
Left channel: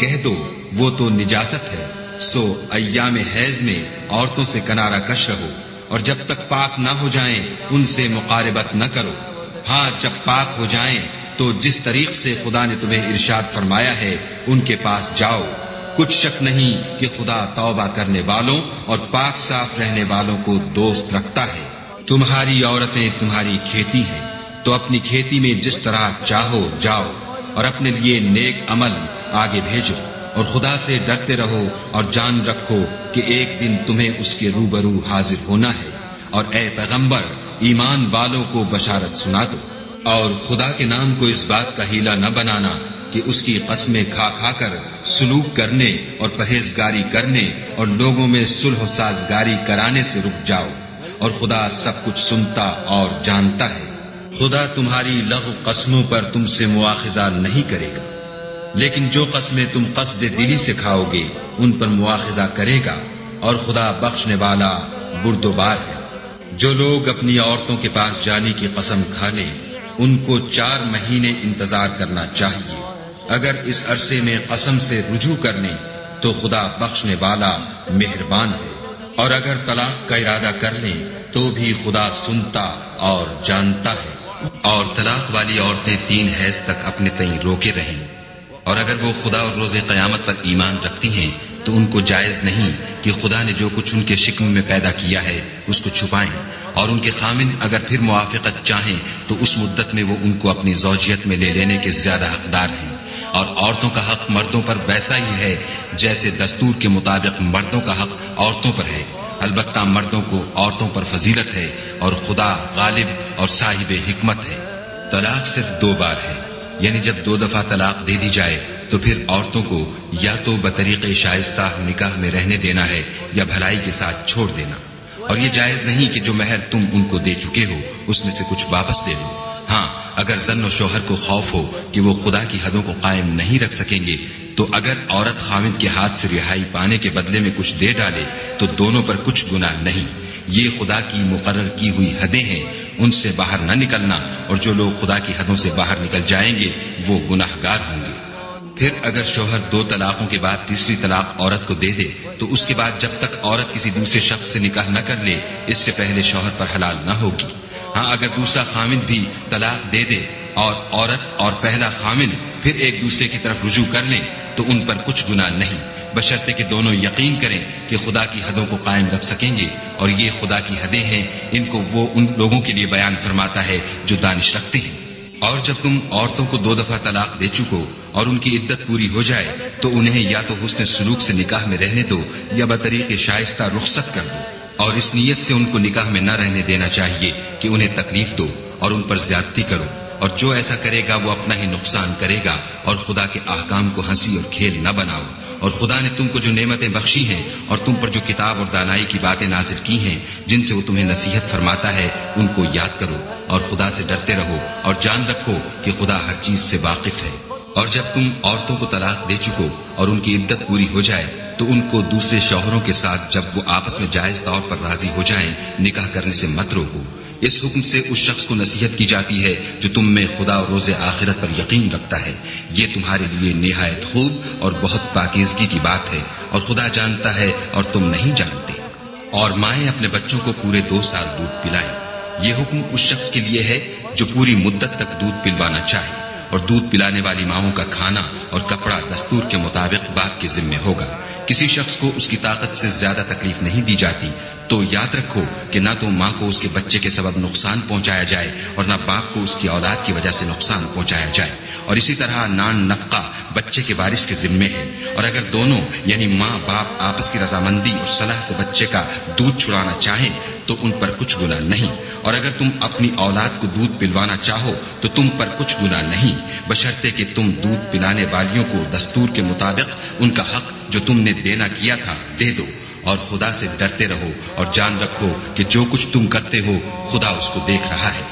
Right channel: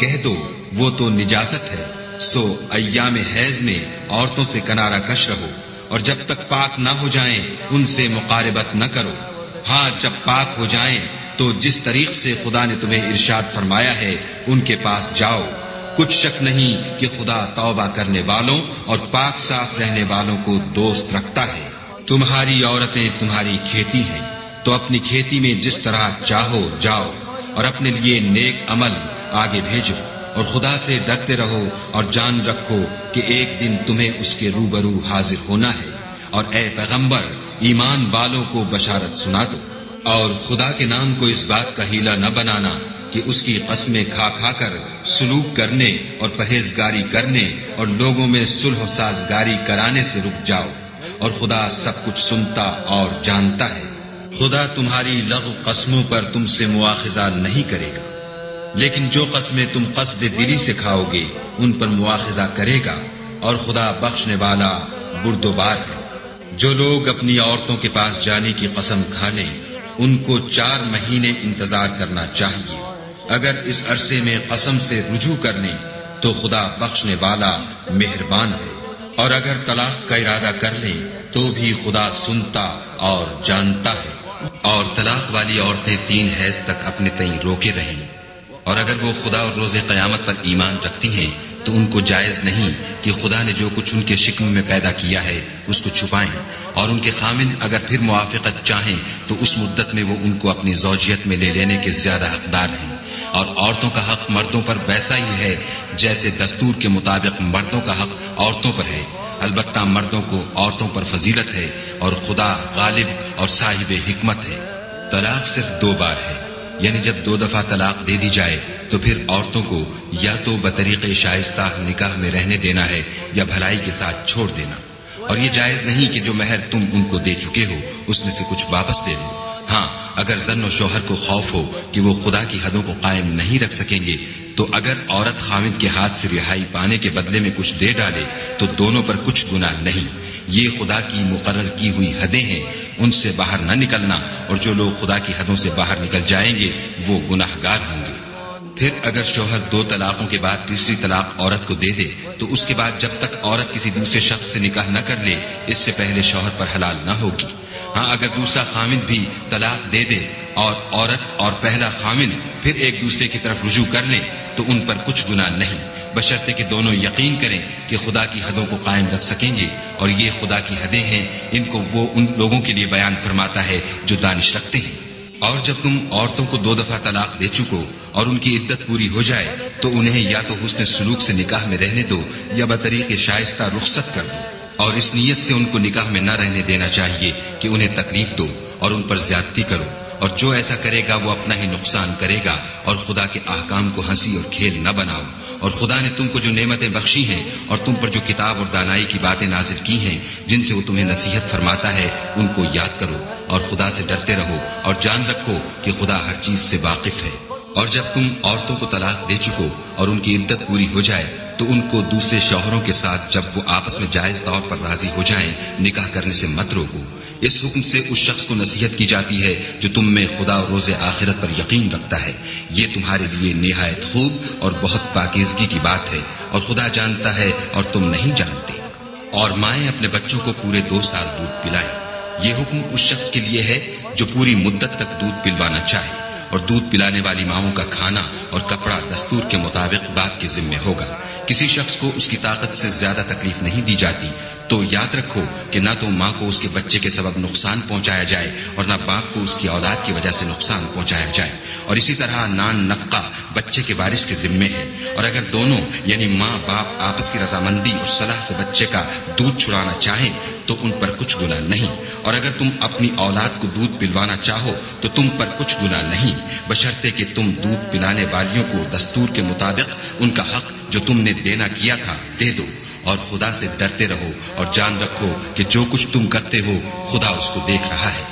کہہ دو وہ تو نجاست ہے، سو ایام حیض میں عورتوں سے کنارہ کش رہو، اور جب تک پاک نہ ہو جائیں ان سے مقاربت نہ کرو۔ ہاں جب پاک ہو جائیں تو جس طریق سے خدا نے تمہیں ارشاد فرمایا ہے ان کے پاس جاؤ، کچھ شک نہیں کہ خدا توبہ کرنے والوں اور پاک صاف رہنے والوں کو دوست رکھتا ہے۔ تمہاری عورتیں تمہاری کھیتی ہیں، تو اپنی کھیتی میں جس طرح چاہو جاؤ، اور اپنے لیے نیک عمل آگے بھیجو، اور خدا سے ڈرتے رہو، اور جان رکھو کہ ایک دن تمہیں اس کے روبرو حاضر ہونا ہے۔ اور اے پیغمبر، ایمان والوں کو بشارت سنا دو، اور خدا کے نام کو اس بات کا ہیلا نہ بنانا کہ اس کی قسمیں کھا کھا کر سلوک کرنے اور پرہیزگاری کرنے اور لوگوں میں صلح و سازگاری کرانے سے رک جاؤ، اور خدا سب کچھ سنتا اور جانتا ہے۔ خدا تمہاری لغو قسموں پر تم سے مواخذہ نہیں کرے گا، لیکن جو قسمیں تم قصد دلی سے کھاؤ گے ان پر مواخذہ کرے گا، اور خدا بخشنے والا بردبار ہے۔ جو لوگ اپنی عورتوں کے پاس جانے کی قسم کھا لیں ان کو 4 مہینے انتظار کرنا چاہیے، اگر اس عرصے میں قسم سے رجوع کر لیں تو خدا بخشنے والا مہربان ہے، اور اگر طلاق کا ارادہ کر لیں تو بھی خدا سنتا اور جانتا ہے۔ اور طلاق والی عورتیں 3 حیض تک اپنے تئیں روکے رہیں، اور اگر وہ خدا اور روز قیامت پر ایمان رکھتی ہیں تو ان کو جائز نہیں کہ خدا نے جو کچھ ان کے شکم میں پیدا کیا ہے اس کو چھپائیں، اور ان کے خامن اگر پھر موافقت چاہیں تو اس مدت میں وہ ان کو اپنی زوجیت میں لے لینے کے زیادہ حقدار ہیں۔ اور عورتوں کا حق مردوں پر ویسا ہی ہے جیسے دستور کے مطابق مردوں کا حق عورتوں پر ہے، البتہ مردوں کو عورتوں پر فضیلت ہے، اور خدا غالب اور صاحب حکمت ہے۔ طلاق صرف 2 بار ہے، یعنی جب 2 دفعہ طلاق دے دی جائے تو پھر عورتوں کو یا تو بطریق شائستہ نکاح میں رہنے دینا ہے یا بھلائی کے ساتھ چھوڑ دینا، اور یہ جائز نہیں کہ جو مہر تم ان کو دے چکے ہو اس میں سے کچھ واپس دے دو۔ ہاں اگر زن و شوہر کو خوف ہو کہ وہ خدا کی حدوں کو قائم نہیں رکھ سکیں گے تو اگر عورت خاوند کے ہاتھ سے رہائی پانے کے بدلے میں کچھ دے ڈالے تو دونوں پر کچھ گناہ نہیں، یہ خدا کی مقرر کی ہوئی حدیں ہیں، ان سے باہر نہ نکلنا، اور جو لوگ خدا کی حدوں سے باہر نکل جائیں گے وہ گناہگار ہوں گے۔ پھر اگر شوہر 2 طلاقوں کے بعد تیسری طلاق عورت کو دے دے تو اس کے بعد جب تک عورت کسی دوسرے شخص سے نکاح نہ کر لے اس سے پہلے شوہر پر حلال نہ ہوگی۔ ہاں اگر دوسرا خامند بھی طلاق دے دے اور عورت اور پہلا خامند پھر ایک دوسرے کی طرف رجوع کر لیں تو ان پر کچھ گناہ نہیں، بشرطے کہ دونوں یقین کریں کہ خدا کی حدوں کو قائم رکھ سکیں گے، اور یہ خدا کی حدیں ہیں، ان کو وہ ان لوگوں کے لیے بیان فرماتا ہے جو دانش رکھتے ہیں۔ اور جب تم عورتوں کو 2 دفعہ طلاق دے چکو اور ان کی عدت پوری ہو جائے تو انہیں یا تو حسن سلوک سے نکاح میں رہنے دو یا بطریق شائستہ رخصت کر دو، اور اس نیت سے ان کو نکاح میں نہ رہنے دینا چاہیے کہ انہیں تکلیف دو اور ان پر زیادتی کرو، اور جو ایسا کرے گا وہ اپنا ہی نقصان کرے گا، اور خدا کے احکام کو ہنسی اور کھیل نہ بناؤ، اور خدا نے تم کو جو نعمتیں بخشی ہیں اور تم پر جو کتاب اور دانائی کی باتیں نازل کی ہیں جن سے وہ تمہیں نصیحت فرماتا ہے ان کو یاد کرو اور خدا سے ڈرتے رہو اور جان رکھو کہ خدا ہر چیز سے واقف ہے۔ اور جب تم عورتوں کو طلاق دے چکو اور ان کی عدت پوری ہو جائے تو ان کو دوسرے شوہروں کے ساتھ جب وہ آپس میں جائز طور پر راضی ہو جائیں نکاح کرنے سے مت روکو۔ اس حکم سے اس شخص کو نصیحت کی جاتی ہے جو تم میں خدا اور روز آخرت پر یقین رکھتا ہے، یہ تمہارے لیے نہایت خوب اور بہت پاکیزگی کی بات ہے، اور خدا جانتا ہے اور تم نہیں جانتے۔ اور مائیں اپنے بچوں کو پورے 2 سال دودھ پلائیں، یہ حکم اس شخص کے لیے ہے جو پوری مدت تک دودھ پلوانا چاہے، اور دودھ پلانے والی ماؤں کا کھانا اور کپڑا دستور کے مطابق باپ کے ذمے ہوگا۔ کسی شخص کو اس کی طاقت سے زیادہ تکلیف نہیں دی جاتی، تو یاد رکھو کہ نہ تو ماں کو اس کے بچے کے سبب نقصان پہنچایا جائے اور نہ باپ کو اس کی اولاد کی وجہ سے نقصان پہنچایا جائے، اور اسی طرح نان نفقہ بچے کے وارث کے ذمے ہے۔ اور اگر دونوں یعنی ماں باپ آپس کی رضامندی اور صلاح سے بچے کا دودھ چھڑانا چاہیں تو ان پر کچھ گناہ نہیں، اور اگر تم اپنی اولاد کو دودھ پلوانا چاہو تو تم پر کچھ گناہ نہیں، بشرطے کہ تم دودھ پلانے والیوں کو دستور کے مطابق ان کا حق جو تم نے دینا کیا تھا دے دو، اور خدا سے ڈرتے رہو اور جان رکھو کہ جو کچھ تم کرتے ہو خدا اس کو دیکھ رہا ہے۔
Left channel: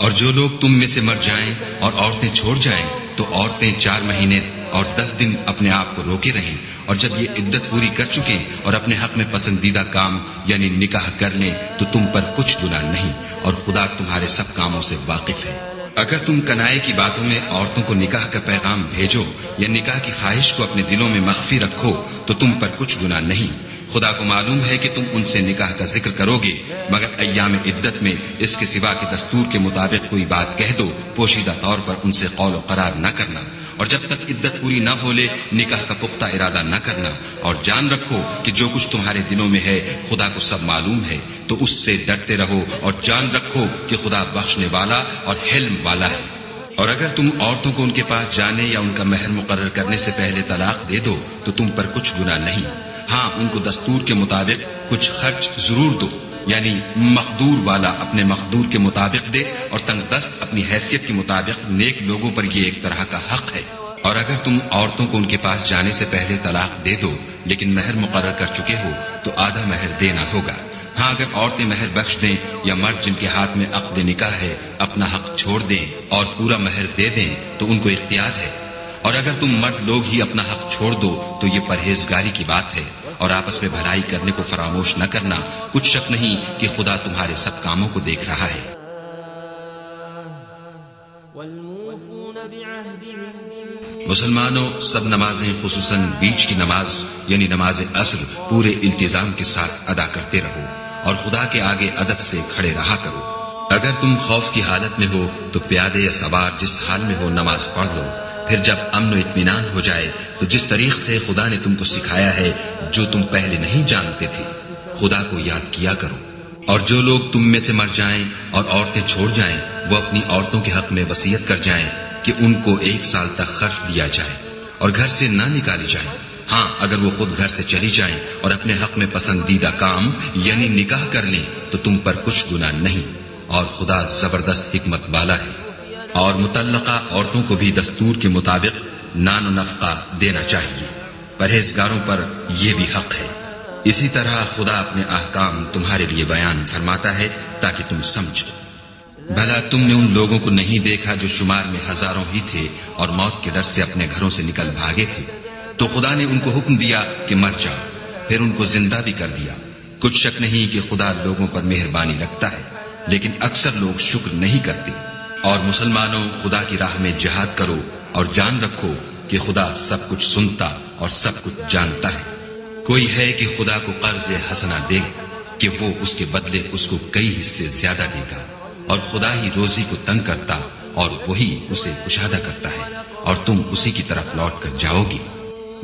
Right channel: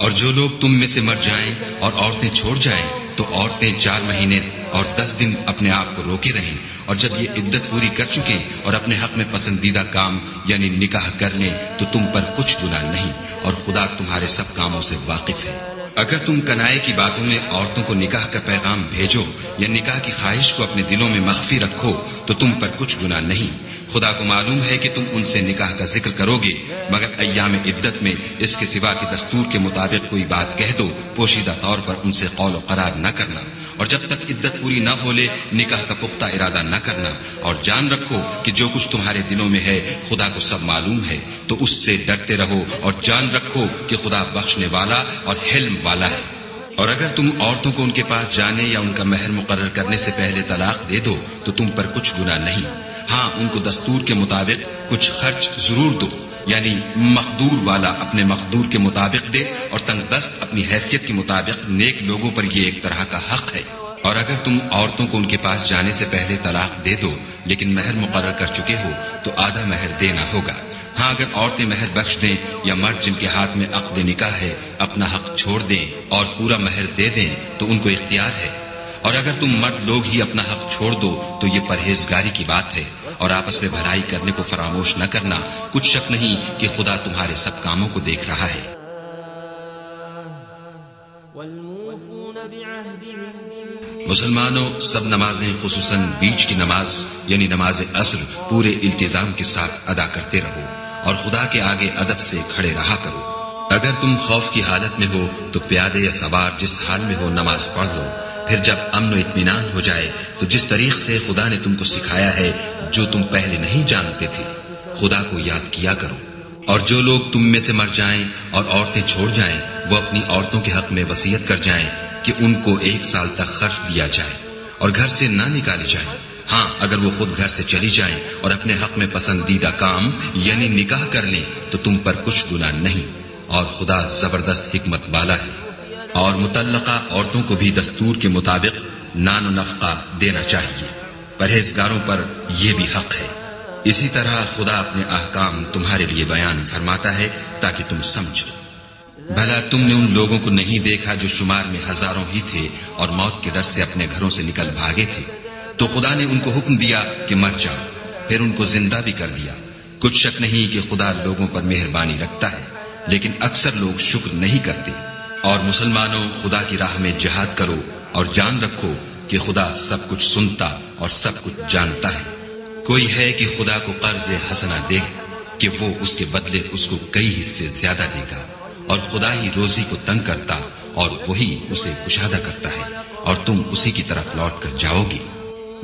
اور جو لوگ تم میں سے مر جائیں اور عورتیں چھوڑ جائیں تو عورتیں 4 مہینے اور 10 دن اپنے آپ کو روکے رہیں، اور جب یہ عدت پوری کر چکیں اور اپنے حق میں پسندیدہ کام یعنی نکاح کر لیں تو تم پر کچھ گناہ نہیں، اور خدا تمہارے سب کاموں سے واقف ہے۔ اگر تم کنائے کی باتوں میں عورتوں کو نکاح کا پیغام بھیجو یا نکاح کی خواہش کو اپنے دلوں میں مخفی رکھو تو تم پر کچھ گناہ نہیں۔ خدا کو معلوم ہے کہ تم ان سے نکاح کا ذکر کرو گے، مگر ایام عدت میں اس کے سوا کہ دستور کے مطابق کوئی بات کہہ دو، پوشیدہ طور پر ان سے قول و قرار نہ کرنا، اور جب تک عدت پوری نہ ہو لے نکاح کا پختہ ارادہ نہ کرنا، اور جان رکھو کہ جو کچھ تمہارے دلوں میں ہے خدا کو سب معلوم ہے، تو اس سے ڈرتے رہو اور جان رکھو کہ خدا بخشنے والا اور حلم والا ہے۔ اور اگر تم عورتوں کو ان کے پاس جانے یا ان کا مہر مقرر کرنے سے پہلے طلاق دے دو تو تم پر کچھ گناہ نہیں، ہاں ان کو دستور کے مطابق کچھ خرچ ضرور دو، یعنی مقدور والا اپنے مقدور کے مطابق دے اور تنگ دست اپنی حیثیت کے مطابق، نیک لوگوں پر یہ ایک طرح کا حق ہے۔ اور اگر تم عورتوں کو ان کے پاس جانے سے پہلے طلاق دے دو لیکن مہر مقرر کر چکے ہو تو آدھا مہر دینا ہوگا۔ ہاں اگر عورتیں مہر بخش دیں یا مرد جن کے ہاتھ میں عقد نکاح ہے اپنا حق چھوڑ دیں اور پورا مہر دے دیں تو ان کو اختیار ہے۔ اور اگر تم مرد لوگ ہی اپنا حق چھوڑ دو تو یہ پرہیزگاری کی بات ہے، اور آپس میں بھلائی کرنے کو فراموش نہ کرنا، کچھ شک نہیں کہ خدا تمہارے سب کاموں کو دیکھ رہا ہے۔ مسلمانوں، سب نمازیں خصوصاً بیچ کی نماز یعنی نماز عصر پورے التزام کے ساتھ ادا کرتے رہو اور خدا کے آگے ادب سے کھڑے رہا کرو۔ اگر تم خوف کی حالت میں ہو تو پیادے یا سوار جس حال میں ہو نماز پڑھ لو، پھر جب امن و اطمینان ہو جائے تو جس طریق سے خدا نے تم کو سکھایا ہے جو تم پہلے نہیں جانتے تھے خدا کو یاد کیا کرو۔ اور جو لوگ تم میں سے مر جائیں اور عورتیں چھوڑ جائیں وہ اپنی عورتوں کے حق میں وصیت کر جائیں کہ ان کو 1 سال تک خرچ دیا جائے اور گھر سے نہ نکالی جائے، ہاں اگر وہ خود گھر سے چلی جائیں اور اپنے حق میں پسندیدہ کام یعنی نکاح کر لیں تو تم پر کچھ گناہ نہیں، اور خدا زبردست حکمت والا ہے۔ اور مطلقہ عورتوں کو بھی دستور کے مطابق نان و نفقہ دینا چاہیے، پرہیزگاروں پر یہ بھی حق ہے۔ اسی طرح خدا اپنے احکام تمہارے لیے بیان فرماتا ہے تاکہ تم سمجھو۔ بھلا تم نے ان لوگوں کو نہیں دیکھا جو شمار میں ہزاروں ہی تھے اور موت کے ڈر سے اپنے گھروں سے نکل بھاگے تھے، تو خدا نے ان کو حکم دیا کہ مر جاؤ، پھر ان کو زندہ بھی کر دیا۔ کچھ شک نہیں کہ خدا لوگوں پر مہربانی رکھتا ہے، لیکن اکثر لوگ شکر نہیں کرتے۔ اور مسلمانوں، خدا کی راہ میں جہاد کرو اور جان رکھو کہ خدا سب کچھ سنتا اور سب کچھ جانتا ہے۔ کوئی ہے کہ خدا کو قرض حسنہ دے کہ وہ اس کے بدلے اس کو کئی حصے زیادہ دے گا، اور خدا ہی روزی کو تنگ کرتا اور وہی اسے کشادہ کرتا ہے، اور تم اسی کی طرف لوٹ کر جاؤ گے۔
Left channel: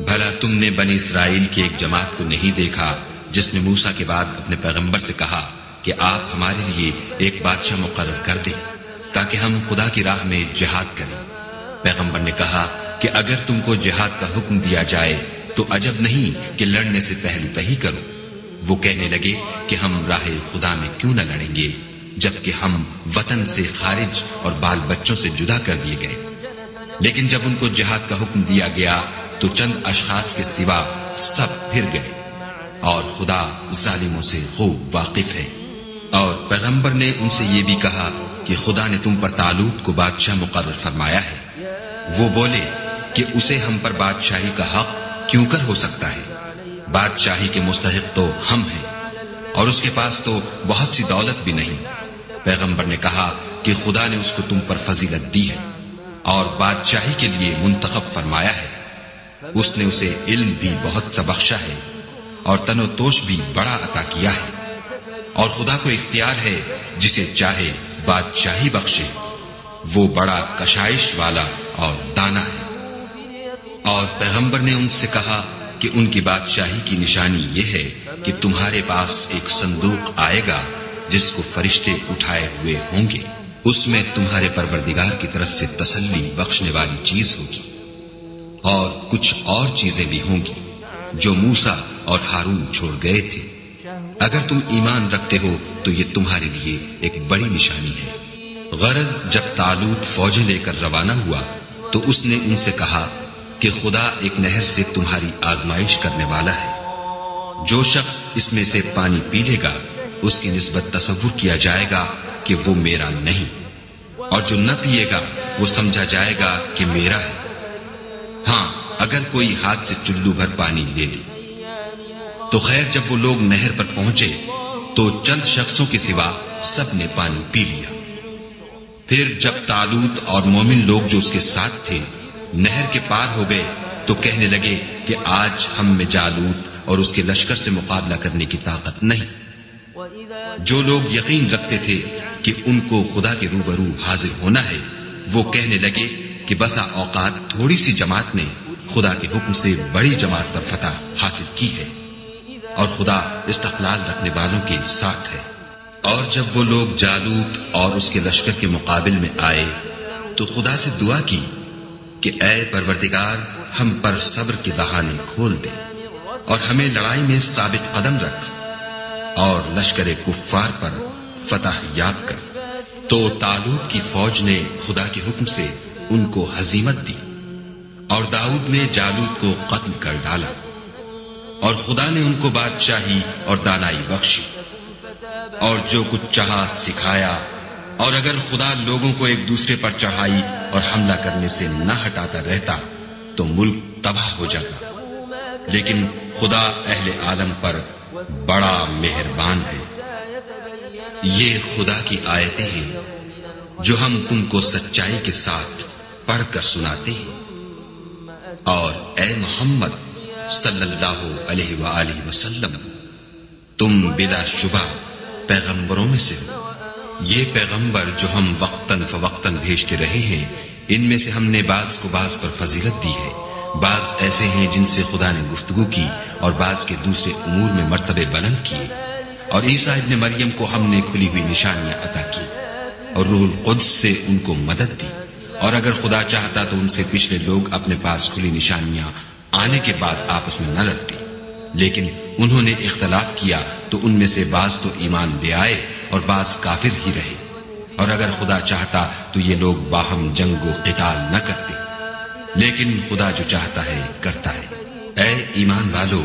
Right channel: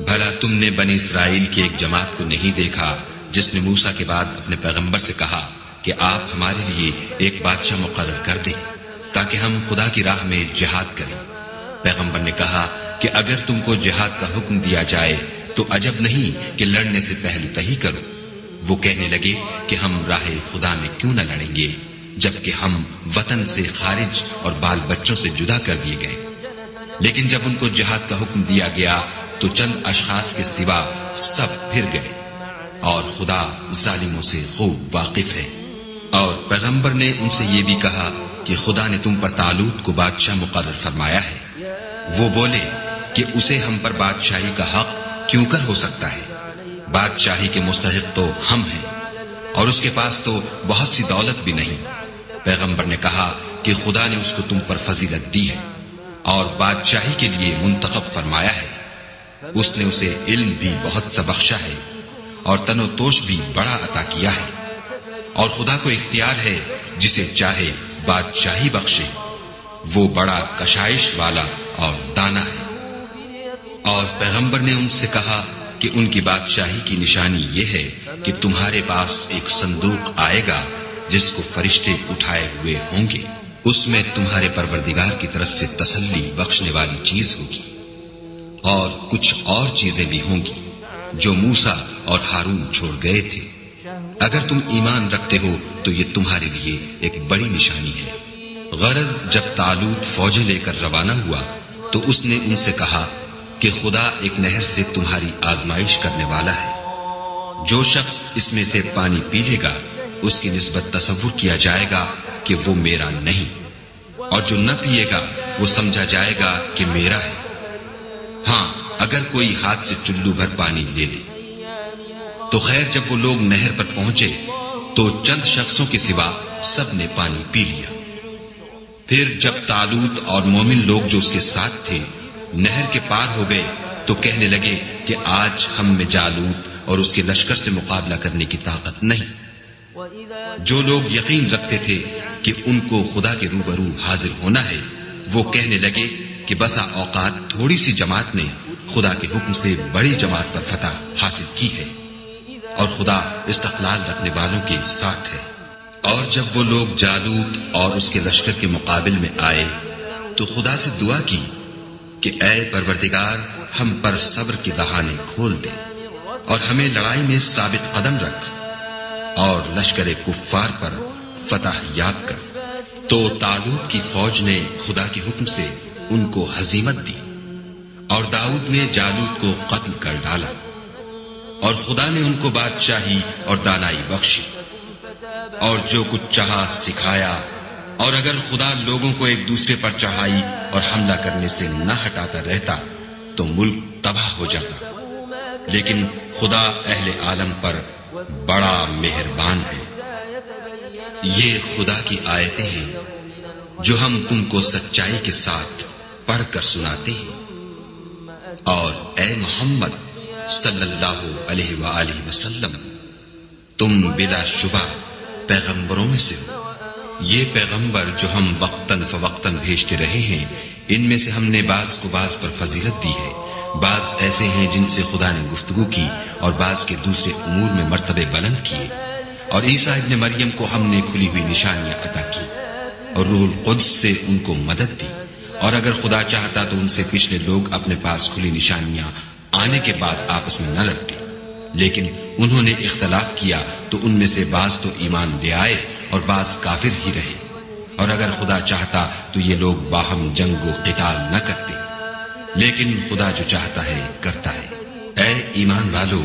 بھلا تم نے بنی اسرائیل کی ایک جماعت کو نہیں دیکھا جس نے موسیٰ کے بعد اپنے پیغمبر سے کہا کہ آپ ہمارے لیے ایک بادشاہ مقرر کر دیں تاکہ ہم خدا کی راہ میں جہاد کریں؟ پیغمبر نے کہا کہ اگر تم کو جہاد کا حکم دیا جائے تو عجب نہیں کہ لڑنے سے پہلو تہی کرو۔ وہ کہنے لگے کہ ہم راہ خدا میں کیوں نہ لڑیں گے جبکہ ہم وطن سے خارج اور بال بچوں سے جدا کر دیے گئے۔ لیکن جب ان کو جہاد کا حکم دیا گیا تو چند اشخاص کے سوا سب پھر گئے، اور خدا ظالموں سے خوب واقف ہے۔ اور پیغمبر نے ان سے یہ بھی کہا کہ خدا نے تم پر طالوت کو بادشاہ مقرر فرمایا ہے۔ وہ بولے کہ اسے ہم پر بادشاہی کا حق کیوں کر ہو سکتا ہے؟ بادشاہی کے مستحق تو ہم ہیں، اور اس کے پاس تو بہت سی دولت بھی نہیں۔ پیغمبر نے کہا کہ خدا نے اس کو تم پر فضیلت دی ہے اور بادشاہی کے لیے منتخب فرمایا ہے۔ اس نے اسے علم بھی بہت سا بخشا ہے اور تن و توش بھی بڑا عطا کیا ہے، اور خدا کو اختیار ہے جسے چاہے بادشاہی بخشے۔ وہ بڑا کشائش والا اور دانا ہے۔ اور پیغمبر نے ان سے کہا کہ ان کی بادشاہی کی نشانی یہ ہے کہ تمہارے پاس ایک صندوق آئے گا جس کو فرشتے اٹھائے ہوئے ہوں گے، اس میں تمہارے پروردگار کی طرف سے تسلی بخشنے والی چیز ہوگی، اور کچھ اور چیزیں بھی ہوں گی جو موسیٰ اور ہارون چھوڑ گئے تھے۔ اگر تم ایمان رکھتے ہو تو یہ تمہارے لیے ایک بڑی نشانی ہے۔ غرض جب طالوت فوجیں لے کر روانہ ہوا تو اس نے ان سے کہا کہ خدا ایک نہر سے تمہاری آزمائش کرنے والا ہے۔ جو شخص اس میں سے پانی پی لے گا اس کی نسبت تصور کیا جائے گا کہ وہ میرا نہیں، اور جو نہ پیے گا وہ سمجھا جائے گا کہ میرا ہے۔ ہاں، اگر کوئی ہاتھ سے چلو بھر پانی لے لے تو خیر، جب وہ لوگ نہر پر پہنچے تو چند شخصوں کے سوا سب نے پانی پی لیا۔ پھر جب طالوت اور مومن لوگ جو اس کے ساتھ تھے نہر کے پار ہو گئے تو کہنے لگے کہ آج ہم میں جالوت اور اس کے لشکر سے مقابلہ کرنے کی طاقت نہیں۔ جو لوگ یقین رکھتے تھے کہ ان کو خدا کے روبرو حاضر ہونا ہے، وہ کہنے لگے کہ بسا اوقات تھوڑی سی جماعت نے خدا کے حکم سے بڑی جماعت پر فتح حاصل کی ہے، اور خدا استقلال رکھنے والوں کے ساتھ ہے۔ اور جب وہ لوگ جالوت اور اس کے لشکر کے مقابل میں آئے تو خدا سے دعا کی کہ اے پروردگار، ہم پر صبر کے دہانے کھول دے اور ہمیں لڑائی میں ثابت قدم رکھ، اور لشکر کفار پر فتح یاب کر۔ تو طالوت کی فوج نے خدا کے حکم سے ان کو ہزیمت دی، اور داؤد نے جالوت کو قتل کر ڈالا، اور خدا نے ان کو بادشاہی اور دانائی بخشی، اور جو کچھ چاہا سکھایا۔ اور اگر خدا لوگوں کو ایک دوسرے پر چڑھائی اور حملہ کرنے سے نہ ہٹاتا رہتا تو ملک تباہ ہو جاتا، لیکن خدا اہل عالم پر بڑا مہربان ہے۔ یہ خدا کی آیتیں ہیں جو ہم تم کو سچائی کے ساتھ پڑھ کر سناتے ہیں۔ اور اے محمد صلی اللہ علیہ وآلہ وسلم، تم بلا شبہ پیغمبروں میں سے ہو۔ یہ پیغمبر جو ہم وقتاً فوقتاً بھیجتے رہے ہیں، ان میں سے ہم نے بعض کو بعض پر فضیلت دی ہے۔ بعض ایسے ہیں جن سے خدا نے گفتگو کی، اور بعض کے دوسرے امور میں مرتبے بلند کیے۔ اور عیسیٰ ابن مریم کو ہم نے کھلی ہوئی نشانیاں عطا کی، اور روح القدس سے ان کو مدد دی۔ اور اگر خدا چاہتا تو ان سے پچھلے لوگ اپنے پاس کھلی نشانیاں آنے کے بعد آپس میں نہ لڑتے، لیکن انہوں نے اختلاف کیا تو ان میں سے بعض تو ایمان لے آئے اور بعض کافر ہی رہے۔ اور اگر خدا چاہتا تو یہ لوگ باہم جنگ و قتال نہ کرتے، لیکن خدا جو چاہتا ہے کرتا ہے۔ اے ایمان والو،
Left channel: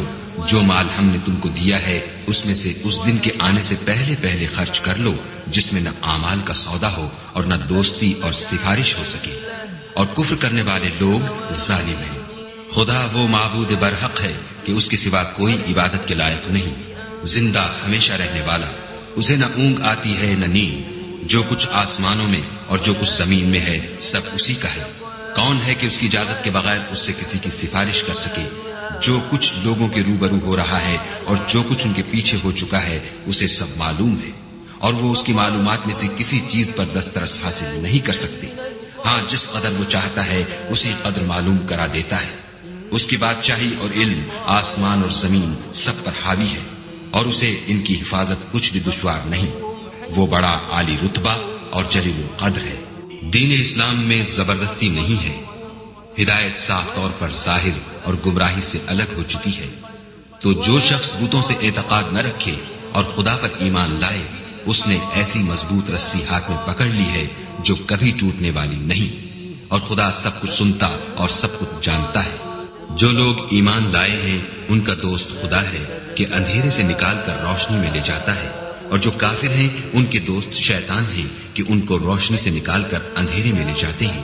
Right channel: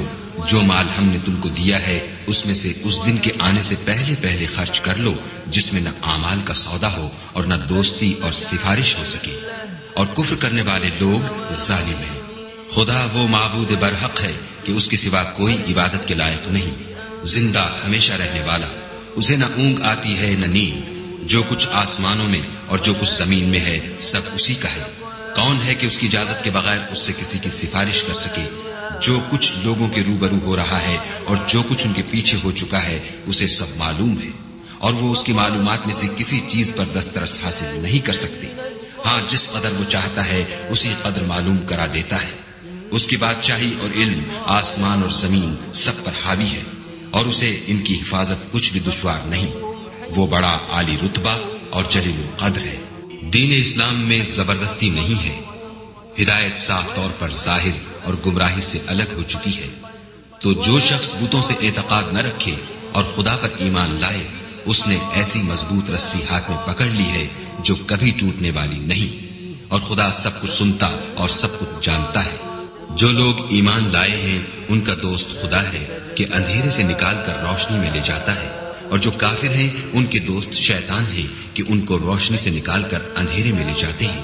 جو مال ہم نے تم کو دیا ہے اس میں سے اس دن کے آنے سے پہلے پہلے خرچ کر لو جس میں نہ اعمال کا سودا ہو اور نہ دوستی اور سفارش ہو سکے، اور کفر کرنے والے لوگ ظالم ہیں۔ خدا وہ معبود برحق ہے کہ اس کے سوا کوئی عبادت کے لائق نہیں، زندہ ہمیشہ رہنے والا، اسے نہ اونگ آتی ہے نہ نیند۔ جو کچھ آسمانوں میں اور جو کچھ زمین میں ہے سب اسی کا ہے۔ کون ہے کہ اس کی اجازت کے بغیر اس سے کسی کی سفارش کر سکے؟ جو کچھ لوگوں کے روبرو ہو رہا ہے اور جو کچھ ان کے پیچھے ہو چکا ہے اسے سب معلوم ہے، اور وہ اس کی معلومات میں سے کسی چیز پر دسترس حاصل نہیں کر سکتے۔ ہاں، جس قدر وہ چاہتا ہے اسی قدر معلوم کرا دیتا ہے۔ اس کی بادشاہی اور علم آسمان اور زمین سب پر حاوی ہے، اور اسے ان کی حفاظت کچھ بھی دشوار نہیں۔ وہ بڑا عالی رتبہ اور جلیل القدر ہے۔ دین اسلام میں زبردستی نہیں ہے، ہدایت صاف طور پر ظاہر اور گمراہی سے الگ ہو چکی ہے۔ تو جو شخص بتوں سے اعتقاد نہ رکھے اور خدا پر ایمان لائے، اس نے ایسی مضبوط رسی ہاتھ میں پکڑ لی ہے جو کبھی ٹوٹنے والی نہیں، اور خدا سب کچھ سنتا اور سب کچھ جانتا ہے۔ جو لوگ ایمان لائے ہیں ان کا دوست خدا ہے کہ اندھیرے سے نکال کر روشنی میں لے جاتا ہے، اور جو کافر ہیں ان کے دوست شیطان ہیں کہ ان کو روشنی سے نکال کر اندھیرے میں لے جاتے ہیں۔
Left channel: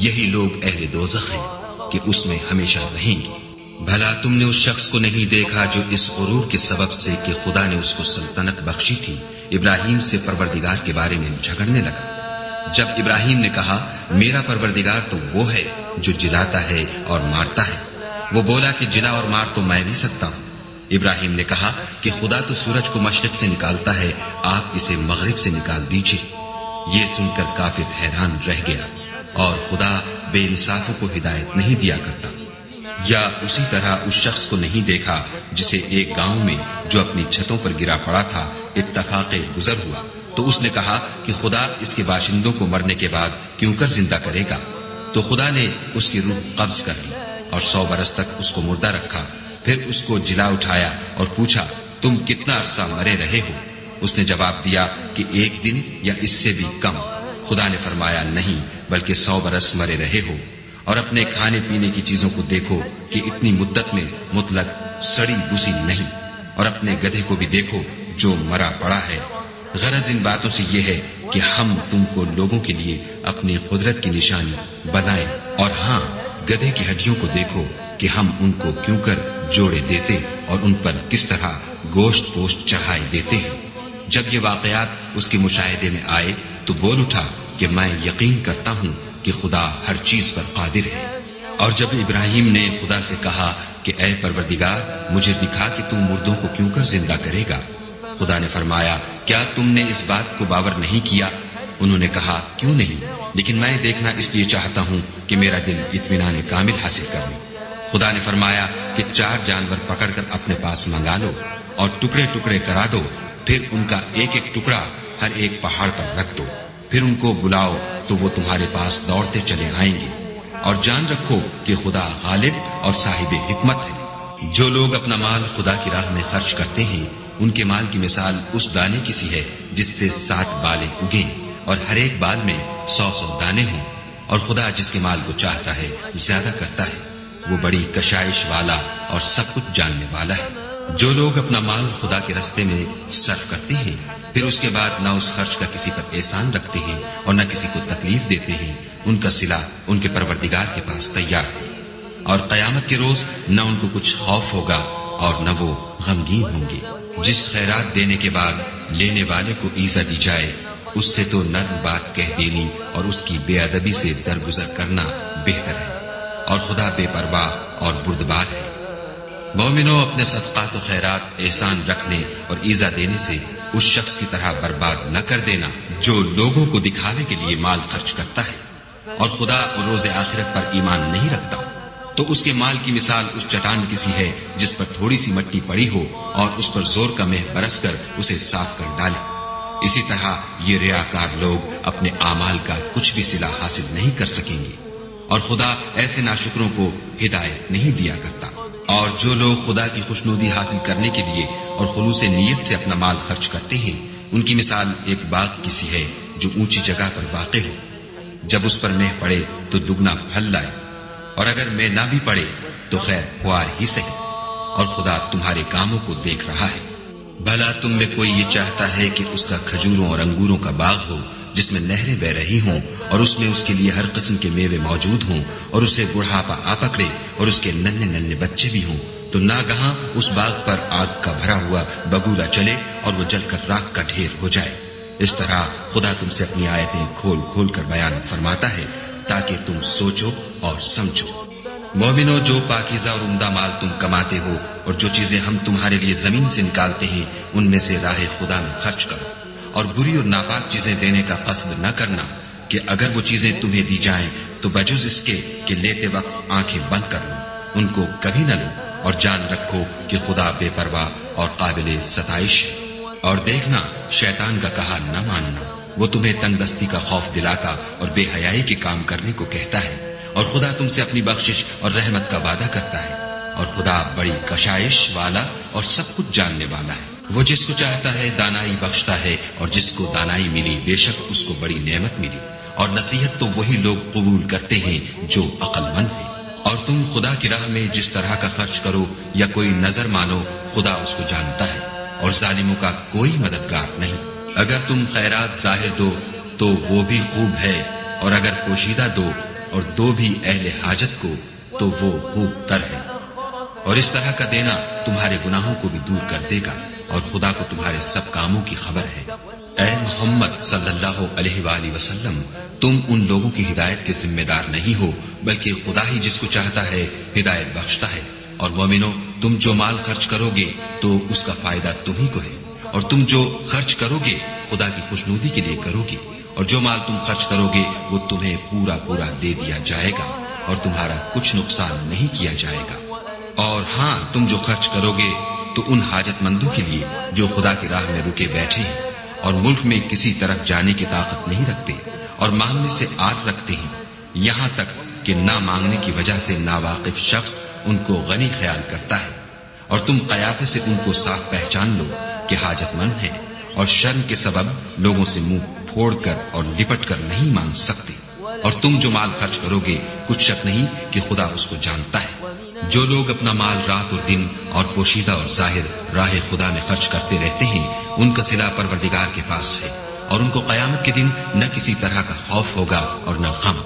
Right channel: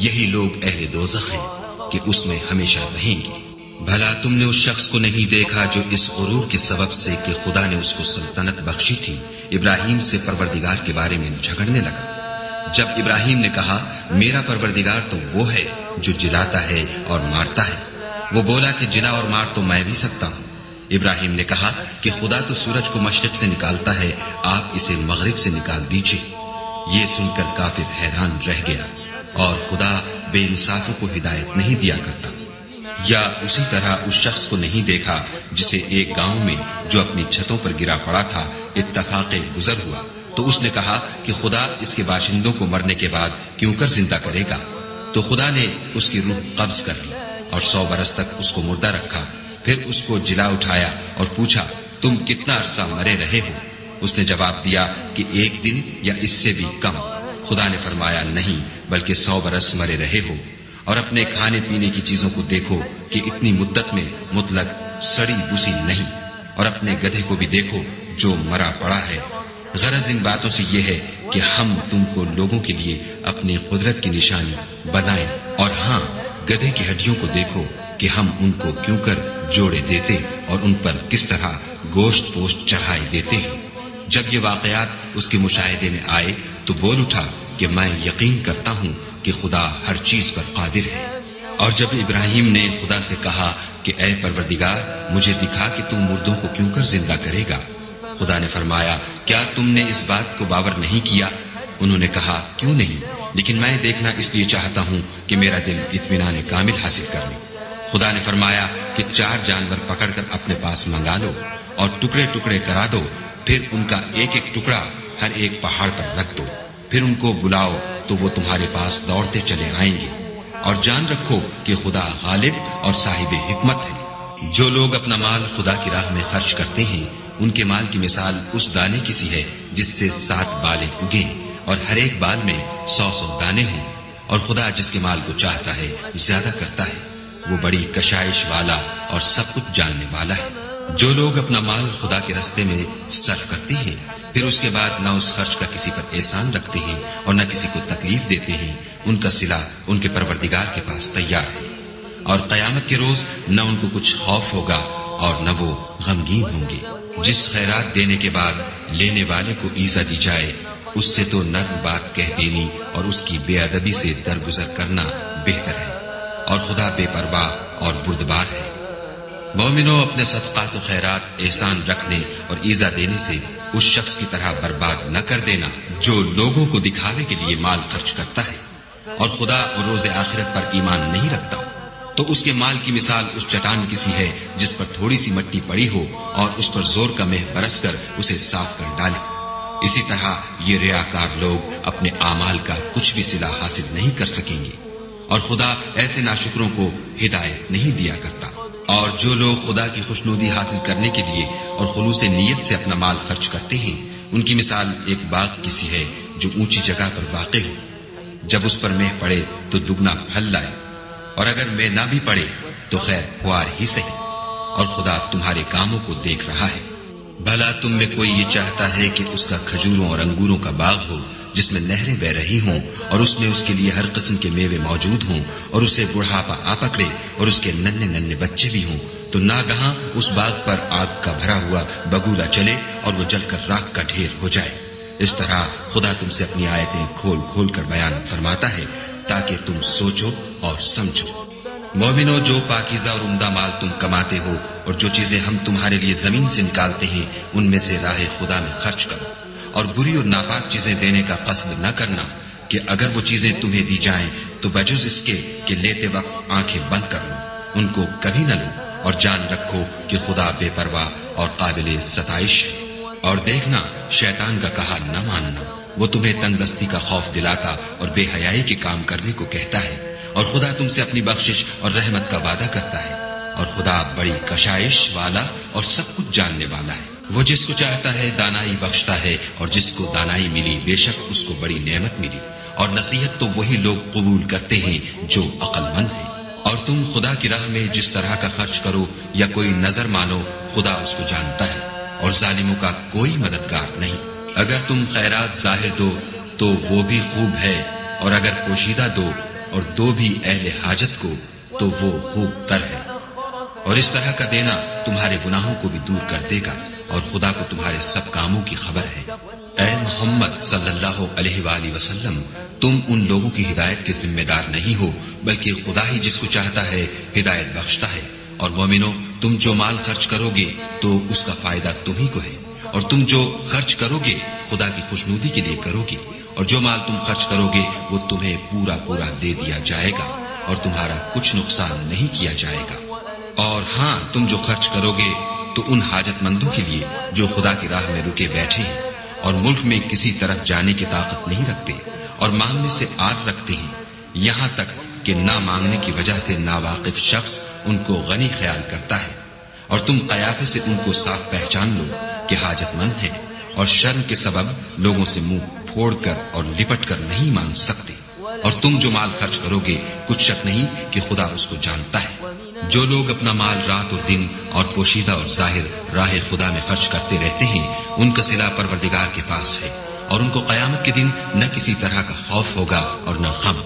یہی لوگ اہل دوزخ ہیں کہ اس میں ہمیشہ رہیں گے۔ بھلا تم نے اس شخص کو نہیں دیکھا جو اس غرور کے سبب سے کہ خدا نے اس کو سلطنت بخشی تھی، ابراہیم سے پروردگار کے بارے میں جھگڑنے لگا؟ جب ابراہیم نے کہا میرا پروردگار تو وہ ہے جو جلاتا ہے اور مارتا ہے، وہ بولا کہ جلا اور مار تو میں بھی سکتا ہوں۔ ابراہیم نے کہا کہ خدا تو سورج کو مشرق سے نکالتا ہے، آپ اسے مغرب سے نکال دیجیے۔ یہ سن کر کافر حیران رہ گیا، اور خدا بے انصافوں کو ہدایت نہیں دیا کرتا۔ یا اسی طرح اس شخص کو نہیں دیکھا جسے ایک گاؤں میں جو اپنی چھتوں پر گرا پڑا تھا اتفاق گزر ہوا، تو اس نے کہا کہ خدا اس کے باشندوں کو مرنے کے بعد کیوں کر زندہ کرے گا؟ تو خدا نے اس کی روح قبض کر لی اور 100 برس تک اس کو مردہ رکھا، پھر اس کو جلا اٹھایا اور پوچھا تم کتنا عرصہ مرے رہے ہو؟ اس نے جواب دیا کہ 1 دن یا اس سے بھی کم۔ خدا نے فرمایا نہیں بلکہ 100 برس مرے رہے ہو، اور اپنے کھانے پینے کی چیزوں کو دیکھو کہ اتنی مدت میں مطلق سڑی بسی نہیں، اور اپنے گدھے کو بھی دیکھو جو مرا پڑا ہے۔ غرض ان باتوں سے یہ ہے کہ ہم تم کو لوگوں کے لیے اپنی قدرت کی نشانی بنائیں، اور ہاں گدھے کی ہڈیوں کو دیکھو کہ ہم ان کو کیوں کر جوڑے دیتے اور ان پر کس طرح گوشت پوشت چڑھائے دیتے ہیں۔ جب یہ واقعات اس کے مشاہدے میں آئے تو بول اٹھا کہ میں یقین کرتا ہوں کہ خدا ہر چیز پر قادر ہے۔ اور جب ابراہیم نے خدا سے کہا کہ اے پروردگار مجھے دکھا کہ تم مردوں کو کیوں کر زندہ کرے گا، خدا نے فرمایا کیا تم نے اس بات کو باور نہیں کیا؟ انہوں نے کہا کیوں نہیں، لیکن میں دیکھنا اس لیے چاہتا ہوں کہ میرا دل اطمینان کامل حاصل کر لے۔ خدا نے فرمایا کہ 4 جانور پکڑ کر اپنے پاس منگا لو اور ٹکڑے ٹکڑے کرا دو، پھر ان کا ایک ایک ٹکڑا ہر ایک پہاڑ پر رکھ دو، پھر ان کو بلاؤ تو وہ تمہارے پاس دوڑتے چلے آئیں گے، اور جان رکھو کہ خدا غالب اور صاحب حکمت ہے۔ جو لوگ اپنا مال خدا کی راہ میں خرچ کرتے ہیں ان کے مال کی مثال اس دانے کی سی ہے جس سے 7 بالیں اگیں اور ہر ایک بال میں 100 دانے ہوں، اور خدا جس کے مال کو چاہتا ہے زیادہ کرتا ہے، وہ بڑی کشائش والا اور سب کچھ جاننے والا ہے۔ جو لوگ اپنا مال خدا کے راستے میں صرف کرتے ہیں پھر اس کے بعد نہ اس خرچ کا کسی پر احسان رکھتے ہیں اور نہ کسی کو تکلیف دیتے ہیں، ان کا صلہ ان کے پروردگار کے پاس تیار ہے، اور قیامت کے روز نہ ان کو کچھ خوف ہوگا اور نہ وہ غمگین ہوں گے۔ جس خیرات دینے کے بعد لینے والے کو ایزا دی جائے اس سے تو نرم بات کہہ دینی اور اس کی بے ادبی سے درگزر کرنا بہتر ہے، اور خدا بے پرواہ اور بردبار ہے۔ مومنوں اپنے صدقات و خیرات احسان رکھنے اور ایزا دینے سے اس شخص کی طرح برباد نہ کر دینا جو لوگوں کو دکھاوے کے لیے مال خرچ کرتا ہے اور خدا اور روز آخرت پر ایمان نہیں رکھتا، تو اس کے مال کی مثال اس چٹان کی سی ہے جس پر تھوڑی سی مٹی پڑی ہو اور اس پر زور کا مہ برس کر اسے صاف کر ڈالے۔ اسی طرح یہ ریاکار لوگ اپنے اعمال کا کچھ بھی صلہ حاصل نہیں کر سکیں گے، اور خدا ایسے ناشکروں کو ہدایت نہیں دیا کرتا۔ اور جو لوگ خدا کی خوشنودی حاصل کرنے کے لیے اور خلوص نیت سے اپنا مال خرچ کرتے ہیں ان کی مثال ایک باغ کی سی ہے جو اونچی جگہ پر واقع ہو، جب اس پر مہ پڑے تو دگنا پھل لائے، اور اگر مہ نہ بھی پڑے تو خیر خوار ہی صحیح، اور خدا تمہارے کاموں کو دیکھ رہا ہے۔ بھلا تم میں کوئی یہ چاہتا ہے کہ اس کا کھجوروں اور انگوروں کا باغ ہو جس میں نہریں بہ رہی ہوں اور اس میں اس کے لیے ہر قسم کے میوے موجود ہوں، اور اسے بڑھاپا آ پکڑے اور اس کے ننھے ننھے بچے بھی ہوں، تو ناگہاں اس باغ پر آگ کا بھرا ہوا بگولا چلے اور وہ جل کر راکھ کا ڈھیر ہو جائے۔ اس طرح خدا تم سے اپنی آیتیں کھول کھول کر بیان فرماتا ہے تاکہ تم سوچو اور سمجھو۔ مومنو، جو پاکیزہ اور عمدہ مال تم کماتے ہو اور جو چیزیں ہم تمہارے لیے زمین سے نکالتے ہیں ان میں سے راہ خدا میں خرچ کرو، اور بری اور ناپاک چیزیں دینے کا قصد نہ کرنا کہ اگر وہ چیزیں تمہیں دی جائیں تو بجز اس کے کہ لیتے وقت آنکھیں بند کر لو، ان کو کبھی نہ لو، اور جان رکھو کہ خدا بے پرواہ اور قابل ستائش ہے۔ اور دیکھنا، شیطان کا کہا نہ ماننا، وہ تمہیں تنگ دستی کا خوف دلاتا اور بے حیائی کے کام کرنے کو کہتا ہے، اور خدا تم سے اپنی بخشش اور رحمت کا وعدہ کرتا ہے، اور خدا بڑی کشائش والا اور سب کچھ جاننے والا ہے۔ وہ جس کو چاہتا ہے دانائی بخشتا ہے، اور جس کو دانائی ملی بے شک اس کو بڑی نعمت ملی، اور نصیحت تو وہی لوگ قبول کرتے ہیں جو عقل مند ہیں۔ اور تم خدا کی راہ میں جس طرح کا خرچ کرو یا کوئی نظر مانو، خدا اس کو جانتا ہے، اور ظالموں کا کوئی مددگار نہیں۔ اگر تم خیرات ظاہر دو تو وہ بھی خوب ہے، اور اگر پوشیدہ دو اور دو بھی اہل حاجت کو تو وہ خوب تر ہے، اور اس طرح کا دینا تمہارے گناہوں کو بھی دور کر دے گا، اور خدا کو تمہارے سب کاموں کی خبر ہے۔ اے محمد صلی اللہ علیہ وآلہ وسلم، تم ان لوگوں کی ہدایت کے ذمہ دار نہیں ہو، بلکہ خدا ہی جس کو چاہتا ہے ہدایت بخشتا ہے۔ اور مومنو، تم جو مال خرچ کرو گے تو اس کا فائدہ تمہیں کو ہے، اور تم جو خرچ کرو گے خدا کی خوشنودی کے لیے کرو گے، اور جو مال تم خرچ کرو گے وہ تمہیں پورا پورا دے دیا جائے گا، اور تمہارا کچھ نقصان نہیں کیا جائے گا۔ اور ہاں، تم جو خرچ کرو گے تو ان حاجت مندوں کے لیے جو خدا کی راہ میں رکے بیٹھے ہیں اور ملک میں کسی طرف جانے کی طاقت نہیں رکھتے اور مانگنے سے آر رکھتے ہیں، یہاں تک کہ نہ مانگنے کی وجہ سے ناواقف شخص ان کو غنی خیال کرتا ہے، اور تم قیافے سے ان کو صاف پہچان لو کہ حاجت مند ہیں، اور شرم کے سبب لوگوں سے منہ پھوڑ کر اور لپٹ کر نہیں مانگ سکتے۔ اور تم جو مال خرچ کرو گے کچھ شک نہیں کہ خدا اس کو جانتا ہے۔ جو لوگ اپنا مال رات اور دن اور پوشیدہ اور ظاہر راہ خدا میں خرچ کرتے رہتے ہیں، ان کا صلہ پروردگار کے پاس ہے، اور ان کو قیامت کے دن نہ کسی طرح کا خوف ہوگا اور نہ غم۔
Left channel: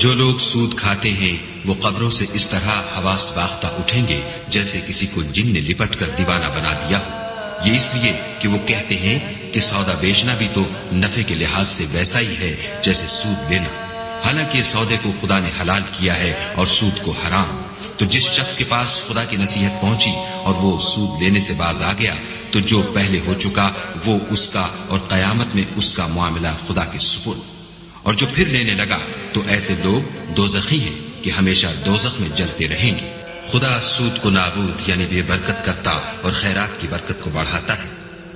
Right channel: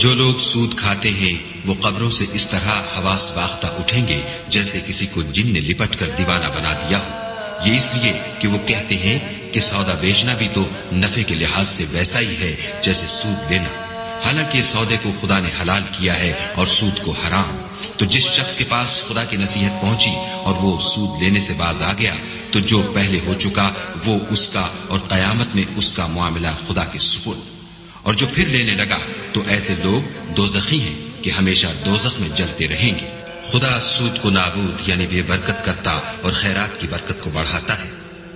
جو لوگ سود کھاتے ہیں وہ قبروں سے اس طرح حواس باختہ اٹھیں گے جیسے کسی کو جن نے لپٹ کر دیوانہ بنا دیا ہو، یہ اس لیے کہ وہ کہتے ہیں کہ سودا بیچنا بھی تو نفع کے لحاظ سے ویسا ہی ہے جیسے سود لینا، حالانکہ سودے کو خدا نے حلال کیا ہے اور سود کو حرام۔ تو جس شخص کے پاس خدا کی نصیحت پہنچی اور وہ سود لینے سے باز آ گیا تو جو پہلے ہو چکا وہ اس کا، اور قیامت میں اس کا معاملہ خدا کے سپرد۔ اور جو پھر لینے لگا تو ایسے لوگ دوزخی ہیں کہ ہمیشہ دوزخ میں جلتے رہیں گے۔ خدا سود کو نابود یعنی بے برکت کرتا اور خیرات کی برکت کو بڑھاتا ہے،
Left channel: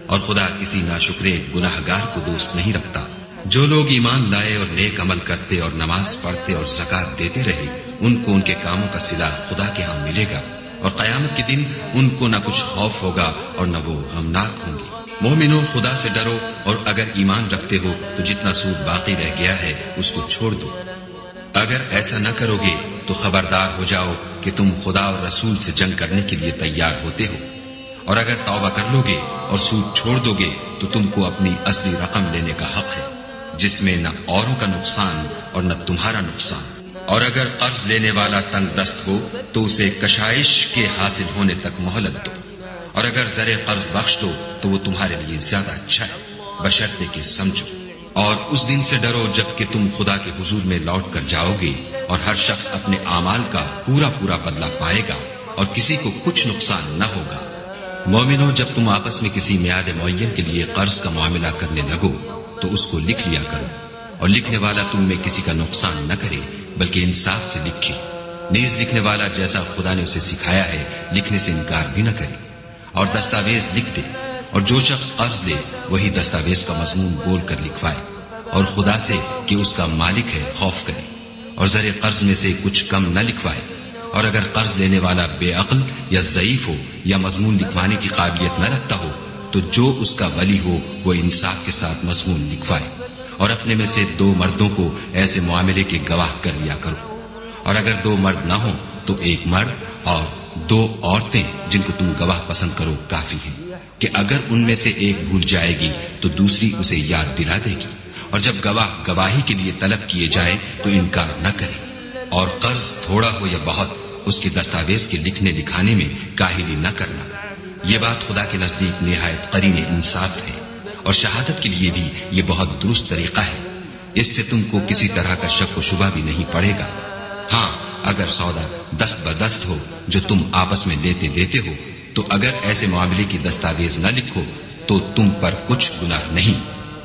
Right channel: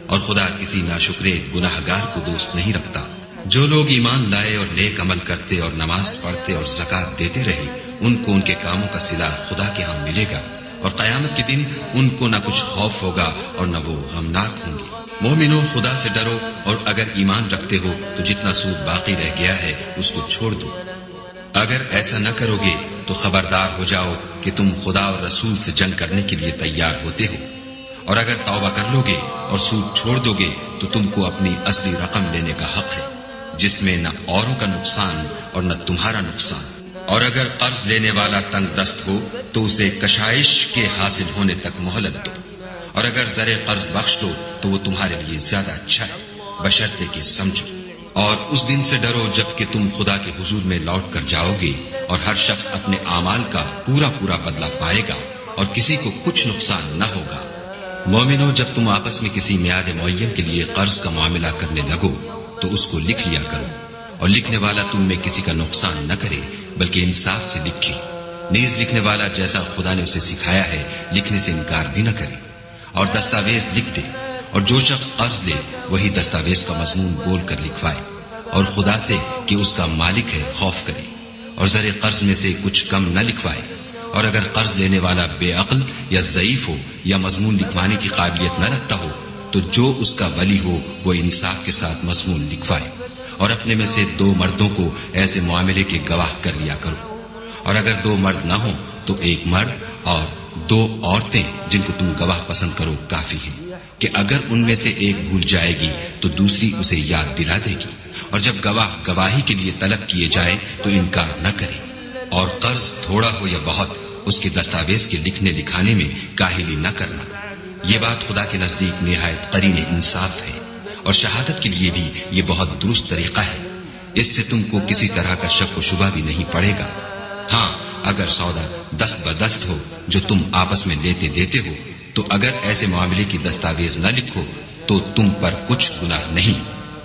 اور خدا کسی ناشکرے گناہگار کو دوست نہیں رکھتا۔ جو لوگ ایمان لائے اور نیک عمل کرتے اور نماز پڑھتے اور زکات دیتے رہے، ان کو ان کے کاموں کا صلہ خدا کے ہاں ملے گا، اور قیامت کے دن ان کو نہ کچھ خوف ہوگا اور نہ وہ غمناک ہوں گے۔ مومنو، خدا سے ڈرو، اور اگر ایمان رکھتے ہو تو جتنا سود باقی رہ گیا ہے اس کو چھوڑ دو۔ اگر ایسا نہ کرو گے تو خبردار ہو جاؤ کہ تم خدا اور رسول سے جنگ کرنے کے لیے تیار ہوتے ہو، اور اگر توبہ کر لو گے اور سود چھوڑ دو گے تو تم کو اپنی اصلی رقم لینے کا حق ہے، جس میں نہ اوروں کا نقصان اور نہ تمہارا نقصان۔ اور اگر قرض لینے والا تنگ دست ہو تو اسے کشائش کے حاصل ہونے تک مہلت دو، اور اگر زر قرض بخش دو تو وہ تمہارے لیے زیادہ اچھا ہے، بشرطے کہ سمجھو۔ اور اس دن سے ڈرو جب کہ تم خدا کے حضور میں لوٹ کر جاؤ گے، اور ہر شخص اپنے اعمال کا پورا پورا بدلہ پائے گا، اور کسی کو کچھ نقصان نہ ہوگا۔ مومنو، جب تم آپس میں کسی میعاد معین کے لیے قرض کا معاملہ کرنے لگو تو اس کو لکھ لیا کرو، اور لکھنے والا تم میں کسی کا نقصان نہ کرے بلکہ انصاف سے لکھے۔ نیز لکھنے والا جیسا خدا نے اسے سکھایا ہے لکھنے سے انکار بھی نہ کرے، اور دستاویز لکھ دے، اور جو شخص قرض لے وہی دستاویز کا مضمون بول کر لکھوائے، اور خدا سے کہ اس کا مالک ہے خوف کرے، اور زر قرض میں سے کچھ کم نہ لکھوائے۔ اور اگر قرض لینے والا بے عقل یا ضعیف ہو یا مضمون لکھوانے کی قابلیت نہ رکھتا ہو تو جو اس کا ولی ہو وہ انصاف کے ساتھ مضمون لکھوائے، اور اپنے میں سے 2 مردوں کو ایسے معاملے کے گواہ کر لیا کرو، اور اگر 2 مرد نہ ہوں تو 1 مرد اور 2 عورتیں جن کو تم گواہ پسند کرو کافی ہیں، کہ اگر ان میں سے ایک بھول جائے گی تو دوسری اسے یاد دلا دے گی، اور جب گواہ گواہی کے لیے طلب کیے جائیں تو انکار نہ کرے۔ اور قرض تھوڑا ہو یا بہت اس کے دستاویز کے لکھنے لکھانے میں کاہلی نہ کرنا، یہ بات خدا کے نزدیک نہایت قرین انصاف ہے، اور شہادت کے لیے بھی یہ بہت درست طریقہ ہے، اس سے تم کو کسی طرح کا شک و شبہ بھی نہیں پڑے گا۔ ہاں، اگر سودا دست بدست ہو جو تم آپس میں لیتے دیتے ہو تو اگر ایسے معاملے کی دستاویز نہ لکھو تو تم پر کچھ گناہ نہیں،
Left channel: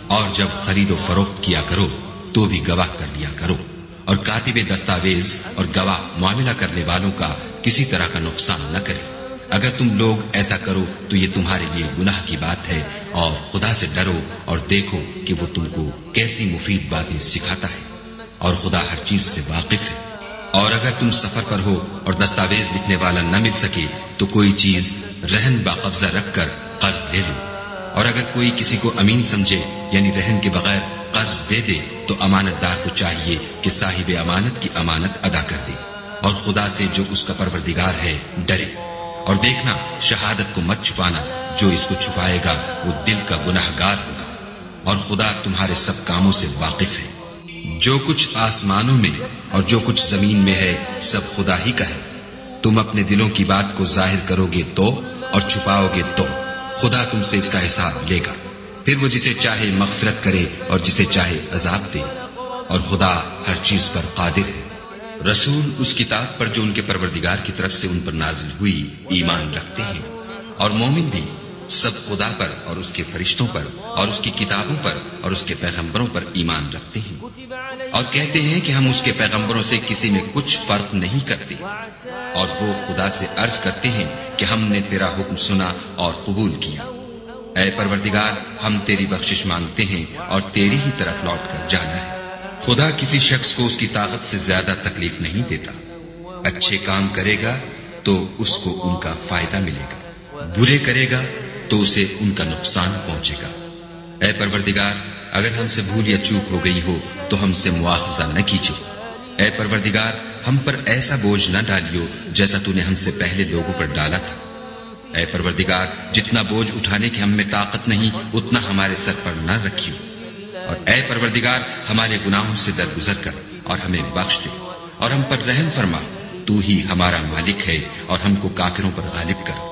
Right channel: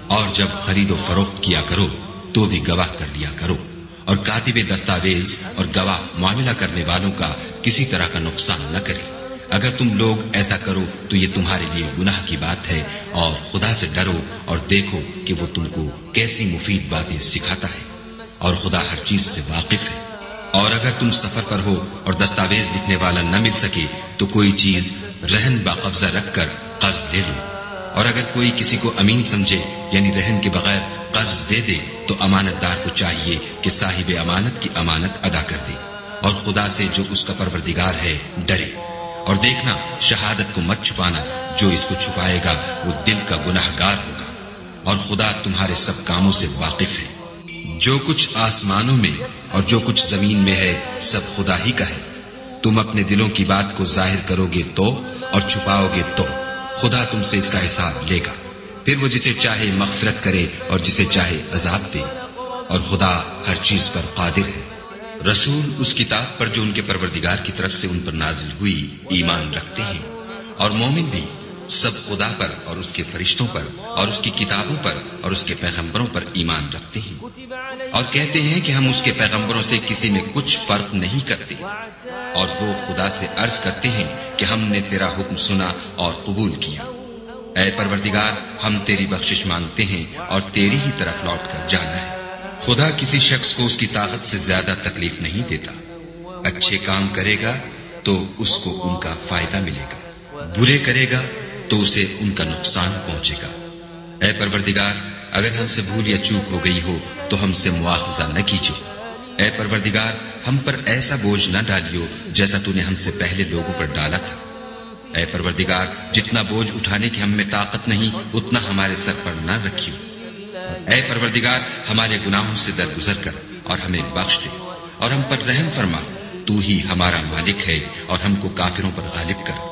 اور جب خرید و فروخت کیا کرو تو بھی گواہ کر لیا کرو، اور کاتب دستاویز اور گواہ معاملہ کرنے والوں کا کسی طرح کا نقصان نہ کرے۔ اگر تم لوگ ایسا کرو تو یہ تمہارے لیے گناہ کی بات ہے، اور خدا سے ڈرو اور دیکھو کہ وہ تم کو کیسی مفید باتیں سکھاتا ہے، اور خدا ہر چیز سے واقف ہے۔ اور اگر تم سفر پر ہو اور دستاویز لکھنے والا نہ مل سکے تو کوئی چیز رہن باقبضہ رکھ کر قرض لے لو، اور اگر کوئی کسی کو امین سمجھے یعنی رہن کے بغیر قرض دے دے تو امانت دار کو چاہیے کہ صاحب امانت کی امانت ادا کر دے، اور خدا سے جو اس کا پروردگار ہے ڈرے، اور دیکھنا شہادت کو مت چھپانا، جو اس کو چھپائے گا وہ دل کا گناہگار ہوگا، اور خدا تمہارے سب کاموں سے واقف ہے۔ جو کچھ آسمانوں میں اور جو کچھ زمین میں ہے سب خدا ہی کا ہے۔ تم اپنے دلوں کی بات کو ظاہر کرو گے تو اور چھپاؤ گے تو خدا تم سے اس کا حساب لے گا، پھر وہ جسے چاہے مغفرت کرے اور جسے چاہے عذاب دے، اور خدا ہر چیز پر قادر ہے۔ رسول اس کتاب پر جو ان کے پروردگار کی طرف سے ان پر نازل ہوئی ایمان رکھتے ہیں، اور مومن بھی سب خدا پر اور اس کے فرشتوں پر اور اس کی کتابوں پر اور اس کے پیغمبروں پر ایمان رکھتے ہیں، اور کہتے ہیں کہ ہم اس کے پیغمبروں سے کسی میں کچھ فرق نہیں کرتے، اور وہ خدا سے عرض کرتے ہیں کہ ہم نے تیرا حکم سنا اور قبول کیا۔ اے پروردگار، ہم تیری بخشش مانگتے ہیں اور تیری ہی طرف لوٹ کر جانا ہے۔ خدا کسی شخص کو اس کی طاقت سے زیادہ تکلیف نہیں دیتا۔ اچھے کام کرے گا تو اس کو ان کا فائدہ ملے گا، برے کرے گا تو اسے ان کا نقصان پہنچے گا۔ اے پروردگار، اگر ہم سے بھول یا چوک ہو گئی ہو تو ہم سے مواخذہ نہ کیجو۔ اے پروردگار، ہم پر ایسا بوجھ نہ ڈالیو جیسا تو نے ہم سے پہلے لوگوں پر ڈالا تھا۔ اے پروردگار، جتنا بوجھ اٹھانے کی ہم میں طاقت نہیں اتنا ہمارے سر پر نہ رکھیو، اور اے پروردگار ہمارے گناہوں سے درگزر کر اور ہمیں بخش دے، اور ہم پر رحم فرما، تو ہی ہمارا مالک ہے اور ہم کو کافروں پر غالب کر۔